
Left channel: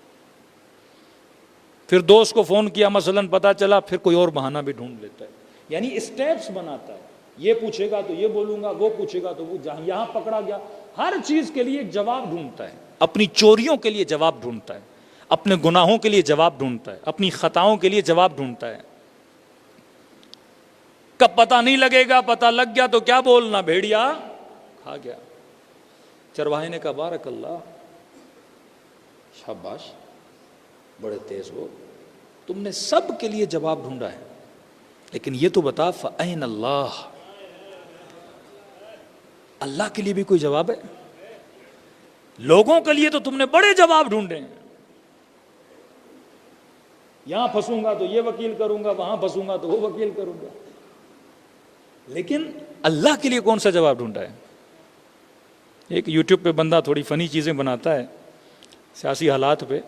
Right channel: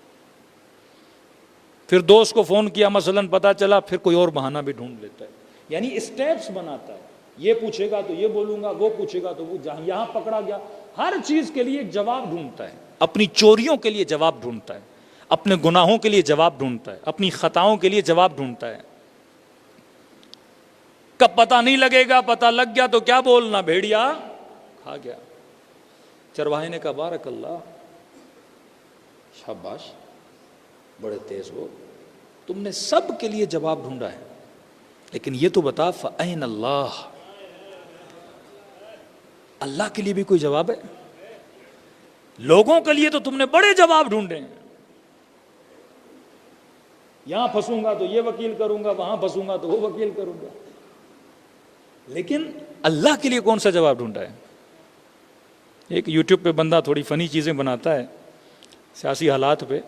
پھر دوست کو فون کیا، مثلاً پتا چلا، پھر کوئی اور بہانہ بھی ڈھونڈ لیتا ہے، یعنی اسٹیپس بناتا ہے۔ یہ پوچھے گا تو یہ بولوں گا، وہ پوچھے گا تو وہ، جہاں یہاں پکڑا گیا، ہر چیز کے لیے ایک جواب ڈھونڈتا ہے۔ اپنی چوریوں کے لیے جواب ڈھونڈتا ہے، اپنے گناہوں کے لیے جواب ڈھونڈتا ہے، اپنی خطاؤں کے لیے جواب ڈھونڈتا ہے۔ کب پتہ نہیں لگے گا، پتہ لگ گیا تو کیا بولنا، بھیڑیا کھا گیا۔ چرواہے نے کہا بارک اللہ، شاباش، بڑے تیز ہو، تم نے سب کے لیے جواب ڈھونڈا ہے، لیکن یہ تو بتا فَأَيْنَ اللَّهُ، اللہ کے لیے بھی کوئی جواب ہے؟ لوگوں کے لیے تو تم نے بڑے جواب ڈھونڈے ہیں، یہاں پھنسوں گا تو یہ وکیل کروں گا، وہاں پھنسوں گا تو وہ وکیل کروں گا، لیکن اللہ کے لیے کون سا جواب ڈھونڈا ہے؟ ایک یوٹیوب پہ بندہ تھوڑی فنی چیزیں بناتا ہے سیاسی حالات پہ،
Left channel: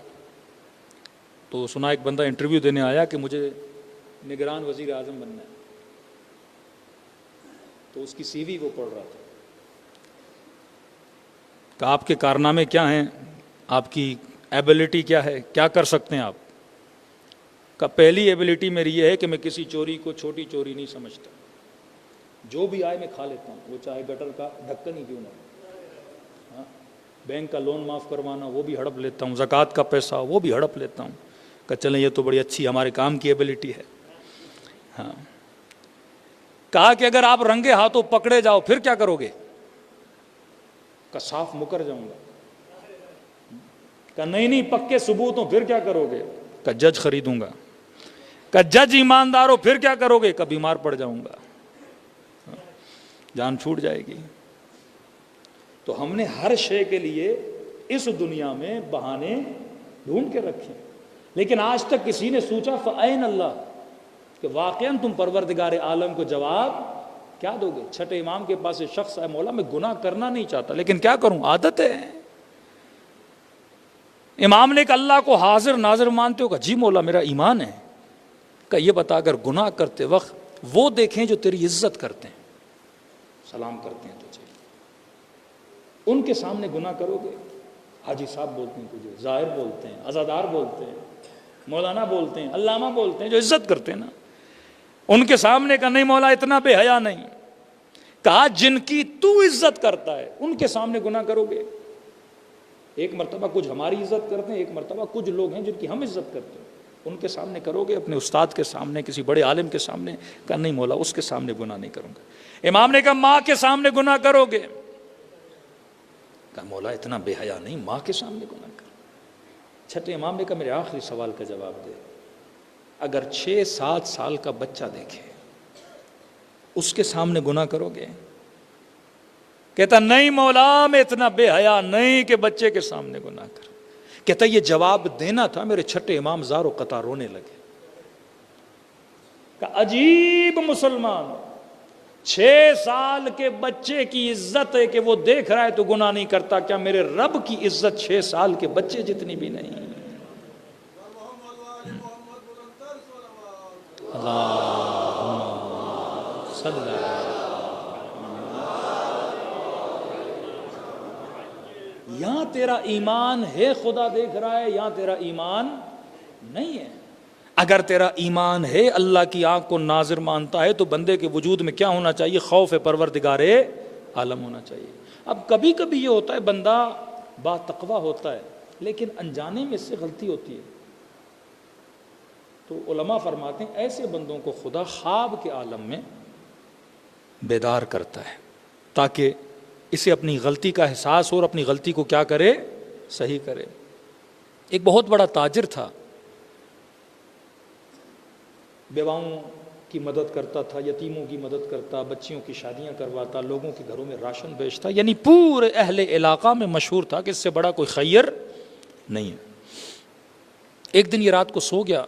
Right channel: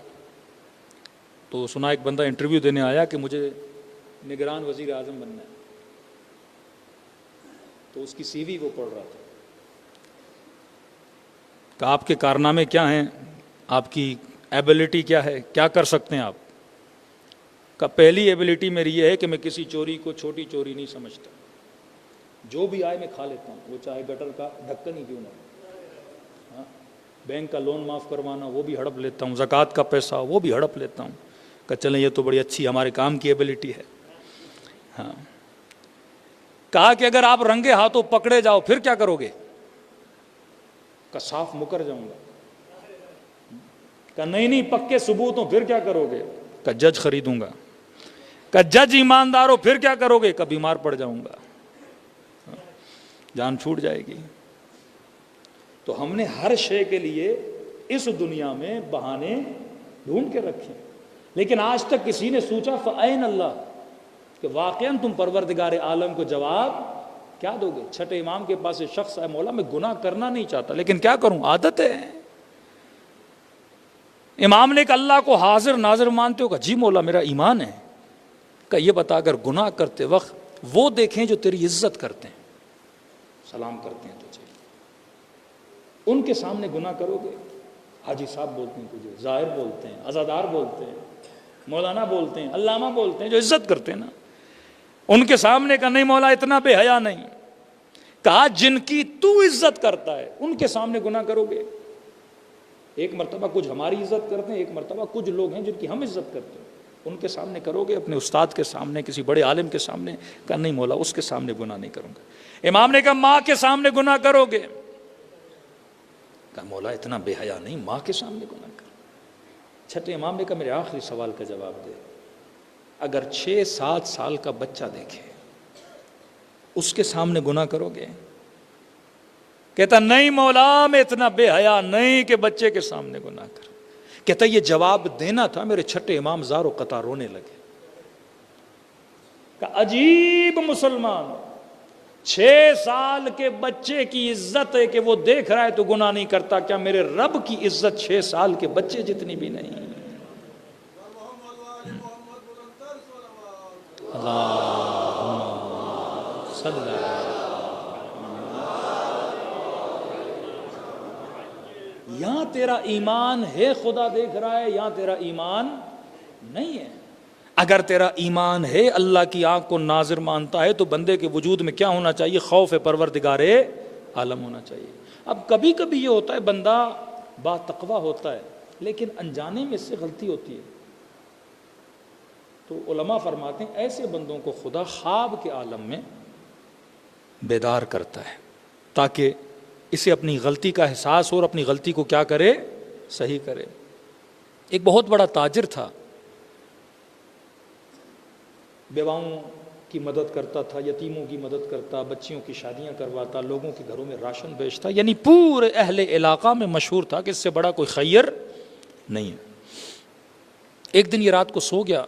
تو سنا ایک بندہ انٹرویو دینے آیا کہ مجھے نگران وزیر اعظم بننا ہے، تو اس کی سی وی وہ پڑھ رہا تھا کہ آپ کے کارنامے کیا ہیں، آپ کی ایبلٹی کیا ہے، کیا کر سکتے ہیں آپ؟ کہ پہلی ایبلٹی میری یہ ہے کہ میں کسی چوری کو چھوٹی چوری نہیں سمجھتا، جو بھی آئے میں کھا لیتا ہوں، وہ چاہے گٹر کا ڈھکن ہی کیوں نہ ہو، بینک کا لون معاف کروانا وہ بھی ہڑپ لیتا ہوں، زکوٰۃ کا پیسہ وہ بھی ہڑپ لیتا ہوں۔ کہ چلیں یہ تو بڑی اچھی ہمارے کام کی ایبلٹی ہے۔ ہاں، کہا کہ اگر آپ رنگے ہاتھوں پکڑے جاؤ پھر کیا کرو گے؟ کہ صاف مکر جاؤں گا۔ کہ نہیں پکے ثبوت ہوں پھر کیا کرو گے؟ کہ جج خریدوں گا۔ کہ جج ایماندار ہو پھر کیا کرو گے؟ کہ بیمار پڑ جاؤں گا، جان چھوٹ جائے گی۔ تو ہم نے ہر شے کے لیے اس دنیا میں بہانے ڈھونڈ کے رکھے، لیکن آج تک کسی نے سوچا فَأَيْنَ اللَّهُ، کہ واقعاً تم پروردگار عالم کو جواب کیا دو گے؟ چھٹے امام کے پاس ایک شخص ہے، مولا میں گناہ کرنا نہیں چاہتا لیکن کیا کروں، عادت ہے۔ امام نے کہا اللہ کو حاضر ناظر مانتے ہو؟ کہ جی مولا میرا ایمان ہے۔ کہ یہ بتا اگر گناہ کرتے وقت وہ دیکھیں جو تیری عزت کرتے ہیں، سلام کرتے ہیں تجھے، ان کے سامنے گناہ کرو گے؟ حاجی صاحب بولتے ہیں تجھے، ظاہر بولتے ہیں، عزادار بولتے ہیں، مولانا بولتے ہیں، علامہ بولتے ہیں، جو عزت کرتے ہیں نا، ان کے سامنے کا نہیں مولا اتنا بے حیا نہیں۔ کہا جن کی تو عزت کرتا ہے ان کے سامنے گناہ کرو گے؟ ایک مرتبہ کچھ ہماری عزت کرتے ہیں، ایک مرتبہ کچھ لوگ ہیں جن کی ہم عزت کرتے ہیں، ان کے سامنے کرو گے؟ اپنے استاد کے سامنے، کسی بڑے عالم کے سامنے؟ کہا نہیں مولا اس کے سامنے گناہ نہیں کروں گا۔ امام نے کہا ماں کے سامنے گناہ کرو گے؟ کہا مولا اتنا بے حیا نہیں، ماں کے سامنے گناہ کر۔ چھٹے امام نے کہا میرے آخری سوال کا جواب دے، اگر 6-7 سال کا بچہ دیکھے اس کے سامنے گناہ کرو گے؟ کہتا نہیں مولا میں اتنا بے حیا نہیں کہ بچے کے سامنے گناہ کر۔ کہتا یہ جواب دینا تھا، میرے چھٹے امام زار و قطع رونے لگے۔ کہ عجیب مسلمان، 6 سال کے بچے کی عزت ہے کہ وہ دیکھ رہا ہے تو گناہ نہیں کرتا، کیا میرے رب کی عزت 6 سال کے بچے جتنی بھی نہیں؟ یہاں تیرا ایمان ہے خدا دیکھ رہا ہے، یہاں تیرا ایمان نہیں ہے۔ اگر تیرا ایمان ہے اللہ کی آنکھ کو ناظر مانتا ہے تو بندے کے وجود میں کیا ہونا چاہیے؟ خوف پروردگار عالم ہونا چاہیے۔ اب کبھی کبھی یہ ہوتا ہے بندہ با تقویٰ ہوتا ہے لیکن انجانے میں اس سے غلطی ہوتی ہے، تو علماء فرماتے ہیں ایسے بندوں کو خدا خواب کے عالم میں بیدار کرتا ہے تاکہ اسے اپنی غلطی کا احساس ہو اور اپنی غلطی کو کیا کرے؟ صحیح کرے. ایک بہت بڑا تاجر تھا، بیواؤں کی مدد کرتا تھا، یتیموں کی مدد کرتا، بچیوں کی شادیاں کرواتا، لوگوں کے گھروں میں راشن بیچتا، یعنی پورے اہل علاقہ میں مشہور تھا کہ اس سے بڑا کوئی خیر نہیں ہے. ایک دن یہ رات کو سو گیا،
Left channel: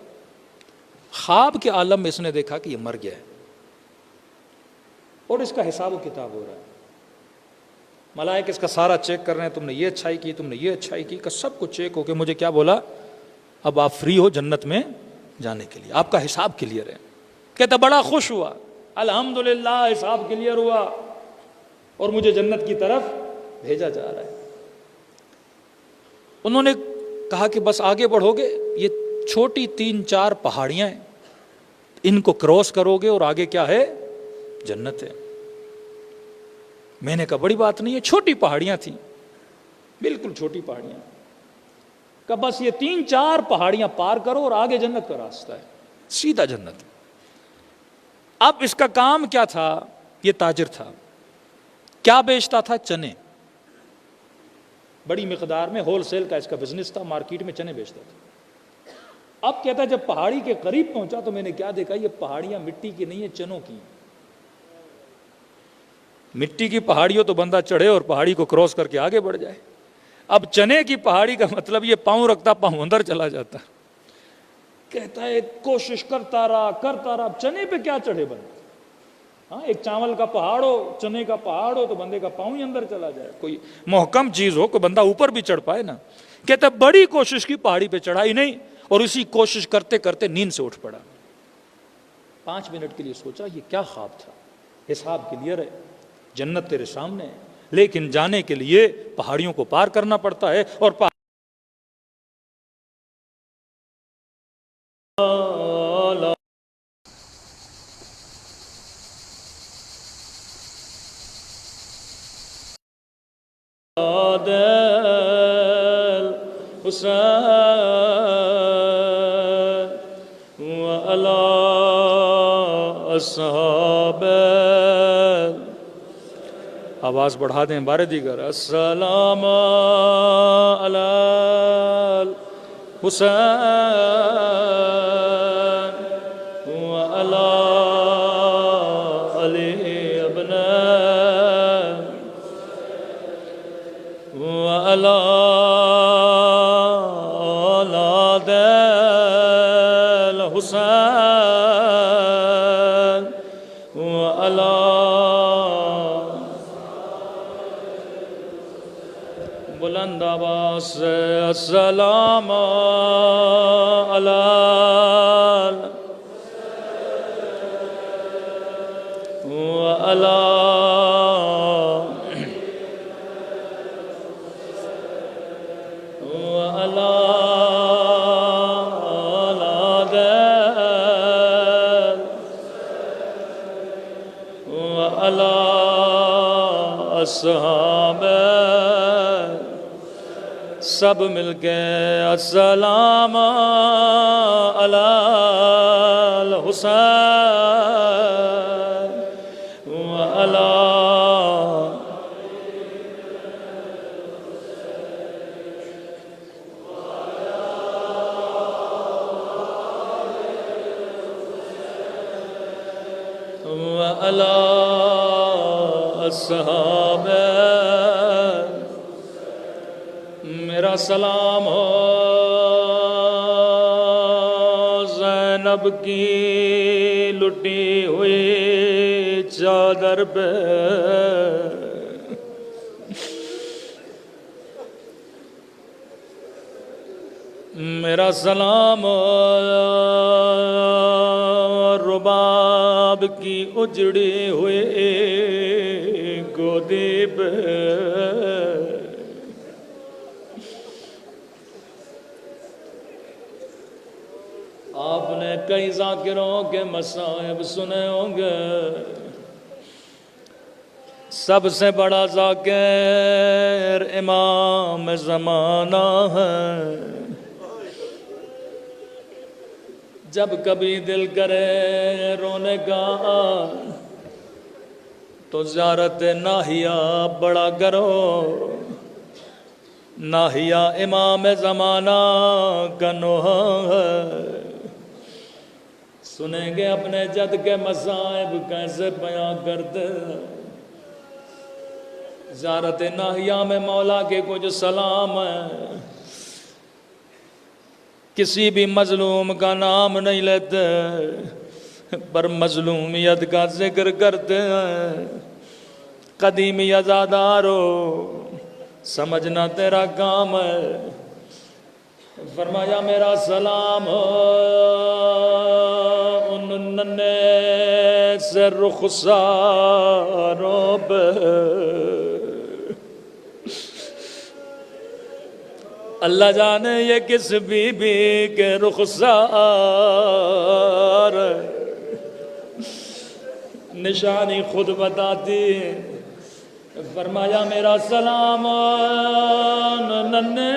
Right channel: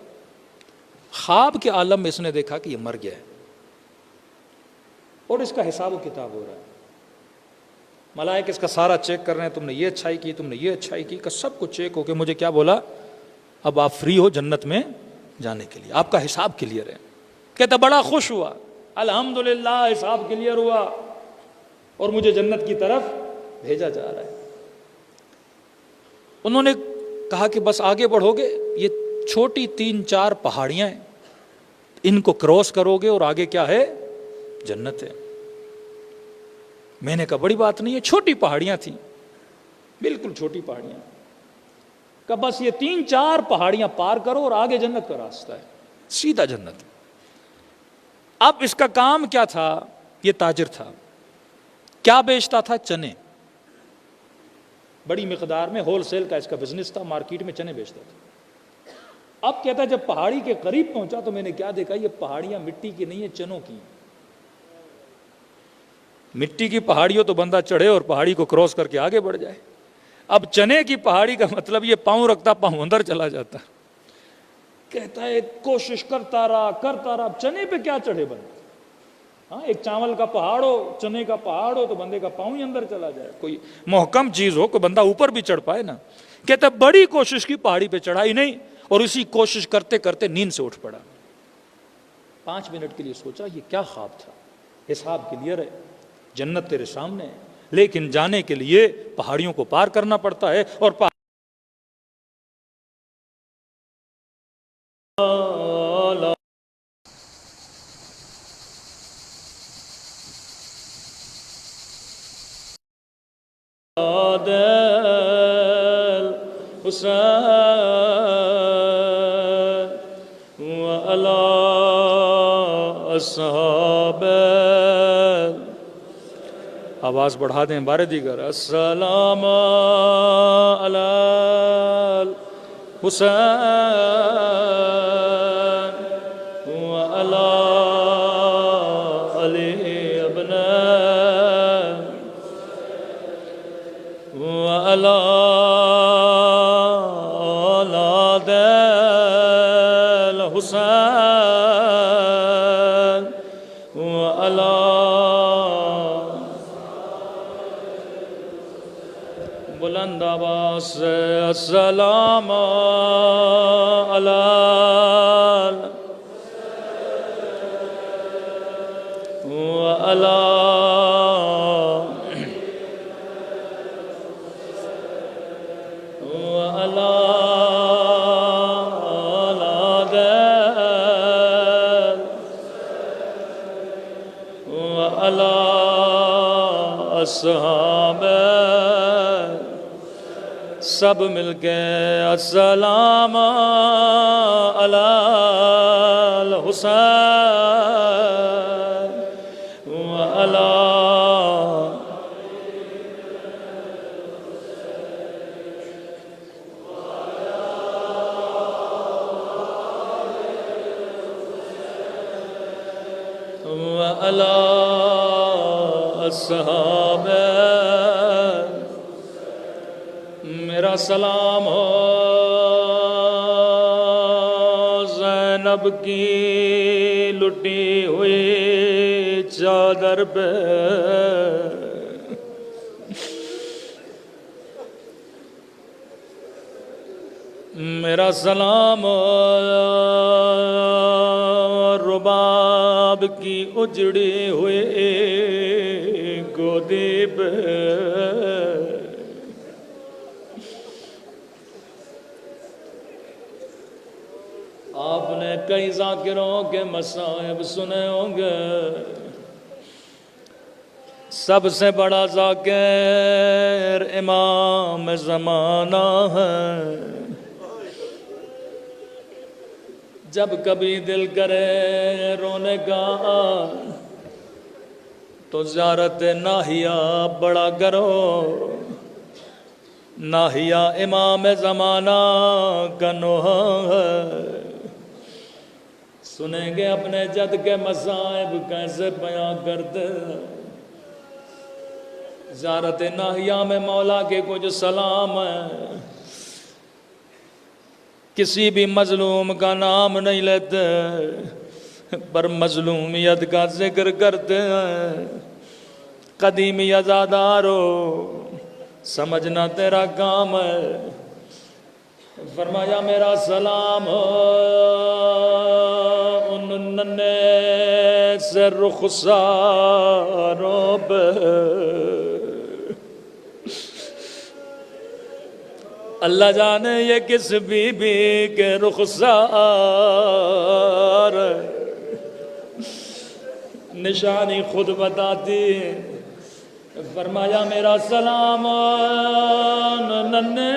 خواب کے عالم میں اس نے دیکھا کہ یہ مر گیا ہے اور اس کا حساب و کتاب ہو رہا ہے. ملائکہ اس کا سارا چیک کر رہے ہیں، تم نے یہ اچھائی کی، تم نے یہ اچھائی کی، کا سب کچھ چیک ہو کے مجھے کیا بولا؟ اب آپ فری ہو جنت میں جانے کے لیے، آپ کا حساب کلیئر ہے. کہتا بڑا خوش ہوا، الحمدللہ حساب کلیئر ہوا اور مجھے جنت کی طرف بھیجا جا رہا ہے. انہوں نے کہا کہ بس آگے بڑھو گے، یہ چھوٹی 3-4 پہاڑیاں ہیں، ان کو کراس کرو گے اور آگے کیا ہے؟ جنت ہے. میں نے کہا بڑی بات نہیں ہے، چھوٹی پہاڑیاں تھیں، بالکل چھوٹی پہاڑیاں. کہ بس یہ 3-4 پہاڑیاں پار کرو اور آگے جنت کا راستہ ہے، سیدھا جنت. اب اس کا کام کیا تھا؟ یہ تاجر تھا، کیا بیچتا تھا؟ چنے. بڑی مقدار میں ہول سیل کا اس کا بزنس تھا، مارکیٹ میں چنے بیچتا تھا. اب کہتا جب پہاڑی کے قریب پہنچا تو میں نے کیا دیکھا؟ یہ پہاڑیاں مٹی کی نہیں ہیں، چنوں کی. مٹی کی پہاڑیوں تو بندہ چڑھے اور پہاڑی کو کراس کر کے آگے بڑھ جائے. اب چنے کی پہاڑی کا مطلب یہ پاؤں رکھتا پاؤں اندر چلا جاتا. کہتا ہے کوشش کرتا رہا. اب چنے پہ کیا چڑھے بندہ؟ ہاں ایک چاول کا پہاڑ ہو، چنے کا پہاڑ ہو تو بندے کا پاؤں ہی اندر چلا جائے. کوئی محکم چیز ہو کہ بندہ اوپر بھی چڑھ پائے نا. کہتا بڑی کوشش کی، پہاڑی پہ چڑھا ہی نہیں اور اسی کوشش کرتے کرتے نیند سے اٹھ پڑا. 5 منٹ کے لیے سوچا یہ کیا خواب تھا؟ حساب کلیئر ہے، جنت تیرے سامنے ہے، لیکن جانے کے لیے پہاڑیوں کو پار کرنا پڑتا ہے. اور آواز بڑھا دیں بارے دیگر. السلام علی الحسین وعلی علی ابن وعلی اولاد الحسین وعلی بلند آواز سے السلام علی وعلی وعلی اولاد وعلی اصحاب. سب مل کے السلام علی الحسین وعلی وعلی اصحاب. میرا سلام ہو زینب کی لٹی ہوئی چادر پہ. میرا سلام ہو رباب کی اجڑی ہوئی گودی پہ. آپ نے کئی ذاکروں کے مصائب سنے ہوں گے، سب سے بڑا ذاکر امام زمانہ ہے. جب کبھی دل کرے رونے کا تو زیارت ناہیہ بڑا کرو، ناہیہ امام زمانہ کا نوحہ ہے، سنیں گے اپنے جد کے مصائب کیسے بیان کرتے ہیں۔ زیارت ناہیہ میں مولا کے کچھ سلام ہیں، کسی بھی مظلوم کا نام نہیں لیتے پر مظلومیت کا ذکر کرتے ہیں۔ قدیمی ازادارو سمجھنا تیرا کام ہے، فرمایا میرا سلام ان ننے سے رخساروں پہ، اللہ جانے یہ کس بی بی کے رخسار، نشانی خود بتاتی، فرمایا میرا سلام ننے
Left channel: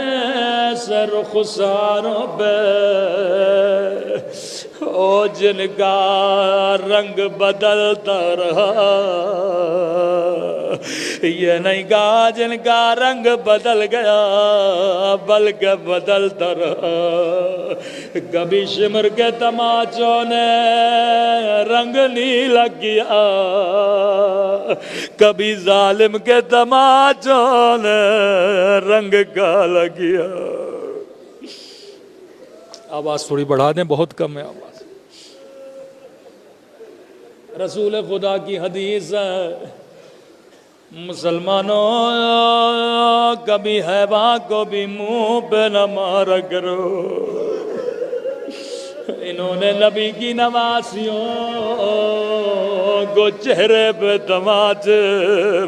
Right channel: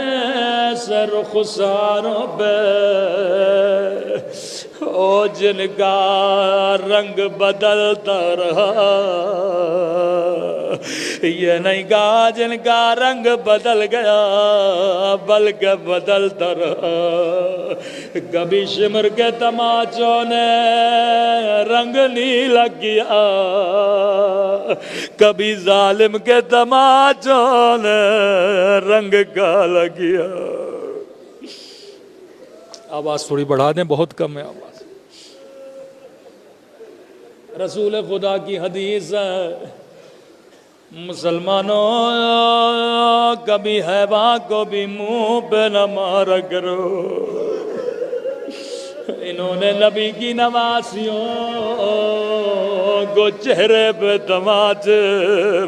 سے رخساروں پہ، او جن کا رنگ بدلتا رہا، یہ نہیں کہا جن کا رنگ بدل گیا بلکہ بدلتا رہا۔ کبھی شمر کے تماچوں نے رنگ نیلا کیا، کبھی ظالم کے تماچوں نے رنگ کالا کیا۔ آواز تھوڑی بڑھا دیں، بہت کم ہے آواز۔ رسول خدا کی حدیث ہے، مسلمانوں کبھی حیواں کو بھی منہ پہ نہ مارا کرو، انہوں نے نبی کی نواسیوں کو چہرے پہ تماچے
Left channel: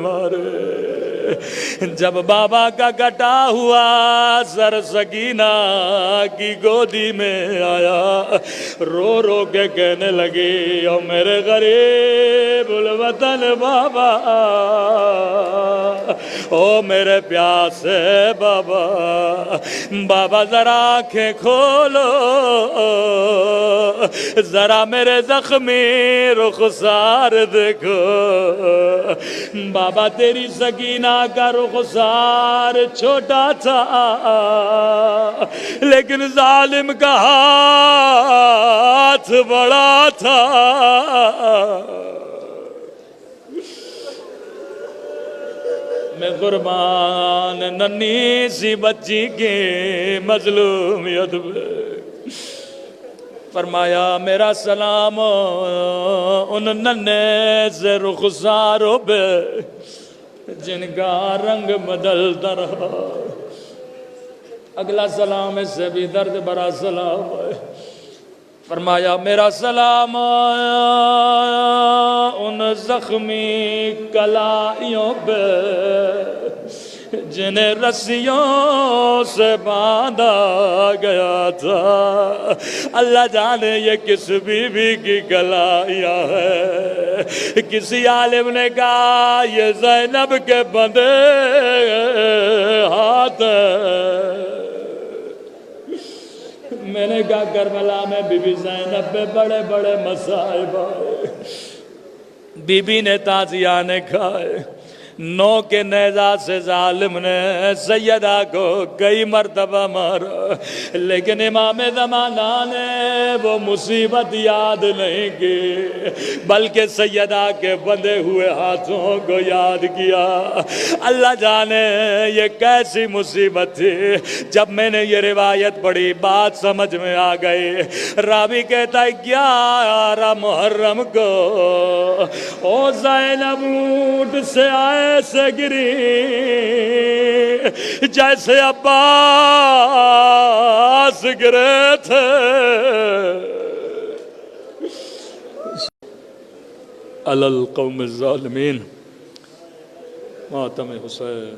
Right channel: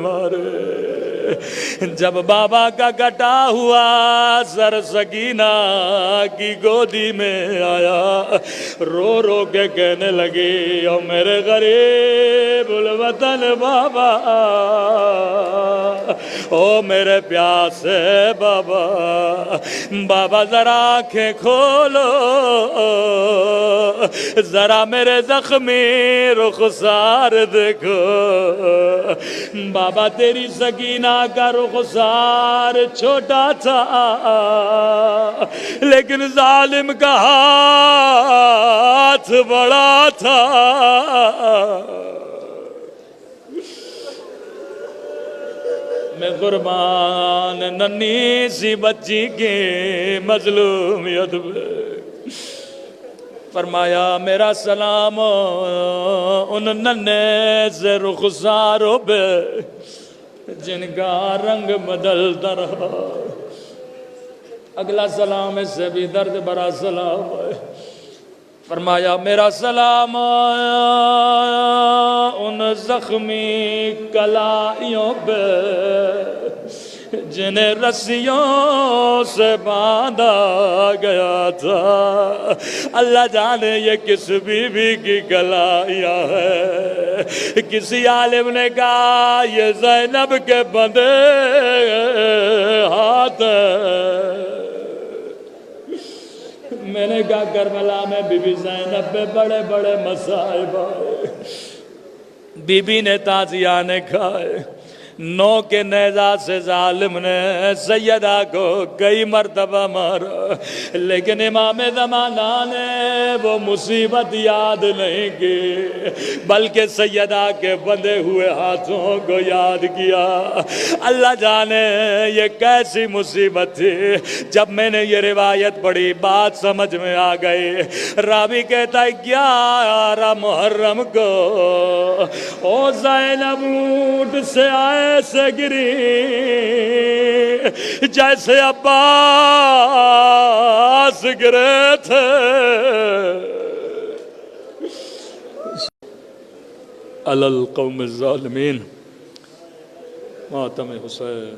مارے۔ جب بابا کا کٹا ہوا سر سکینہ کی گودی میں آیا، رو رو کے کہنے لگی او میرے غریب الوطن بابا، او میرے پیاسے بابا، بابا ذرا آنکھیں کھولو، ذرا میرے زخمی رخسار دیکھو۔ بابا تیری سکینہ کا رخسار چھوٹا تھا لیکن ظالم کا ہاتھ بڑا تھا۔ میں قربان ننھی سی بچی کی مظلومیت پہ، فرمایا میرا سلام ان ننے سے رخساروں پہ جن کا رنگ بدلتا رہا۔ اگلا سلام اس سے بھی درد بھرا سلام ہے، فرمایا میرا سلام ان زخمی کلائیوں پہ جنہیں رسیوں سے باندھا گیا تھا۔ اللہ جانے یہ کس بی بی کی کلائیاں ہے۔ کسی عالم نے کہا یہ زینب کے بندے ہاتھ ہیں، میں نے کہا کربلا میں بی بی زینب پہ بڑے بڑے مصائب آئے، بی بی نے تازیانے کھائے، نو کے نیزہ سے ظالم نے سیدہ کو کئی مرتبہ مارا، لیکن امام زمانہ نے وہ مصیبت یاد نہیں کی بلکہ سیدہ کے بندھے ہوئے ہاتھوں کو یاد کیا۔ اللہ جانے یہ کیسی مصیبت تھی۔ جب میں نے یہ روایت پڑھی بات سمجھ میں آ گئی۔ راوی کہتا ہے 11 محرم کو او زینب اونٹ سے آئے سے گری جیسے عباس گرے تھے۔ علی القوم الظالمین، ماتم حسین۔